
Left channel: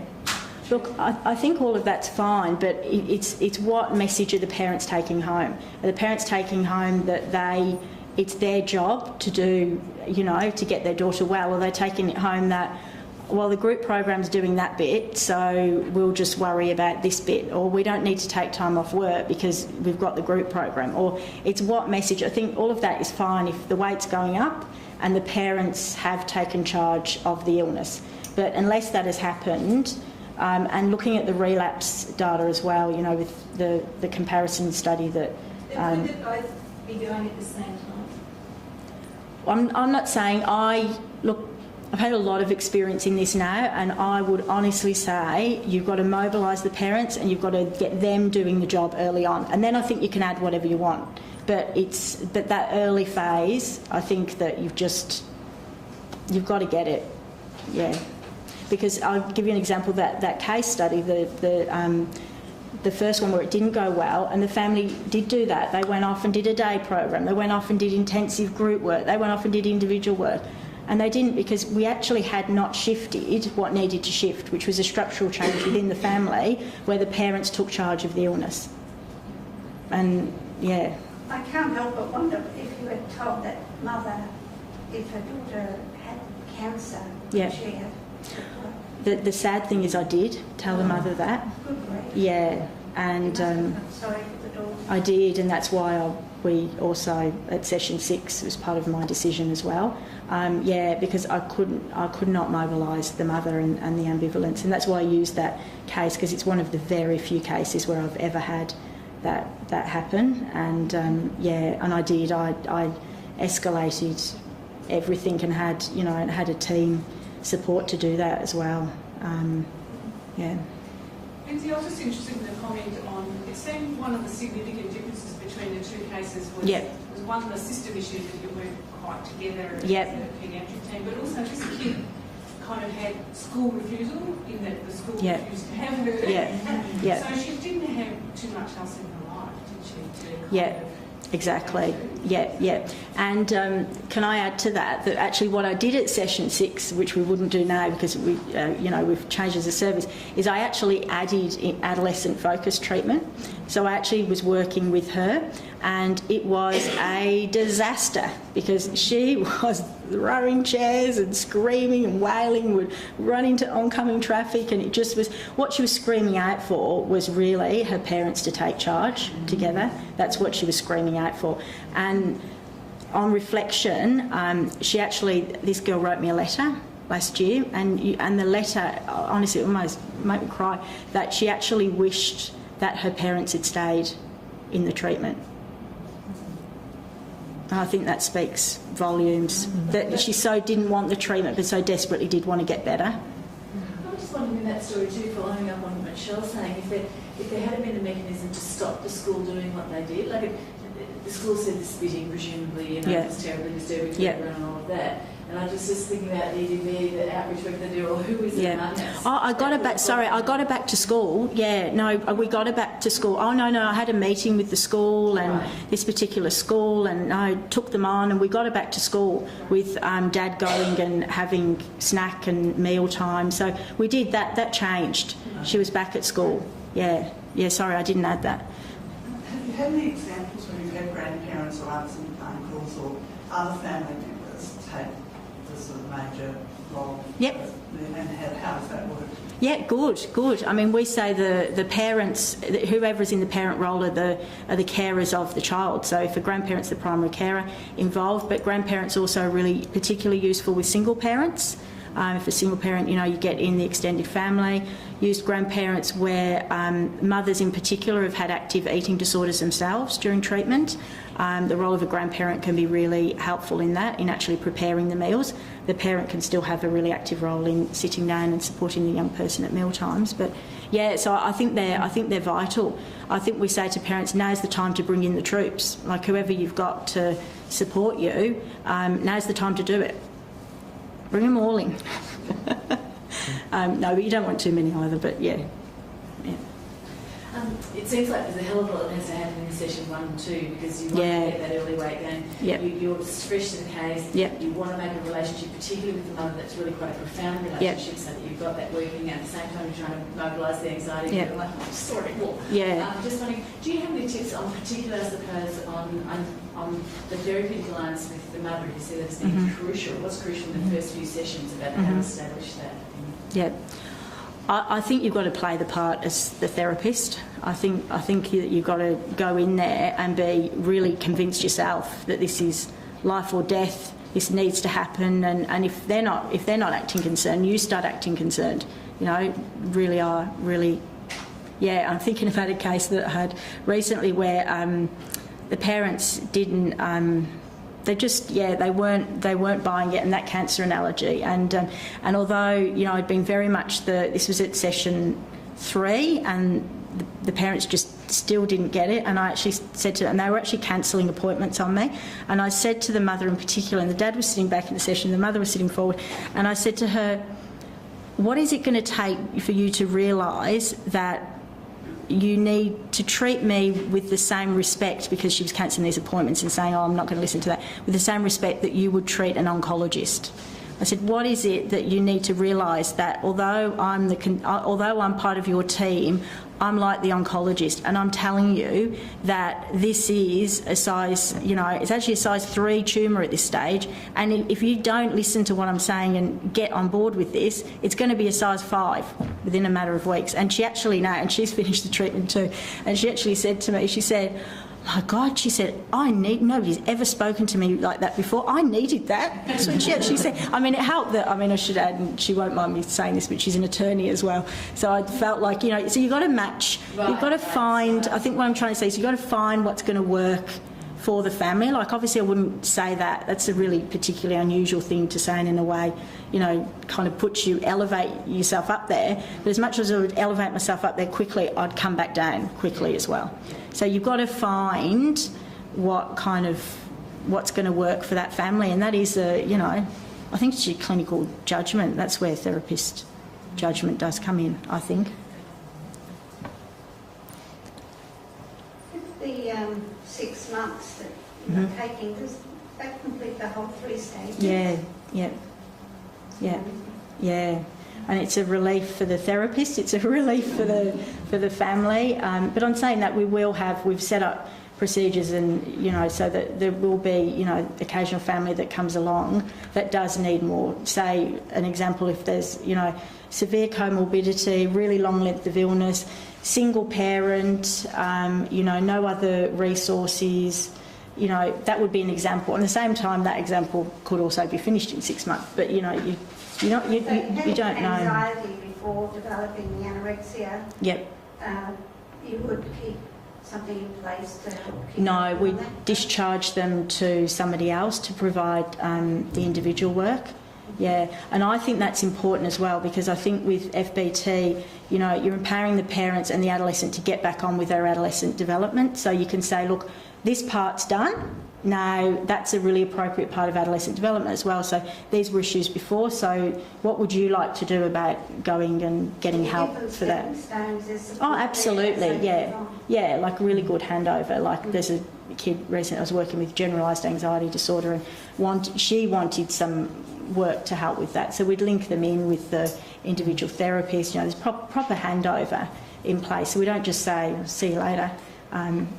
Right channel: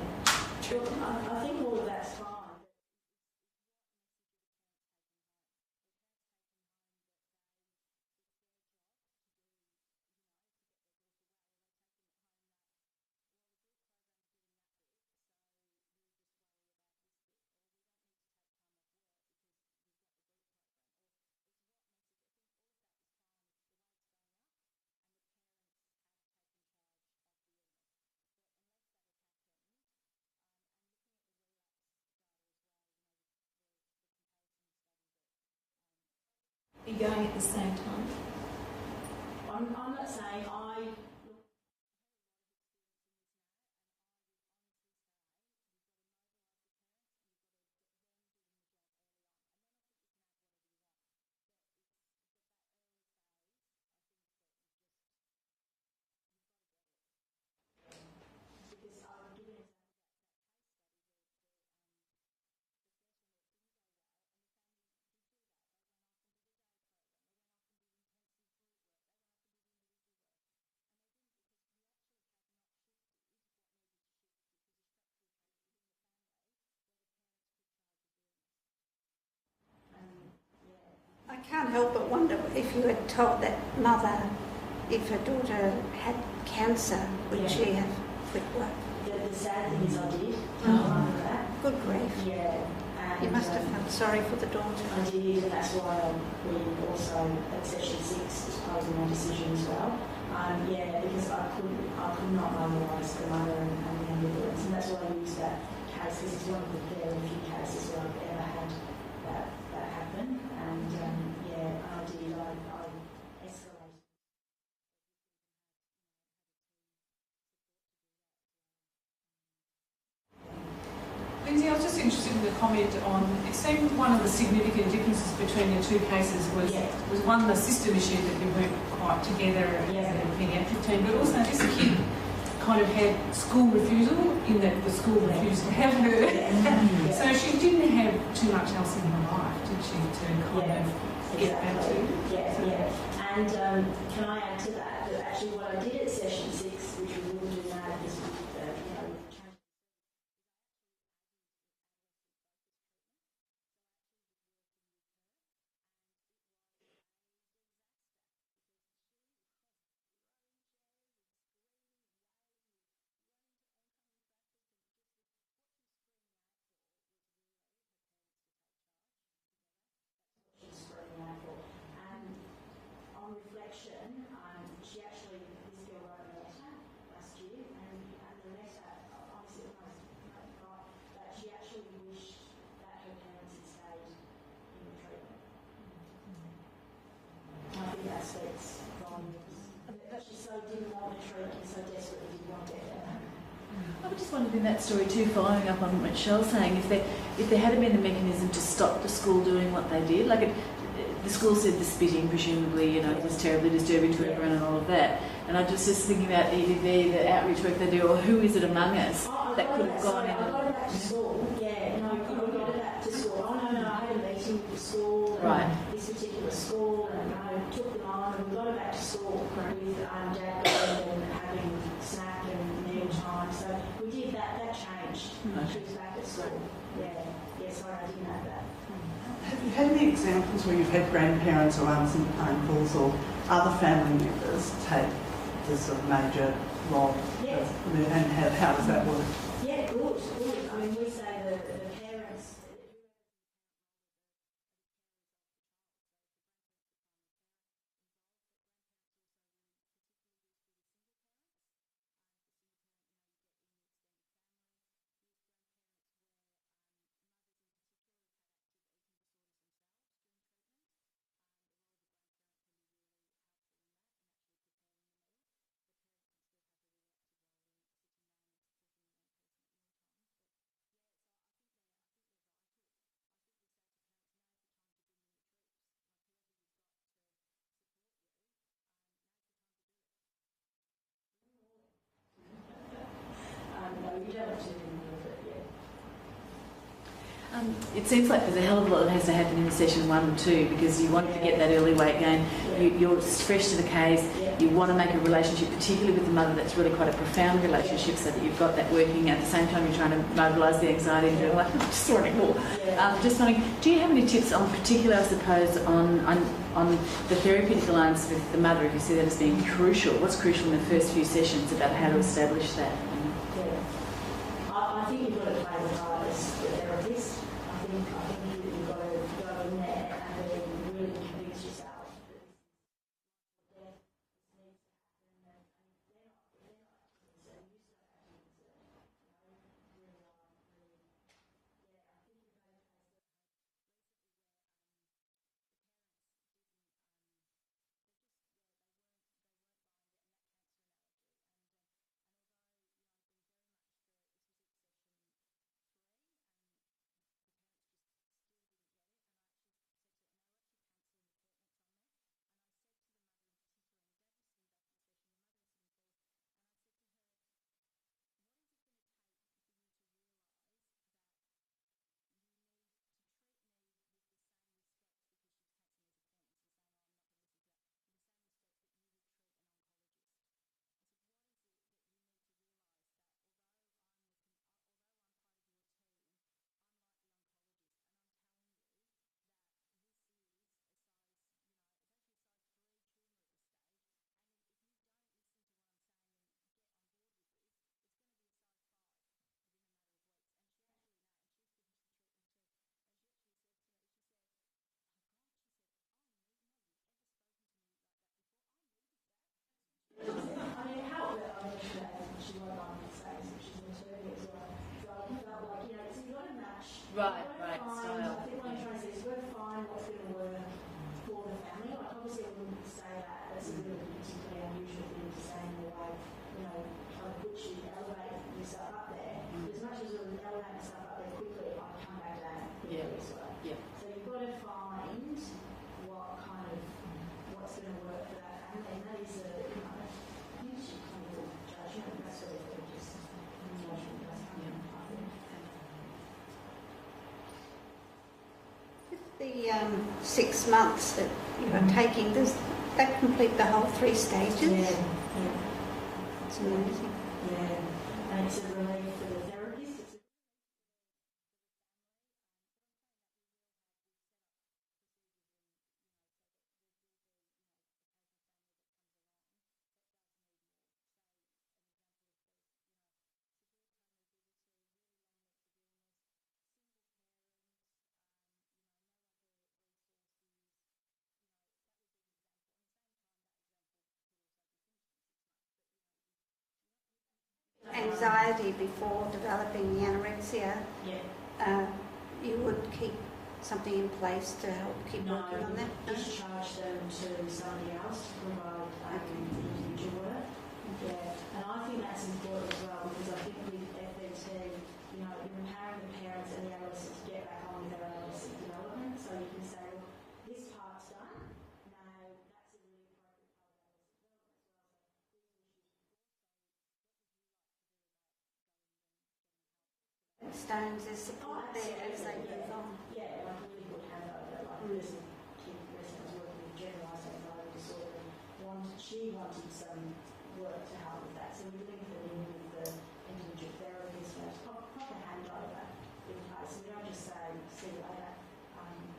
Look, I think all of that's fine, but it's what message are the parents taking home? Are the parents taking home that it's their job to do, you know, to get their daughter well, or are they taking it home that, well, the group program's doing that bit, so we'll just worry about this bit, or we don't need to take time off work because we've got the group program, or it's what message. I think all of that is fine if the weight's going up and the parents have taken charge of the illness. But unless that has happened, and looking at the relapse data as well, you know, with the comparison study that... Could they both be going at the same time? I'm not saying look, I've had a lot of experience in this now, and I would honestly say you've got to mobilise the parents and you've got to get them doing the job early on, and then I think you can add whatever you want. But that early phase, I think that you've got to get it, yeah. Because I'll give you an example, that case study, the first one where it didn't go well, and the family did do that. They went off and did a day program. They went off and did intensive group work. They went off and did individual work. And they didn't, because we actually had not shifted what needed to shift, which was a structural change within the family where the parents took charge of the illness. And, yeah. I can't help but wonder if you had told that mother if her daughter had cancer, would she have... The sad thing is I did tell the mother that. Good grief. Yeah, And you must have felt sorry for the daughter. I did, and that's why we also at session 6 was part of my decision as well. Because I could not mobilise the mother and the ambivalence, and that's why I used that case, because it's one of the very few cases where I've ever had that happen. And and I did. I escalated everything and had a team support to do that as well. Lindsay, I was just interested in the comment on, it seemed one of the significant differences between the two cases was one, the system issue that you weren't quite together as a paediatric team, but also this kid kind of had school refusal in that the school refused to have her. So she didn't have too much else in her life, did she, to kind of... Exactly. And can I add to that actually what I did at session 6, which we wouldn't do now because we've changed as a service, is I actually added adolescent focused treatment. So I actually was working with her, and it was a disaster because she was throwing chairs and screaming and wailing, would run into oncoming traffic, and it just was what she was screaming out for was really her parents to take charge together. That's what she was screaming out for. And on reflection, this girl wrote me a letter last year, and the letter, honestly, almost made me cry, that she actually wished that her parents had stayed in the treatment. And I think that speaks volumes, that she so didn't want the treatment but so desperately did want to get better. I just wondered in that story too, following up on what Michelle's saying, if there had been a mechanism to stop the school doing what they did, the school said the spitting, presumably, it was terribly disturbing to everyone and all of that. And I was just thinking about EDV, the outreach work they do, or who is it among us? Oh, I got her back to school. We got her back to school. Oh, no, I had a meeting with the school and this particular school, and I took them on, and we got her back to school with Dad going and having snack and meal time. So we did that. That changed. She was back at school. Sorry, I didn't add that. Have you had any examples where you've had grandparents or aunts and uncles or other family members take this sort of major role? And how does that work? Yeah, good. I mean, we say the parents, whoever is in the parent role are the carers of the child. So for grandparents, the primary carer involved, but grandparents also are really particularly useful with single parents. If a single parent, you get in the extended family. Used grandparents where mothers in particular have had active eating disorders themselves during treatment. The role of a grandparent can be really helpful in that, in actually preparing the meals. The parent can still have a really active role in sitting down and supporting the young person at meal times. But so I think they're vital. I think we say to parents, now's the time to bring in the troops. Like whoever you've got to support you, now's the time to do it. Bring them all in. No, but you don't want too many either, but it seems like there's a hell of a lot that has to happen in session 1 and 2 because you want to get that early weight gain. You're fresh to the case. You want to make a relationship, particularly with the mother, that's really quite a profound relationship, so that you've got that working. At the same time, you're trying to mobilise the anxiety. You're like, I'm just sorting more. Just wondering, do you have any tips on particular, I suppose, on the therapeutic alliance with the mother, if you see that as being crucial? What's crucial in the first few sessions about how to establish that? I think you've got to play the part as the therapist. I think you've got to go in there and be really convinced yourself that this is life or death. This needs to happen, and if they're not acting concerned, you start acting concerned. Really are really. I'm thinking about a case that I had recently where the parents didn't. They weren't buying it, and that cancer analogy. And although I'd been very much this was at session 3, and the parents just still didn't get it. And I actually said to them, and they were actually cancelling appointments on me. And I said to the mother in particular, and the dad was sitting back in the session, the mother was sitting forward, and I said to her, "What is it going to take for you to realise that you need to treat me with the same respect," because she was cancelling these appointments and saying, "Oh, I'm not going to listen to that," with the same respect that you would treat an oncologist. I said, "What is it that you need to realise that although I'm part of your team, I'm like the oncologist, and I'm telling you that this is a size, it's actually a size 3 tumour at this stage, and if you don't listen to what I'm saying and get on board with this, it's going to be a size 5 within a matter of weeks. And she actually, and she's finished the treatment too, and she actually said to me, she said, my God, she said, nobody's ever spoken to me like that before. I needed that. That's what she actually said. I mean, it helped that, I should add, and she won't mind me saying this, but she's an attorney as well. So I felt like, so you've got to match, you've got to find, I think what I'm trying to say is you've got to find what's going to work for the family. Like, obviously I wouldn't say that. That's a really particularly unusual thing to say, and in a way, kind of elevate yourself up there. But as much as I would elevate myself up there quickly, I'd come back down quickly as well. So you've got to find what's going to work for that family, and that is I think it's your clinical judgment. That's where therapist judgment does come in, I think. The 6 months that you are taking, does that complete the whole 3 stages? Yeah. And it's a relief for the therapist, it's a relief for the family. But I'm saying that we've set up procedures, and so that there will be occasional family that comes along that does need more. Say an example, if there's severe comorbidity, really long length of illness, single parent, no other resources. That would be an example. And at the same time, that example could also be finished in 6 months. But you don't know. Anxiety before developing the anorexia. Yep. You would keep something in place to help keep. No, we discharge them to somebody else to provide the individual work. Yeah, and I think that's important as well, because I think with FBT, you're empowering the parents and the adolescent to get back on with their adolescent development. So you can say, look, this part's done. Now, that's a really appropriate part of adolescent development as well. So these were issues before. So what would you like to do about going and getting help for that? Oh, absolutely, yeah. Yeah, like a really good handover. Like there's a kid recently I was working with, generalised anxiety disorder, and she wanted some work to help with that. So we'd link them in with the individual therapist. There's proper handover in place. So we don't just say, see you later.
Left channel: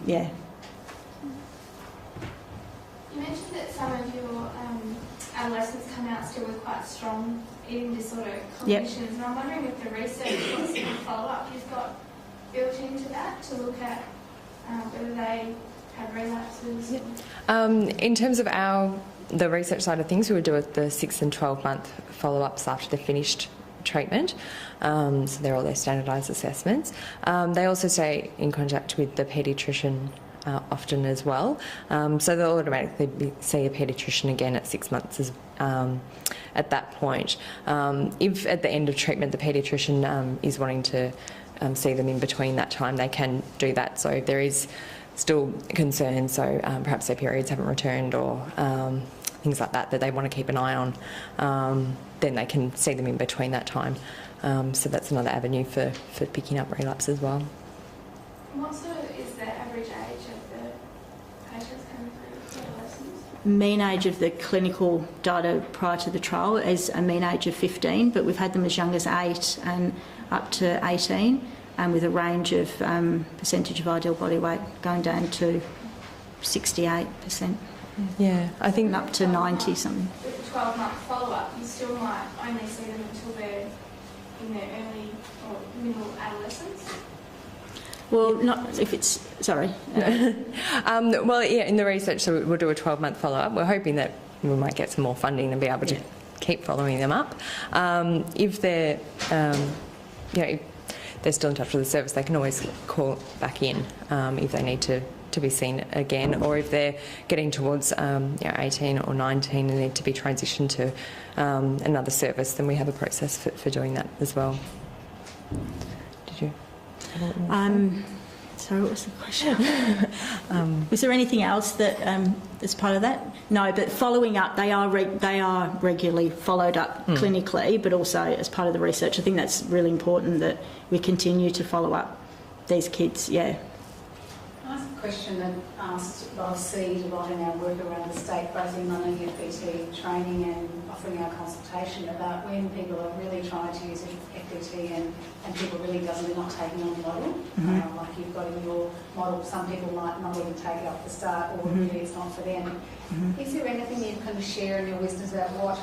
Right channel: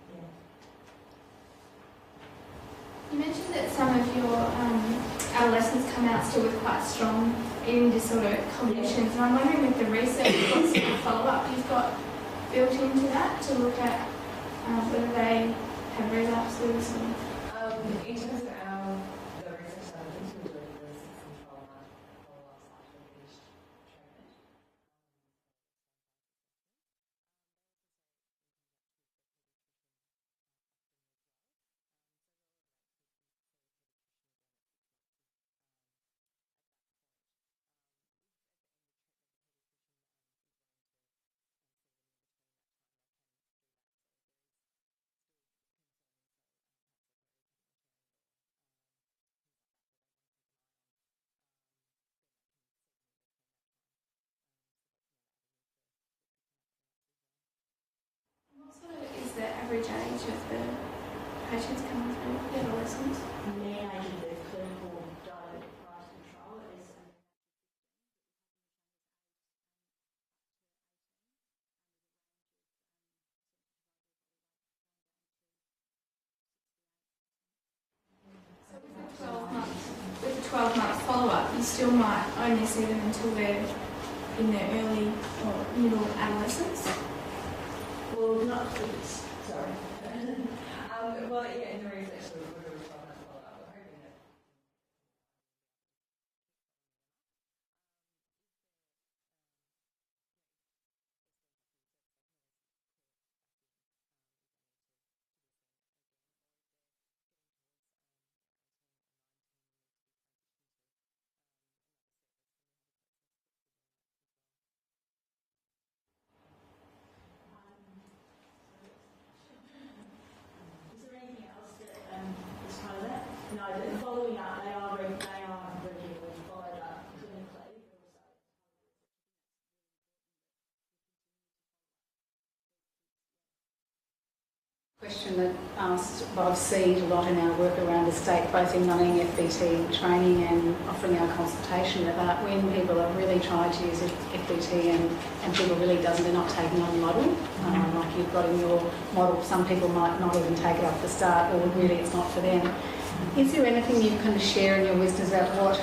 Yeah. You mentioned that some of your adolescents come out still with quite strong eating disorder cognitions, and I'm wondering if the research, what sort of follow-up you've got built into that to look at whether they have relapses? In terms of the research side of things, we would do the 6 and 12-month follow-ups after they've finished treatment. So they're all their standardised assessments. They also stay in contact with the paediatrician often as well. So they'll automatically see a paediatrician again at 6 months at that point. If at the end of treatment the paediatrician is wanting to see them in between that time, they can do that. So if there is still concern, so perhaps their periods haven't returned or things like that they want to keep an eye on, then they can see them in between that time. So that's another avenue for picking up relapse as well. What is the average age of the patients coming through, the adolescents? Mean age of the clinical data prior to the trial is a mean age of 15, but we've had them as young as 8 and up to 18, and with a range of percentage of ideal body weight going down to 68%. Yeah, I think up to 90 something. With the 12-month follow-up, you still might only see them until they're in their early or middle adolescence. Well, not if it's... Sorry. Well, yeah, in the research, so we'll do a 12-month follow-up. We're hoping that we might get some more funding and be able to keep following them up. If they're, if they're still in touch with the service, they can always call back in if they need to be seen again, or if they're getting towards 18 or 19 and need to be transitioned to another service, then we have a process for doing that as well. Did you? Sorry, what was the question? Was there anything else that is part of that? No, but following up, they are regularly followed up clinically, but also as part of the research. I think that's really important that we continue to follow up these kids. Yeah. Can I ask a question that asked what I've seen a lot in our work around the state, both in running FBT training and offering our consultation, about when people are really trying to use FBT and people really they're not taking on the model. Like you've got in your model, some people might not even take it off the start, or really it's not for them. Is there anything you can share in your wisdom about what,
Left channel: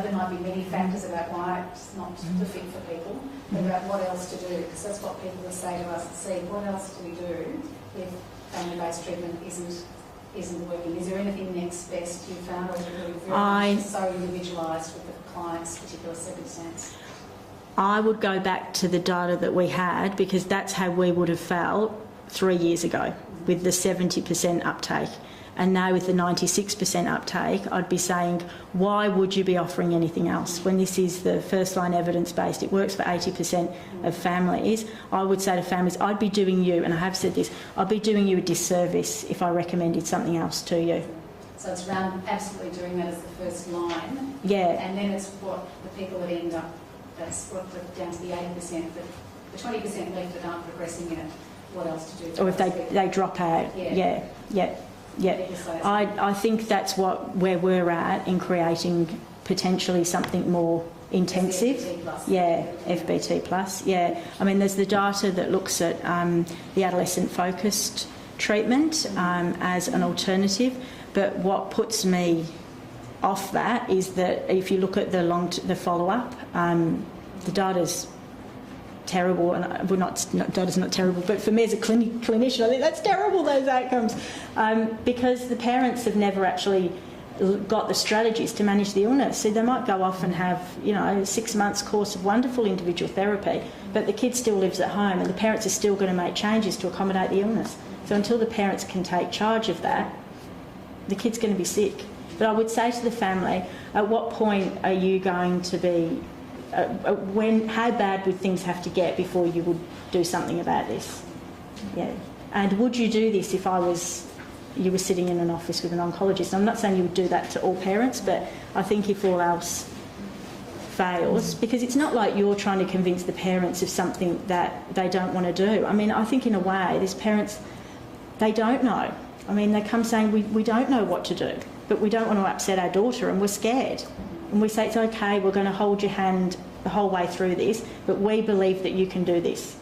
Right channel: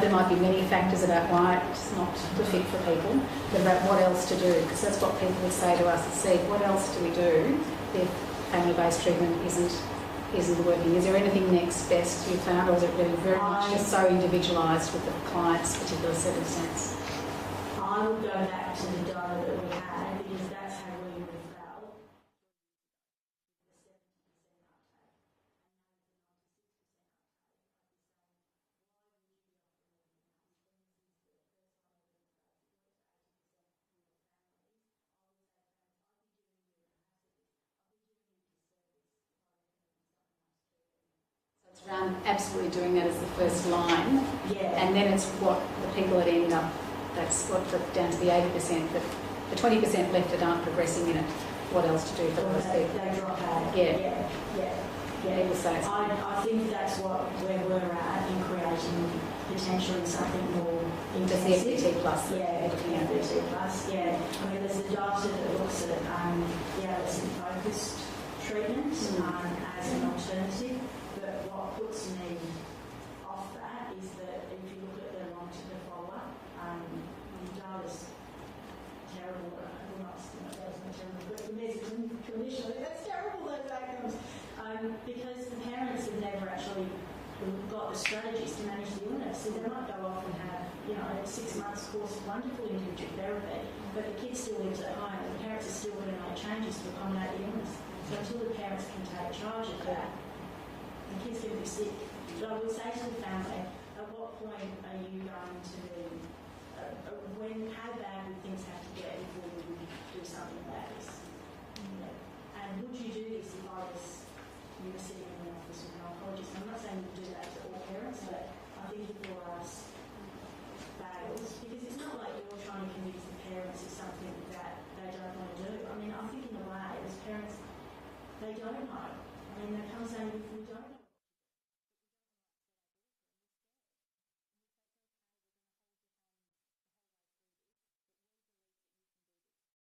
there might be many factors about why it's not the fit for people, but about what else to do? Because that's what people would say to us, what else do we do if family-based treatment isn't working? Is there anything next best you've found, or is it really very much so individualised with the client's particular circumstance? I would go back to the data that we had, because that's how we would have felt 3 years ago with the 70% uptake. And now with the 96% uptake, I'd be saying, why would you be offering anything else? When this is the first-line evidence-based, it works for 80% of families. I would say to families, I'd be doing you, and I have said this, I'd be doing you a disservice if I recommended something else to you. So it's around absolutely doing that as the first line. Yeah. And then it's what the people that end up, that's what down to the 80%, but the 20% left that aren't progressing in it, what else to do? Or if they drop out. Yeah. I think that's where we're at in creating potentially something more intensive. FBT plus. Yeah, FBT plus. Yeah. I mean, there's the data that looks at the adolescent focused treatment as an alternative, but what puts me off that is that if you look at the follow-up, the data's terrible, and data's not terrible, but for me as a clinician, I think that's terrible, those outcomes, because the parents have never actually got the strategies to manage the illness. So they might go off and have, 6 months course of wonderful individual therapy, but the kid still lives at home, and the parents are still going to make changes to accommodate the illness. So until the parents can take charge of that, the kid's going to be sick. But I would say to the family, at what point are you going to be how bad would things have to get before you would do something about this? Yeah. And would you do this if you were sitting in an office with an oncologist? I'm not saying you would do that to all parents, but I think if all else fails, because it's not like you're trying to convince the parents of something that they don't want to do. I mean, I think in a way, these parents, they don't know. I mean, they come saying, we don't know what to do, but we don't want to upset our daughter and we're scared. And we say, it's okay, we're going to hold your hand the whole way through this, but we believe that you can do this.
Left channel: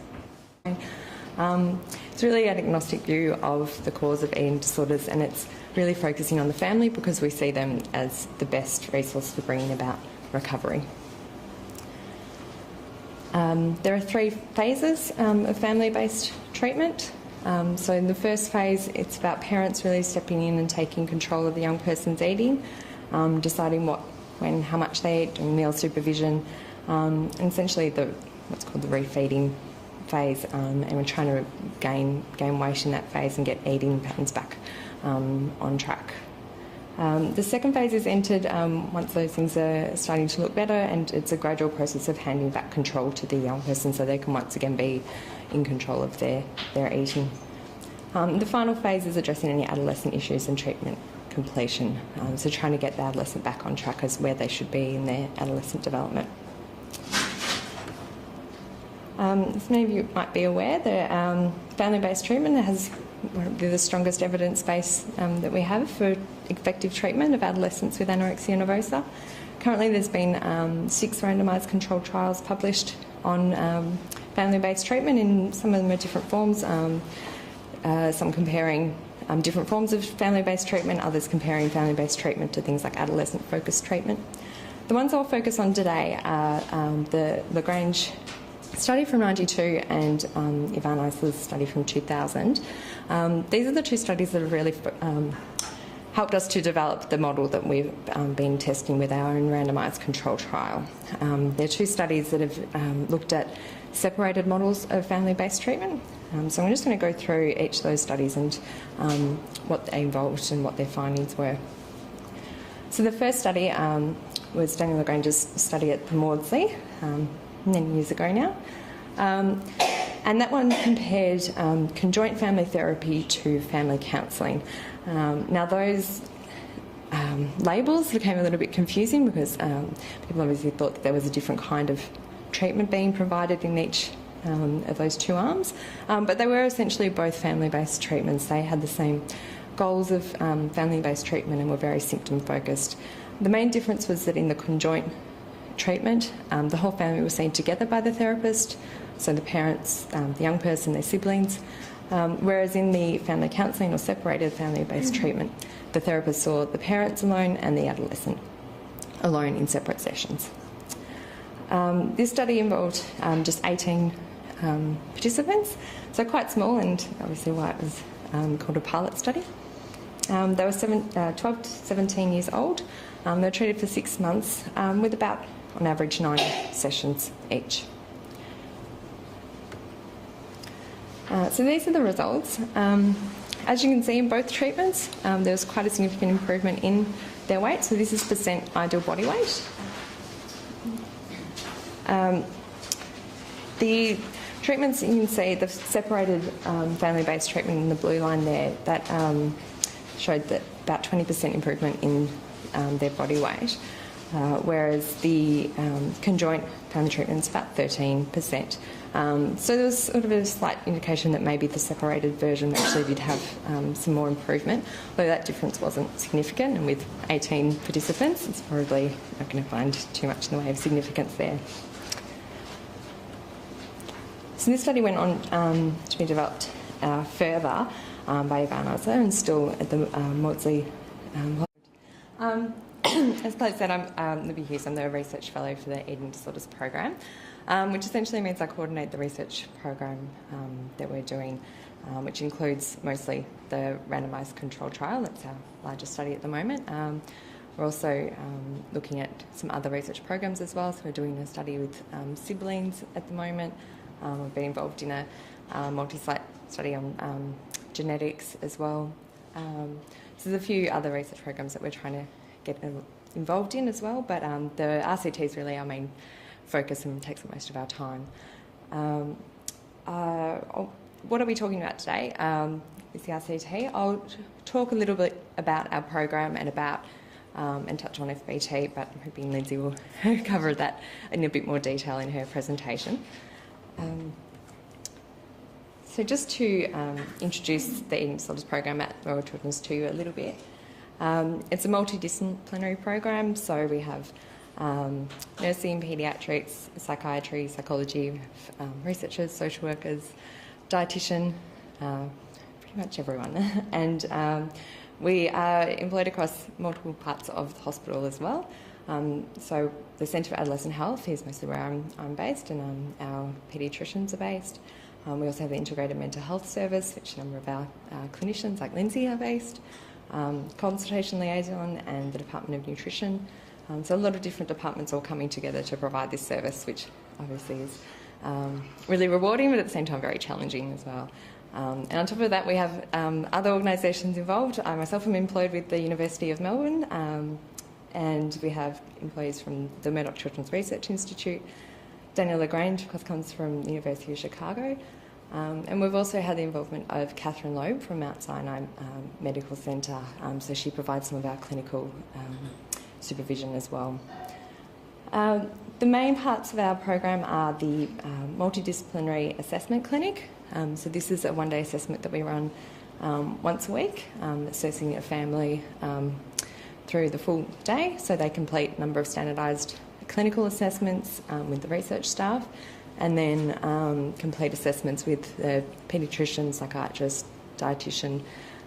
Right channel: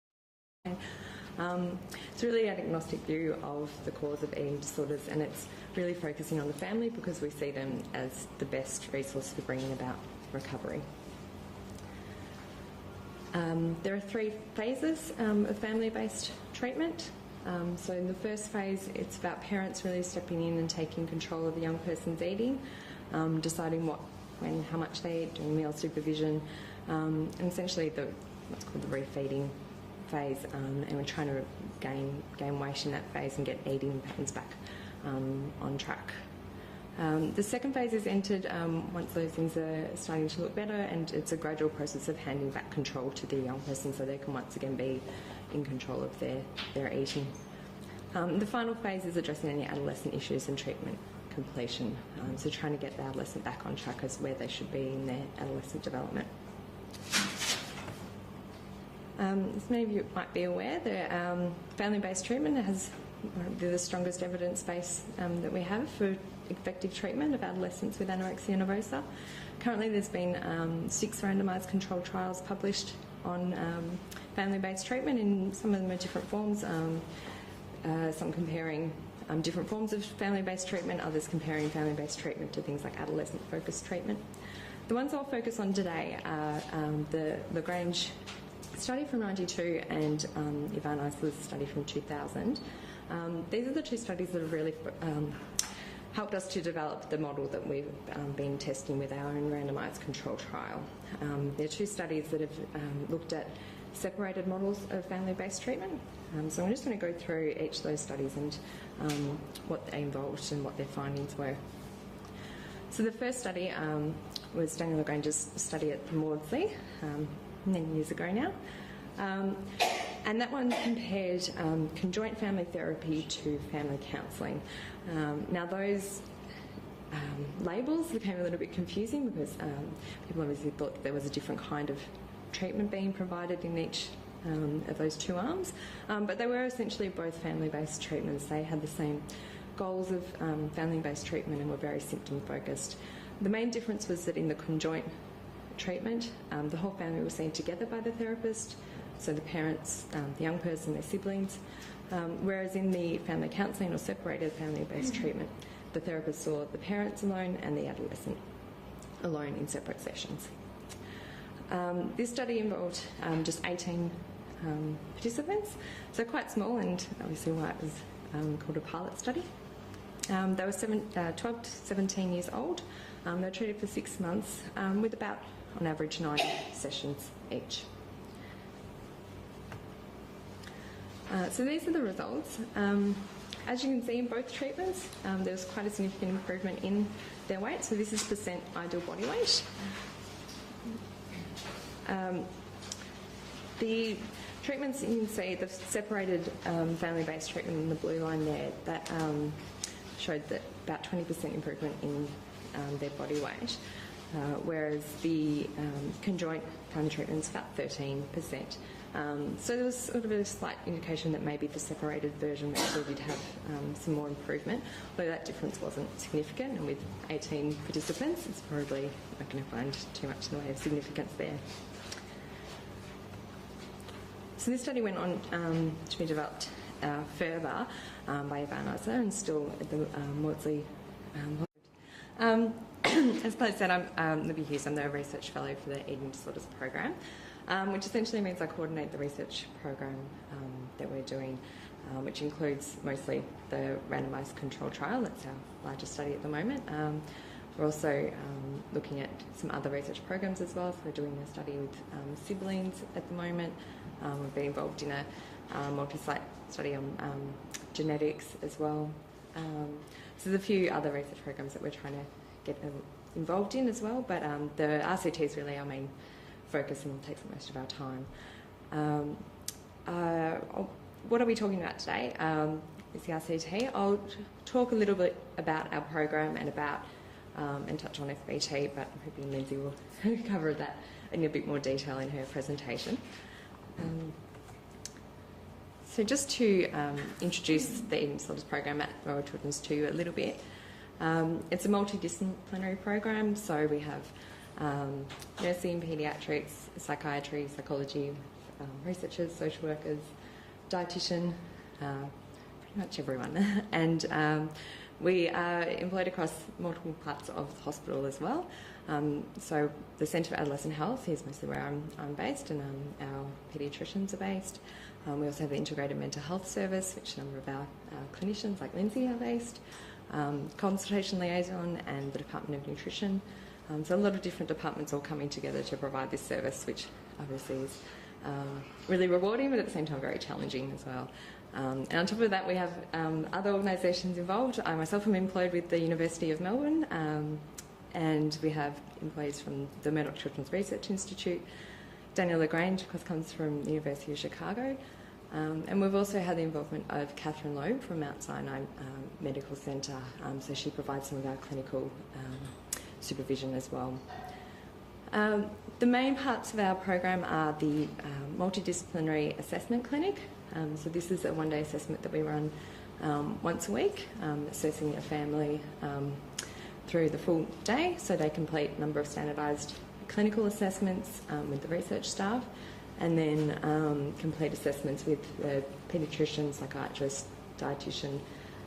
It's really an agnostic view of the cause of eating disorders, and it's really focusing on the family because we see them as the best resource for bringing about recovery. There are 3 phases of family-based treatment. So in the first phase, it's about parents really stepping in and taking control of the young person's eating, deciding what, when, how much they eat, doing meal supervision, and essentially what's called the refeeding phase, and we're trying to gain weight in that phase and get eating patterns back on track. The second phase is entered once those things are starting to look better, and it's a gradual process of handing back control to the young person so they can once again be in control of their eating. The final phase is addressing any adolescent issues and treatment completion, so trying to get the adolescent back on track as where they should be in their adolescent development. As many of you might be aware, the family-based treatment has the strongest evidence base that we have for effective treatment of adolescents with anorexia nervosa. Currently there's been 6 randomised controlled trials published on family-based treatment. In some of them are different forms, some comparing different forms of family-based treatment, others comparing family-based treatment to things like adolescent-focused treatment. The ones I'll focus on today are the Lagrange study from 92 and Ivan Eisler's study from 2000. These are the 2 studies that have really helped us to develop the model that we've been testing with our own randomised control trial. They're 2 studies that have looked at separated models of family-based treatment. So I'm just going to go through each of those studies and what they involved and what their findings were. So the first study was Daniel Lagrange's study at the Maudsley, many years ago now. And that one compared conjoint family therapy to family counselling. Now those labels became a little bit confusing because people obviously thought that there was a different kind of treatment being provided in each of those two arms, but they were essentially both family-based treatments. They had the same goals of family-based treatment and were very symptom-focused. The main difference was that in the conjoint treatment, the whole family was seen together by the therapist, so the parents, the young person, their siblings, whereas in the family counselling or separated family-based treatment, the therapist saw the parents alone and the adolescent alone in separate sessions. This study involved just 18 participants, so quite small, and obviously why it was called a pilot study. They were 12 to 17 years old. They were treated for 6 months with about, on average, 9 sessions each. So these are the results. As you can see in both treatments, there was quite a significant improvement in their weight. So this is percent ideal body weight. The treatments, you can see the separated family-based treatment in the blue line there, that showed that about 20% improvement in their body weight, whereas the conjoint family treatment is about 13%. So there was sort of a slight indication that maybe the separated version actually did have some more improvement, although that difference wasn't significant, and with 18 participants it's probably not going to find too much in the way of significance there. So this study went on to be developed further by Anorexia and still at the Maudsley Method. As Claire said, I'm Libby Hughes. I'm the Research Fellow for the Eating Disorders Program, which essentially means I coordinate the research program that we're doing, which includes mostly the randomised control trial. That's our largest study at the moment. We're also looking at some other research programs as well. So we're doing a study with siblings at the moment. We've been involved in a multi-site study on genetics as well. So there's a few other research programs that we're trying to get involved in as well, but the RCT is really our main focus and takes up most of our time. What are we talking about today? Is the RCT. I'll talk a little bit about our program and about and touch on FBT, but I'm hoping Lindsay will cover that in a bit more detail in her presentation. So just to introduce the Eating Disorders Program at Royal Children's to you a little bit. It's a multidisciplinary program, so we have nursing, paediatrics, psychiatry, psychology, researchers, social workers, dietitian, pretty much everyone. And we are employed across multiple parts of the hospital as well. So the Centre for Adolescent Health is mostly where I'm based, and our paediatricians are based. We also have the Integrated Mental Health Service, which a number of our clinicians like Lindsay are based. Consultation liaison and the Department of Nutrition. So a lot of different departments all coming together to provide this service, which obviously is really rewarding, but at the same time very challenging as well. And on top of that, we have other organisations involved. I myself am employed with the University of Melbourne, and we have employees from the Murdoch Children's Research Institute. Daniel LaGrange, of course, comes from the University of Chicago. And we've also had the involvement of Catherine Loeb from Mount Sinai Medical Centre, so she provides some of our clinical supervision as well. The main parts of our program are the multidisciplinary assessment clinic. So this is a one-day assessment that we run once a week, assessing a family through the full day, so they complete a number of standardised clinical assessments with the research staff, and then complete assessments with the paediatrician, psychiatrist, dietitian,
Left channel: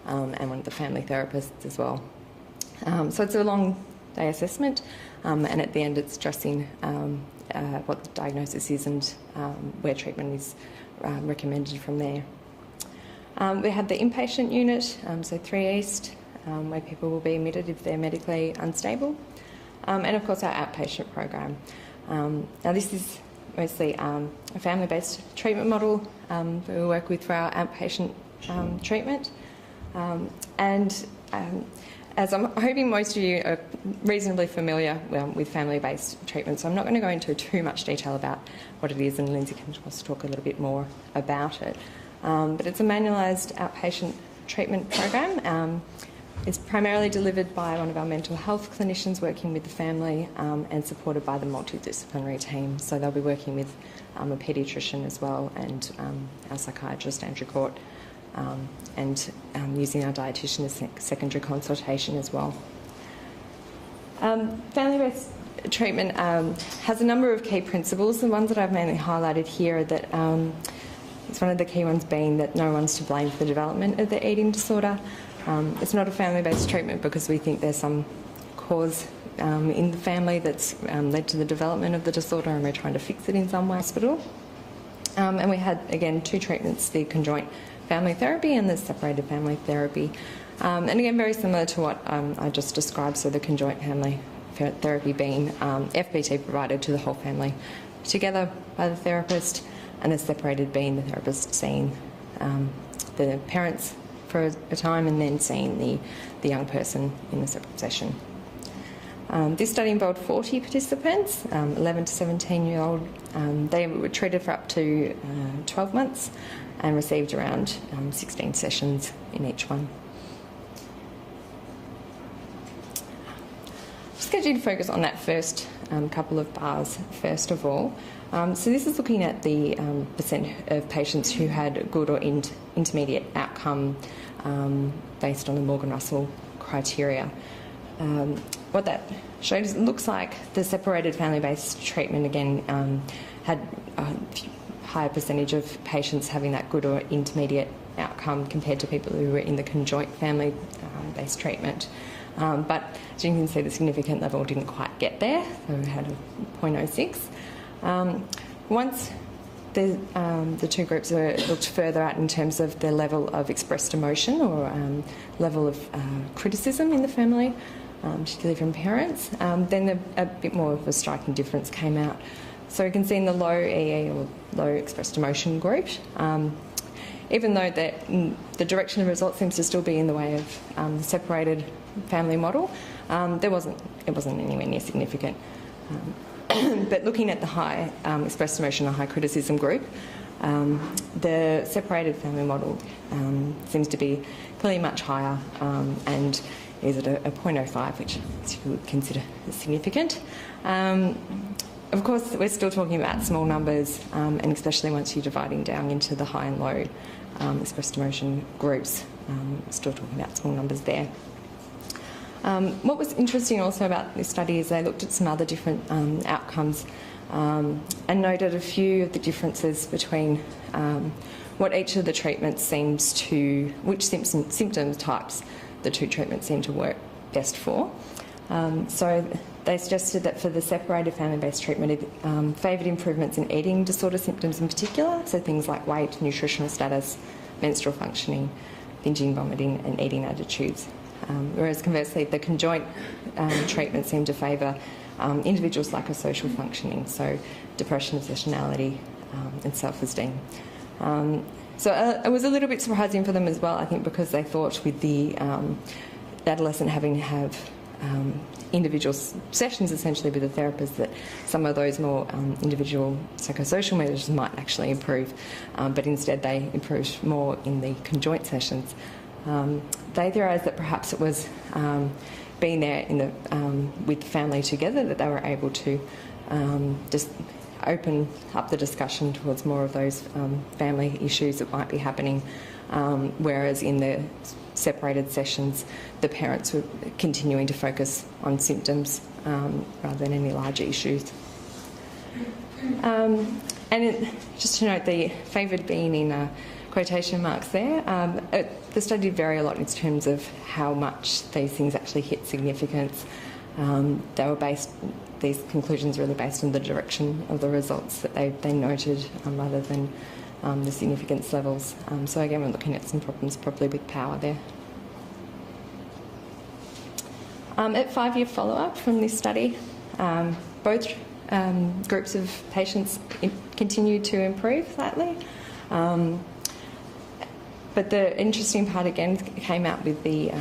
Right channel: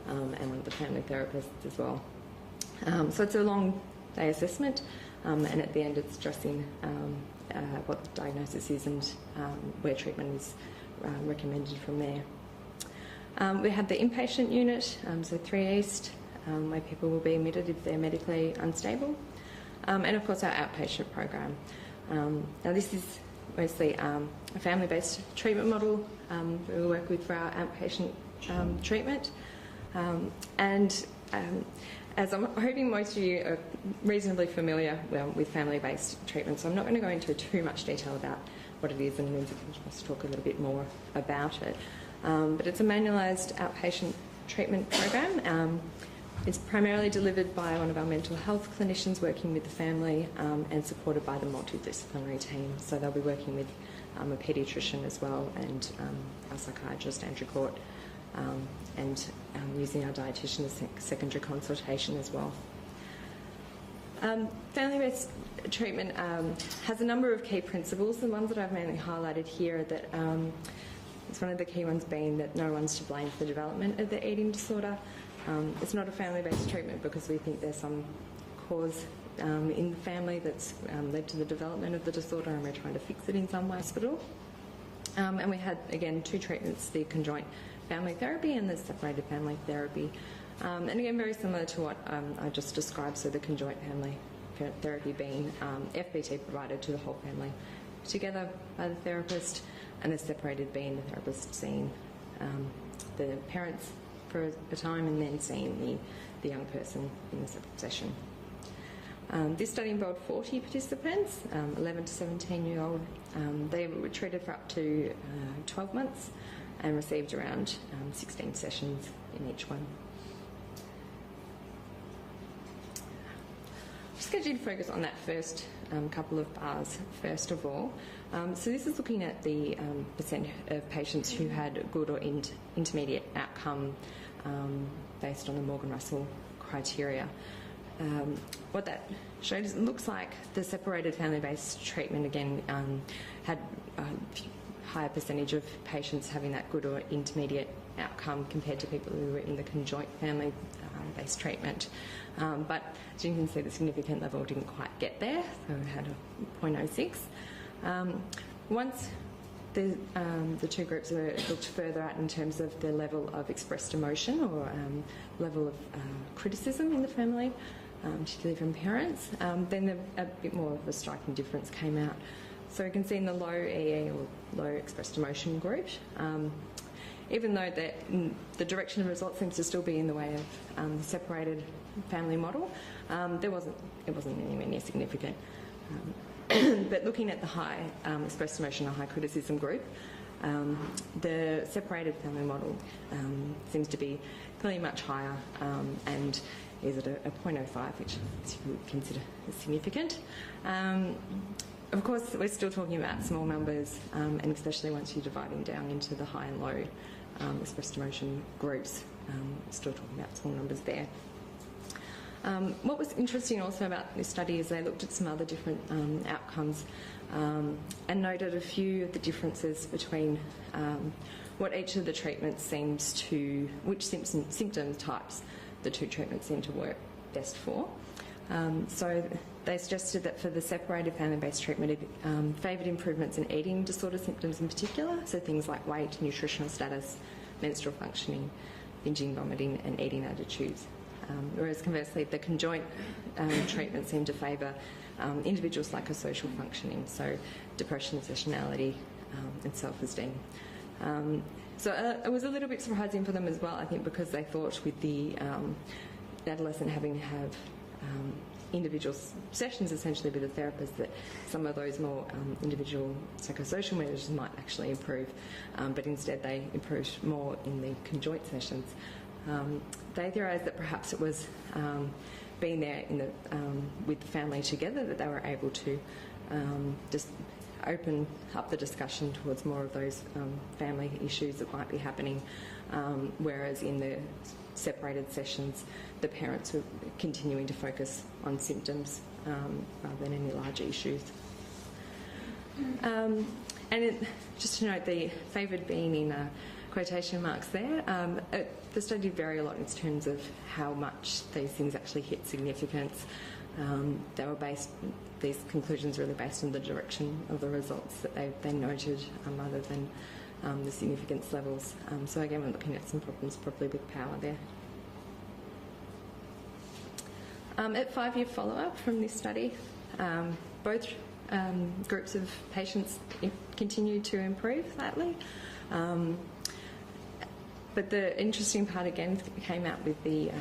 and one of the family therapists as well. So it's a long day assessment, and at the end it's addressing what the diagnosis is and where treatment is recommended from there. We have the inpatient unit, so 3 East, where people will be admitted if they're medically unstable, and of course our outpatient program. Now this is mostly a family-based treatment model that we work with for our outpatient treatment. As I'm hoping most of you are reasonably familiar with family-based treatment, so I'm not going to go into too much detail about what it is, and Lindsay can just talk a little bit more about it. But it's a manualised outpatient treatment program. It's primarily delivered by one of our mental health clinicians working with the family and supported by the multidisciplinary team. So they'll be working with a paediatrician as well, and our psychiatrist, Andrew Court, and using our dietitian as secondary consultation as well. Family-based treatment has a number of key principles. The ones that I've mainly highlighted here are that it's one of the key ones being that no one's to blame for the development of the eating disorder. It's not a family-based treatment because we think there's some cause in the family that's led to the development of the disorder, and we're trying to fix it in some way. Hospital. And we had, again, 2 treatments, the conjoint family therapy and the separated family therapy. And again, very similar to what I just described, so the conjoint family therapy being FPT provided to the whole family together by the therapist, and the separated being the therapist seeing the parents for a time and then seeing the young person in a separate session. This study involved 40 participants, 11 to 17-year-old. They were treated for up to 12 months and received around 16 sessions in each one. Just going to focus on that first couple of bars first of all. So this is looking at the percent of patients who had good or intermediate outcome based on the Morgan-Russell criteria. What that showed is it looks like the separated family-based treatment again had a higher percentage of patients having that good or intermediate outcome compared to people who were in the conjoint family-based treatment. But as you can see, the significant level didn't quite get there, so we had a 0.06. Once the 2 groups were looked further at in terms of the level of expressed emotion or level of criticism in the family, particularly from parents, then a bit more of a striking difference came out. So you can see in the low EE or low expressed emotion group, even though the direction of the results seems to still be in the way of the separated family model, it wasn't anywhere near significant. But looking at the high expressed emotion or high criticism group, the separated family model seems to be clearly much higher and is at a 0.05, which you would consider significant. Of course, we're still talking about small numbers, and especially once you're dividing down into the high and low expressed emotion groups, still talking about small numbers there. What was interesting also about this study is they looked at some other different outcomes and noted a few of the differences between what each of the treatments seems to, which symptom types the 2 treatments seem to work best for. So they suggested that for the separated family-based treatment, it favoured improvements in eating disorder symptoms in particular, so things like weight, nutritional status, menstrual functioning, binging, vomiting and eating attitudes. Whereas conversely, the conjoint treatment seemed to favour individual psychosocial functioning, so depression, obsessionality and self-esteem. So it was a little bit surprising for them as well, I think, because they thought with the adolescent having to have individual sessions essentially with a therapist that some of those more individual psychosocial measures might actually improve, but instead they improved more in the conjoint sessions. They theorised that perhaps it was being there in the, with the family together that they were able to just open up the discussion towards more of those family issues that might be happening, whereas in the separated sessions the parents were continuing to focus on symptoms rather than any larger issues. Just to note, the favoured being in quotation marks there, the study did vary a lot in terms of how much these things actually hit significance. They were based, these conclusions were really based on the direction of the results that they noted rather than the significance levels. So again, we're looking at some problems probably with power there. At 5-year follow-up from this study, both groups of patients continued to improve slightly. But the interesting part again came out with the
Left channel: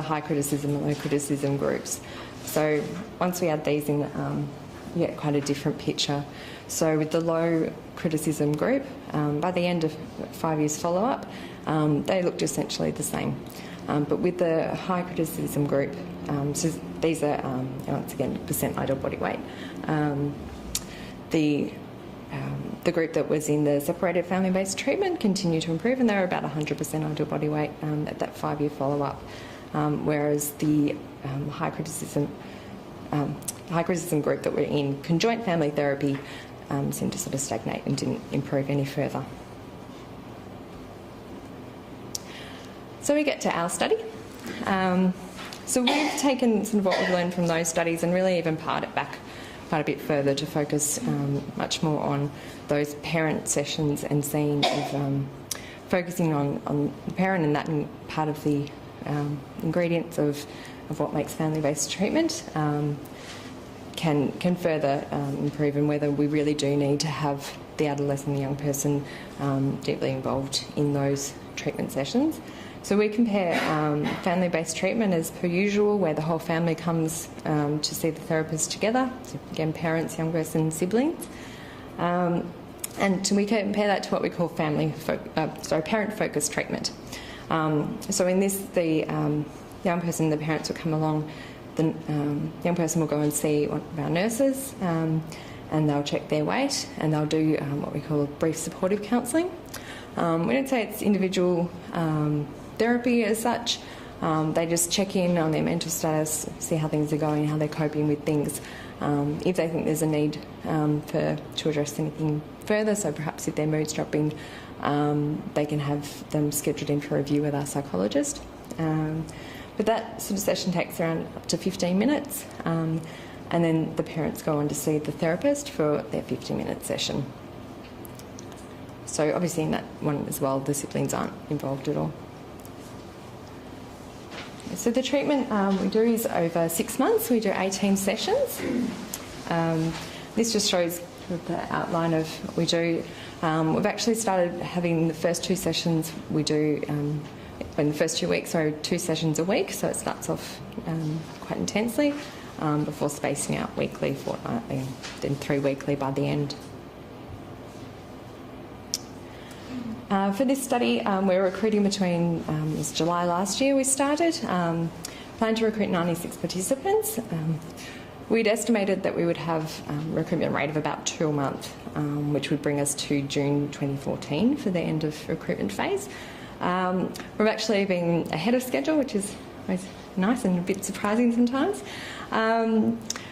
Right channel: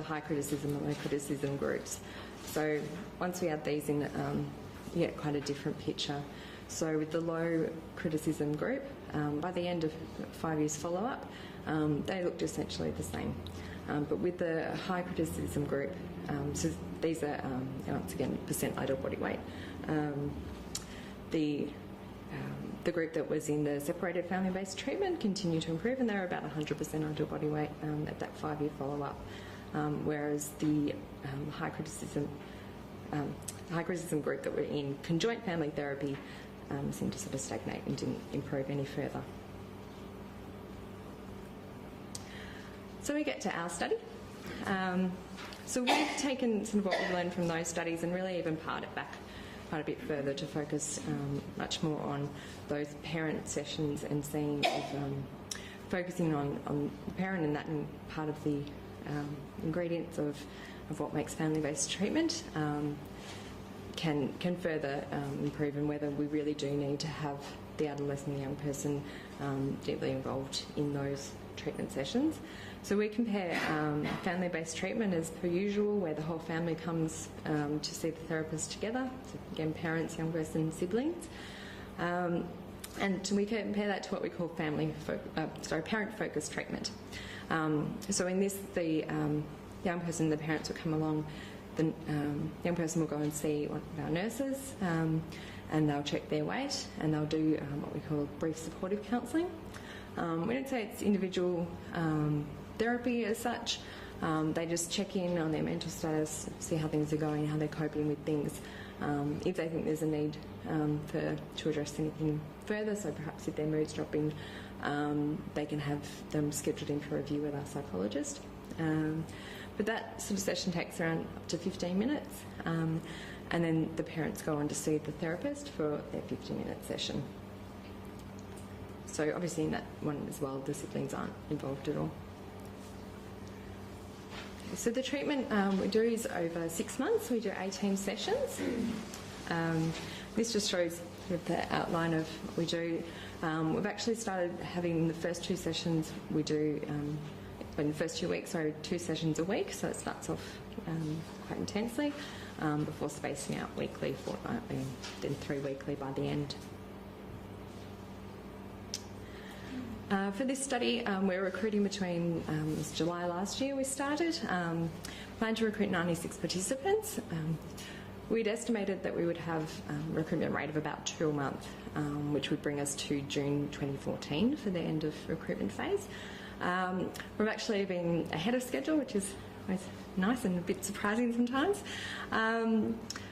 high criticism and low criticism groups. So once we add these in, you get quite a different picture. So with the low criticism group, by the end of 5 years follow-up, they looked essentially the same. But with the high criticism group, so these are, once again, percent ideal body weight, the the group that was in the separated family-based treatment continued to improve, and they were about 100% ideal body weight at that 5-year follow-up, whereas the high criticism group that were in conjoint family therapy seemed to sort of stagnate and didn't improve any further. So we get to our study. So we've taken sort of what we've learned from those studies and really even pared it back quite a bit further to focus much more on those parent sessions and seeing focusing on the parent and that part of the ingredients of what makes family-based treatment can further improve, and whether we really do need to have the adolescent, the young person deeply involved in those treatment sessions. So we compare family-based treatment as per usual, where the whole family comes to see the therapist together. So again, parents, young person, siblings. And we compare that to what we call parent-focused treatment. So in this, the young person, the parents will come along. The young person will go and see one of our nurses, and they'll check their weight, and they'll do what we call brief supportive counselling. We don't say it's individual therapy as such. They just check in on their mental status, see how things are going, how they're coping with things. If they think there's a need to address anything further, so perhaps if their mood's dropping, they can have them scheduled in for a review with our psychologist. But that sort of session takes around up to 15 minutes, and then the parents go on to see the therapist for their 15-minute session. So obviously in that one as well, the siblings aren't involved at all. So the treatment we do is over 6 months. We do 18 sessions. This just shows the outline of what we do. We've actually started having the first 2 sessions we do in the first 2 weeks, so 2 sessions a week, so it starts off quite intensely before spacing out weekly, fortnightly, and then 3 weekly by the end. For this study, we're recruiting between, it was July last year we started, planned to recruit 96 participants. We'd estimated that we would have a recruitment rate of about 2 a month, which would bring us to June 2014 for the end of recruitment phase. We've actually been ahead of schedule, which is nice and a bit surprising sometimes.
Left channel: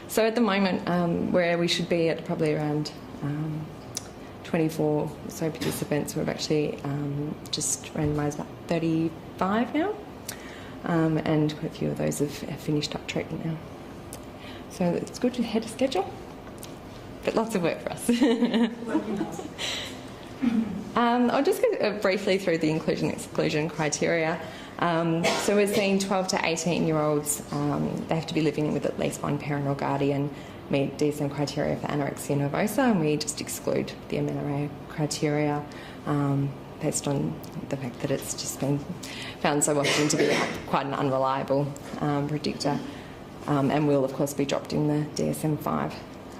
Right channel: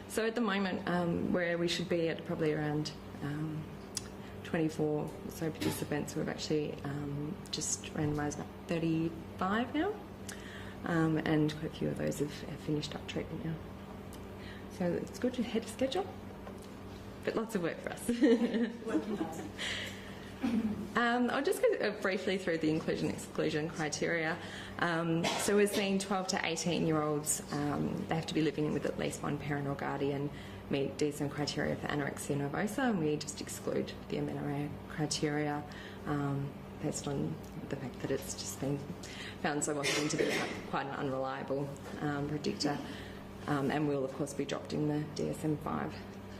So at the moment, where we should be at probably around 24 or so participants, we've actually just randomised about 35 now, and quite a few of those have finished up treatment now. So it's good to ahead of schedule, but lots of work for us. I'll just go briefly through the inclusion-exclusion criteria. So we're seeing 12 to 18-year-olds. They have to be living with at least one parent or guardian, meet DSM criteria for anorexia nervosa, and we just exclude the amenorrhea criteria based on the fact that it's just been found so often to be quite an unreliable predictor, and will of course be dropped in the DSM-5.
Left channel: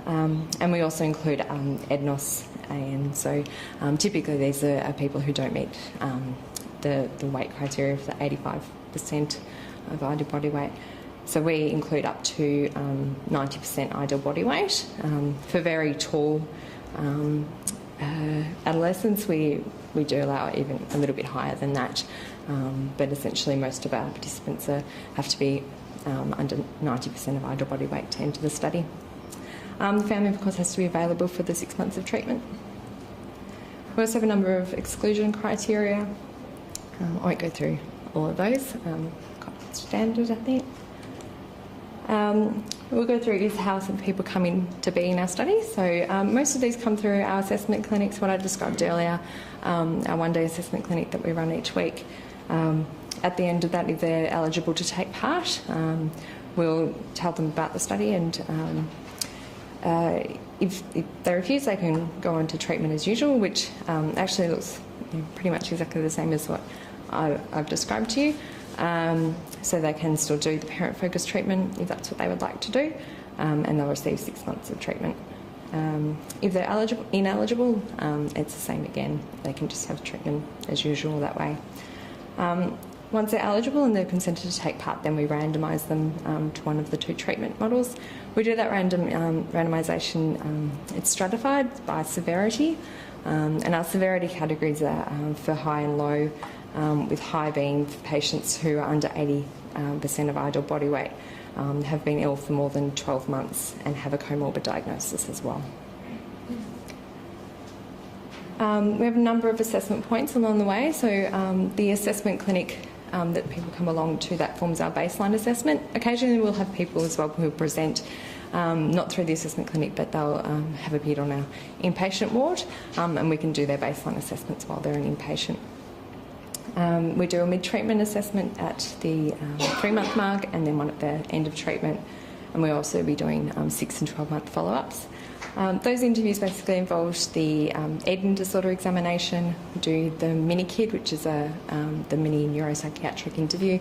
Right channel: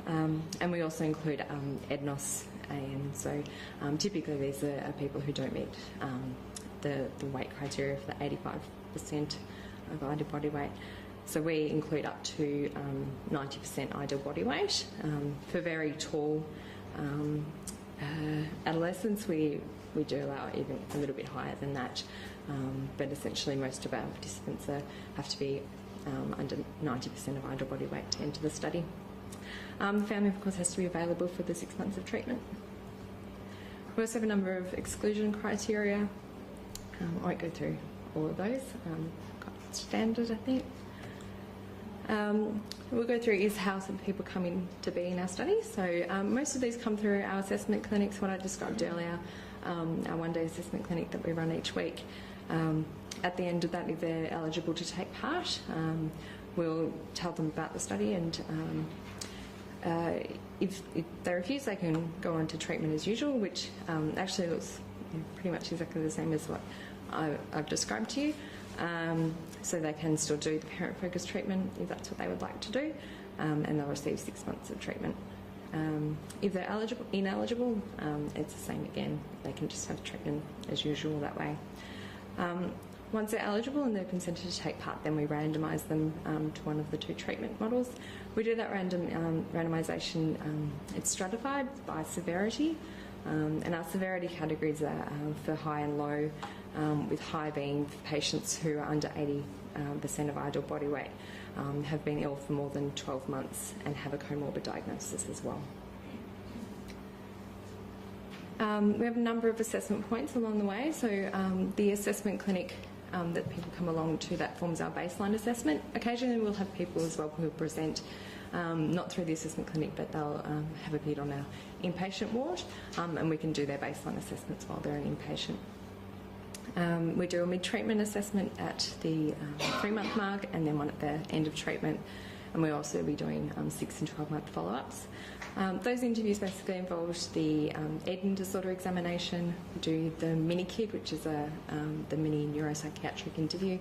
And we also include EDNOS, and so typically these are people who don't meet the weight criteria for the 85% of ideal body weight. So we include up to 90% ideal body weight. For very tall adolescents, we do allow even a little bit higher than that, but essentially most of our participants have to be under 90% of ideal body weight to enter the study. The family, of course, has to be available for the 6 months of treatment. We also have a number of exclusion criteria. I won't go through all of those, quite standard, I think. We'll go through is how some people come in to be in our study. So most of these come through our assessment clinics, what I described earlier, our one-day assessment clinic that we run each week. At the end of that, if they're eligible to take part, we'll tell them about the study, and if they refuse, they can go on to treatment as usual, which actually looks pretty much exactly the same as what I've described to you. So they can still do the parent-focused treatment if that's what they would like to do, and they'll receive 6 months of treatment. If they're ineligible, it's the same again. They can just have treatment as usual that way. once they're eligible and they're consented to take part, then we randomise them to one of the 2 treatment models. We do that randomisation, it's stratified by severity, and our severity categories are for high and low, with high being for patients who are under 80% of ideal body weight, have been ill for more than 12 months and have a comorbid diagnosis as well. We have a number of assessment points along the way. So the assessment clinic that people come along to, that forms our baseline assessment. Occasionally we'll have people as well who present, not through the assessment clinic, but they'll have appeared on our inpatient ward, and we can do their baseline assessments while they're an inpatient. We do a mid-treatment assessment at the 3-month mark and then one at the end of treatment, and we'll also be doing 6 and 12-month follow-ups. Those interviews basically involve the eating disorder examination. We do the mini-KID, which is the mini neuropsychiatric interview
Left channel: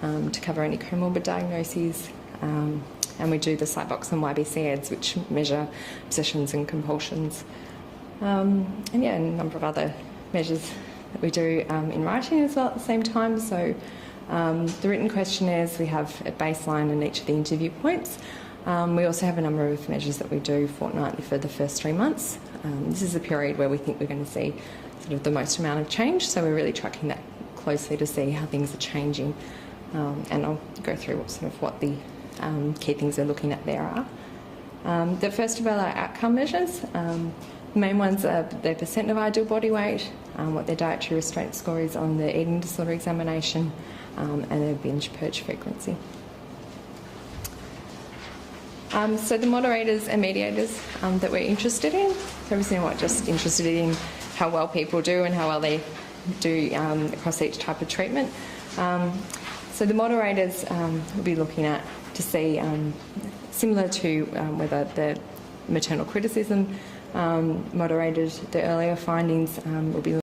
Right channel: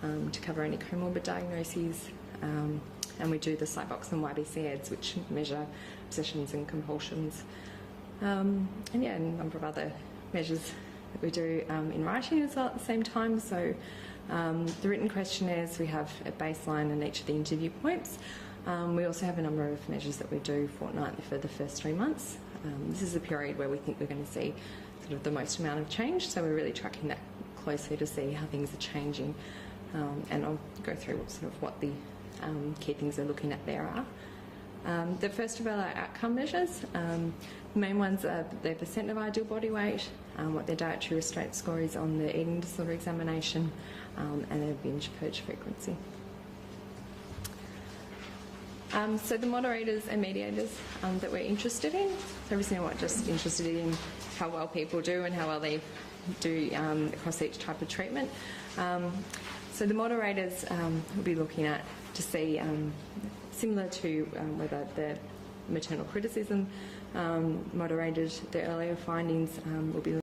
to cover any comorbid diagnoses, and we do the Psybox and YBC-EDS, which measure obsessions and compulsions, and yeah, a number of other measures that we do in writing as well at the same time. So the written questionnaires we have at baseline and each of the interview points. We also have a number of measures that we do fortnightly for the first 3 months. This is a period where we think we're going to see sort of the most amount of change, so we're really tracking that closely to see how things are changing, and I'll go through what the key things we're looking at there are. The first of all are outcome measures. The main ones are their percent of ideal body weight, what their dietary restraint score is on the eating disorder examination, and their binge purge frequency. So the moderators and mediators that we're interested in, so obviously we're not just interested in how well people do and how well they do across each type of treatment. So the moderators we'll be looking at to see, similar to whether the maternal criticism moderated the earlier findings, we'll be